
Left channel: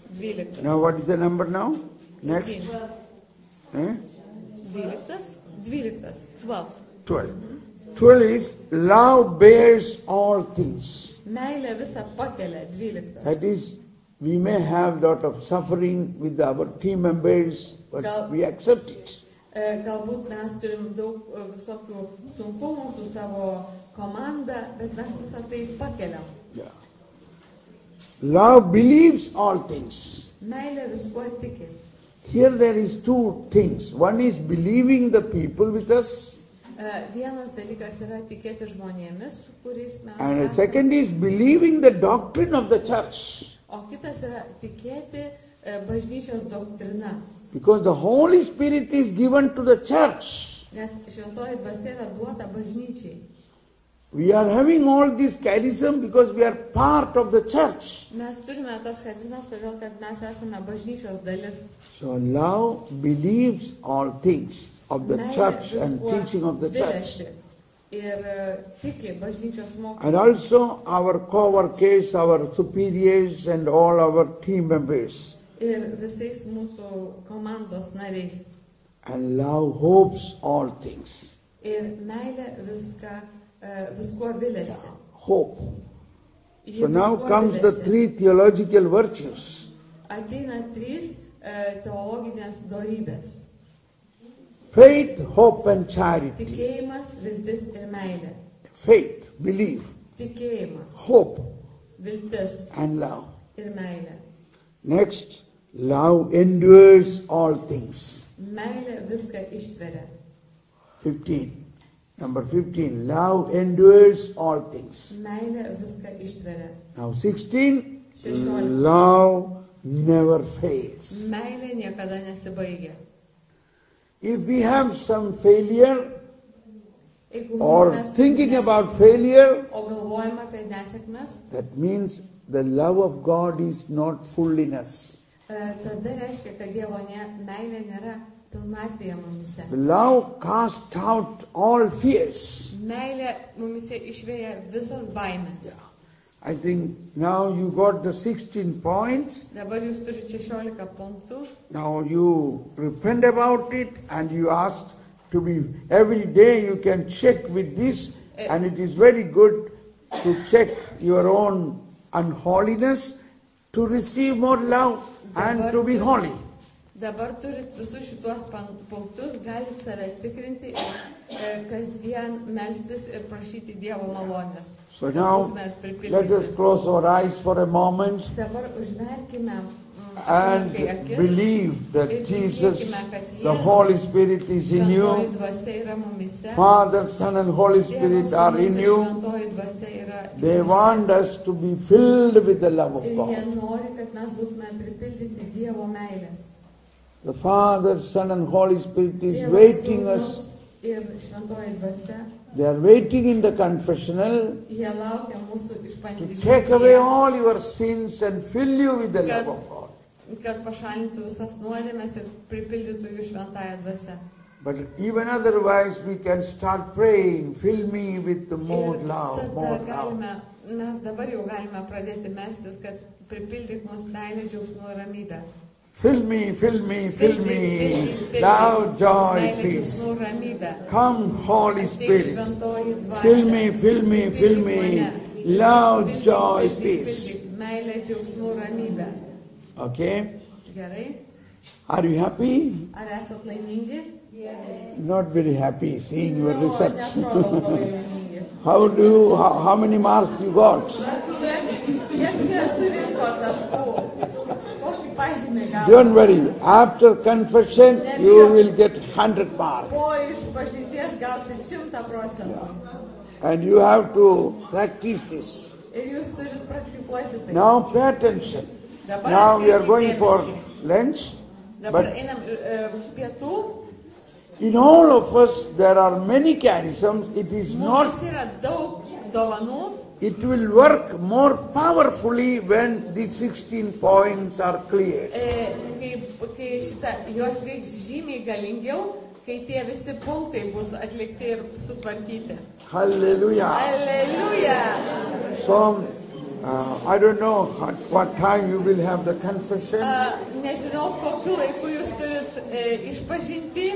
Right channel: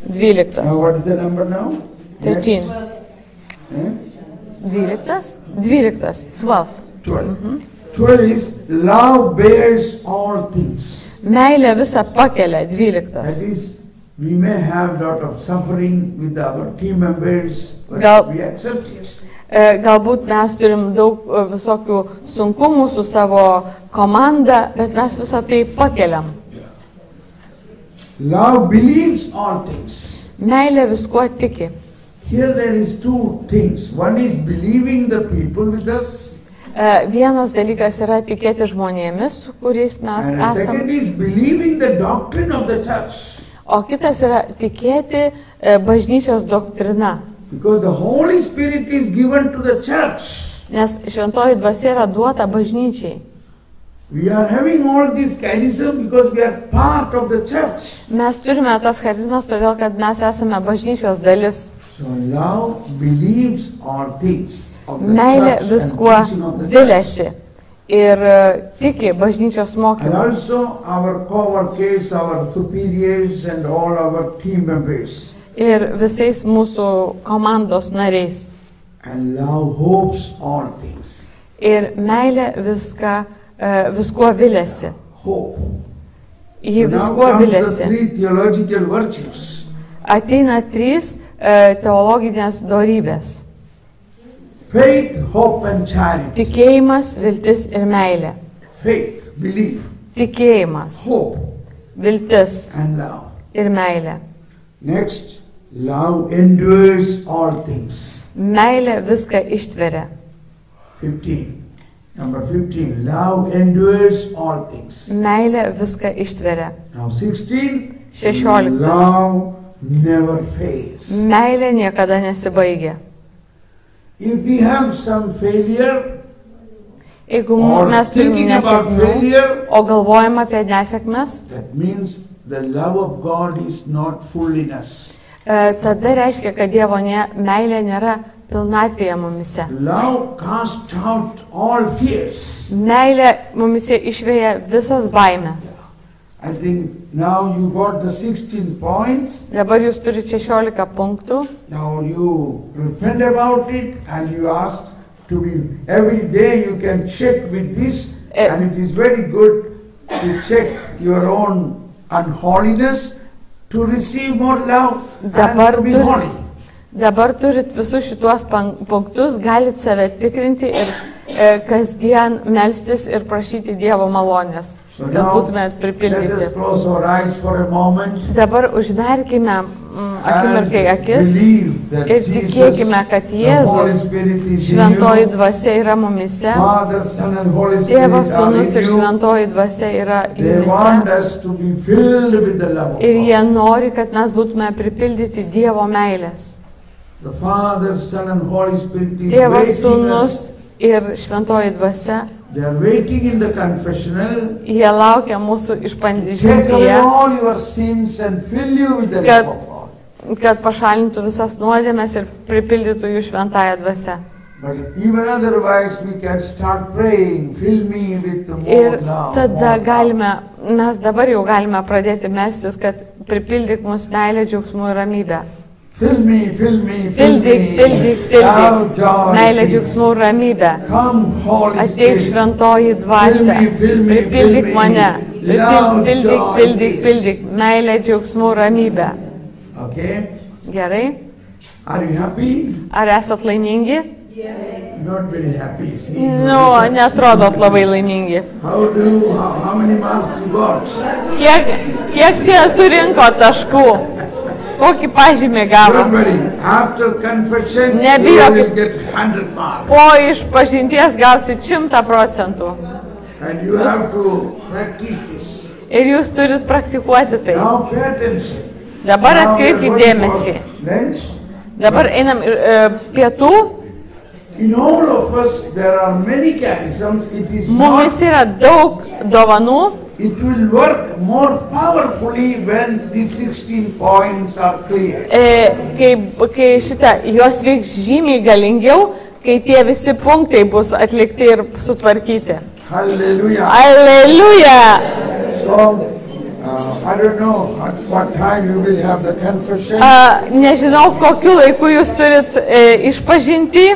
12. Now what is the number now? 13. Next. Eh? 12? 12. 12. 12. 12 is love bears all things. Meilė visą pakelia. That 12. is, we may have lot of suffering with our team members, but we accept it. Galbūt mes turim daug visokių sunkumų su savo komanda, bet mes visą tai pakeliam. Love believes all things. Meilė viskuo tiki. Here there is two things. One is believing the people with us, Vienas dalykas yra tikėti žmonėmis, su kuriais mes and the second esame. is believing the doctrine of the church. O kitas yra tikėti bažnyčios doktrina. Because the Holy Spirit is given to the church. Nes šventoji dvasia yra duota bažnyčiai. We are having all this charism because we are part of the church. Mes turime tas charizmas, todėl kad mes esame bažnyčios dalis. So love believes all things of the Meilė church viskuo and teaching of the church. viliasi ir tiki bažnyčios And mokymu. also our co-workers, our superiors and all our team members. Ir visais mūsų komandos nariais. And love hopes all things. Ir meilė viskuo viliasi. Hope. Ji So now viskuo comes the viliasi. 3 theological virtues. Ateina 3 teologinės dorybės. Faith, hope and charity. Tikėjimas, viltis ir meilė. Faith, belief, Tikėjimas, hope viltis and love. ir meilė. Next, love endures all things. Meilė viską ištveria. 15. Number 15. Love endures all things. Meilė viską ištveria. Now 16. 16. Love never fails. Meilė niekada nesibaigia. If we have some failure Jeigu or mes turime thinking about nesėkmių, failure, o galvojam apie nesėkmes, that means the love of God is not full in us. tada reiškia, kad Dievo meilė nėra pilnatvėje mumise. Love casts out all fears. Meilė mumise išvėja visas baimės. I think now you got the 16 points. Dabar jūs turite 16 punktų. Now you repent about it and you ask to be, every day you can check with this, and it is very good to check your own unholiness to receive more love and to be holy. Dabar turit visus šituos punktus, galit save tikrinti ir kasdien melstis ir prašyti Dievo malonės, So kad now būtumėt let us pripildyti. close our eyes for a moment Dabar užmerkime and akimirkai akis believe that ir Jesus, tikėkime, kad the Holy Jėzus, Spirit is in šventoji you. dvasia yra mumise, Father, Son and Holy Tėvas, Spirit are Sūnus in ir you. šventoji dvasia yra They want jumise. us to be filled with the love of Ir God. jie nori, kad mes būtume pripildyti Dievo meilės. The Father, Son and Holy Spirit is Tėvas, waiting Sūnus us Ir šventoji dvasia, they are waiting in the confessional. jie laukia mūsų Take away išpažintyje, all your sins and fill you with the love of God. kad pašalintų visas nuodėmes ir pripildytų jų šventąją dvasią. But even otherwise we can start praying, fill me with more Ir love. tada more galime, mes dabar jau galime pradėti melstis, kad pripildyk mus meilę, džiaugsmų ir ramybę. Fill me, fill me, fill Pildyk, me. pildyk, Love, pildyk. joy, Meilė, peace. džiaugsmų ir ramybė. Come, Holy Ateik Spirit. šventoji dvasia. Fill me, Pripildyk fill me. mane. Love, Pildyk, joy, pildyk, peace. pildyk. Meilė, džiaugsmų ir ramybė. Okay? Gerai? Are you happy? Ar esat laimingi? Not very happy. See, Nu, netrodot labai laimingi. how many marks you got? Kiek čia surinko taškų? Kokį pažymį gavo? Don't worry. After confession, you Nebijokit. will get 100 marks. Po išpažinties gausit 100%. And you have to practice this. Ir jūs turit praktikuoti tai. Now pay attention. Dabar Now we are atkreipkite going dėmesį. for lunch. Dabar einam pietų. In all of us, there are many charisms. It is Mumis not. yra daug dovanų. It will work more powerfully when these 16 points are clear. Kai jos veiks žymiai galingiau, kai tie visi punktai bus atlikti ir sutvarkyti. Hallelujah. Alleluja! So, I don't know at what time you will have the confession. Nežinau, kokiu laiku jūs turit išpažinti.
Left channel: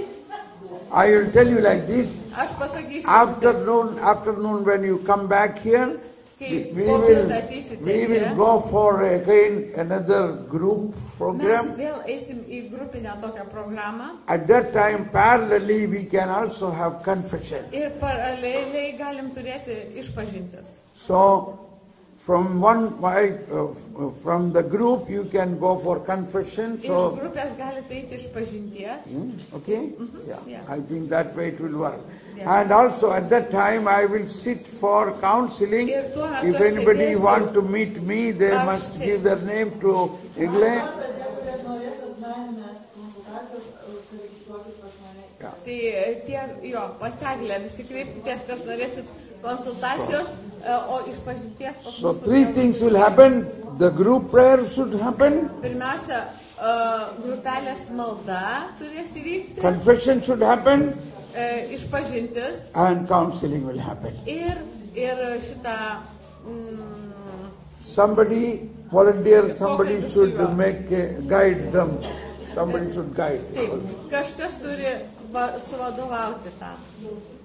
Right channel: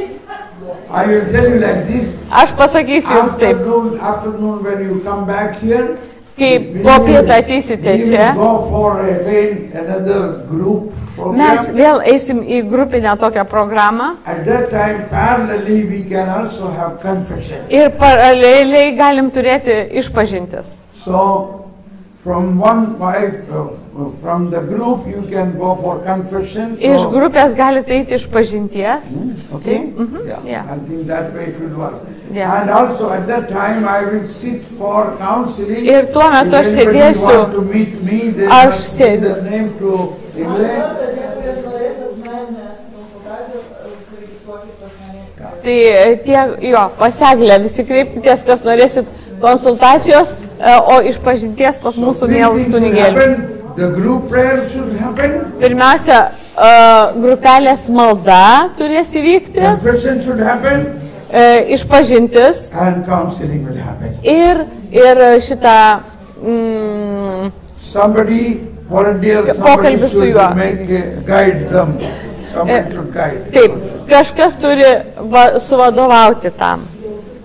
I will tell you like this. Aš pasakysiu jums taip. Afternoon when you come back here, Kai po pietą ateisite we čia, will go for again another group mes program. vėl eisim į grupinę tokią programą At that time, parallelly, we can also have confession. ir paraleliai galim turėti išpažintis. So, from from the group, you can go for confession. Iš So, grupės galite eiti išpažinties. okay? Yeah. I think that way it will work. Yeah. And also at that time, I will sit for counseling. Ir tuo metu aš If anybody sėdėsiu- want to meet me, they Aš must give sėd- their name to Egle. Tai tie, paseglė, visi kreipkitės, kas norėsit konsultacijos, o išpažinties pas mūsų Three mielus things will kunigėlius. happen. The group prayer should happen. Pirmiausia, grupelės malda turės įvykti, Confession should happen. Išpažintis And counseling will happen. ir šitą Somebody, volunteer, somebody Pokalbis su juo. should guide them. Someone should guide. Taip, kažkas turi suvadovauti tam.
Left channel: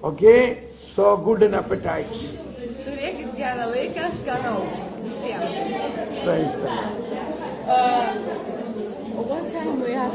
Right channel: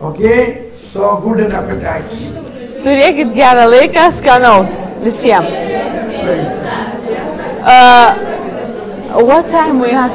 Okay? So good an appetite. Turėkit gerą laiką, skanaus visiems. Praise God. What time we have?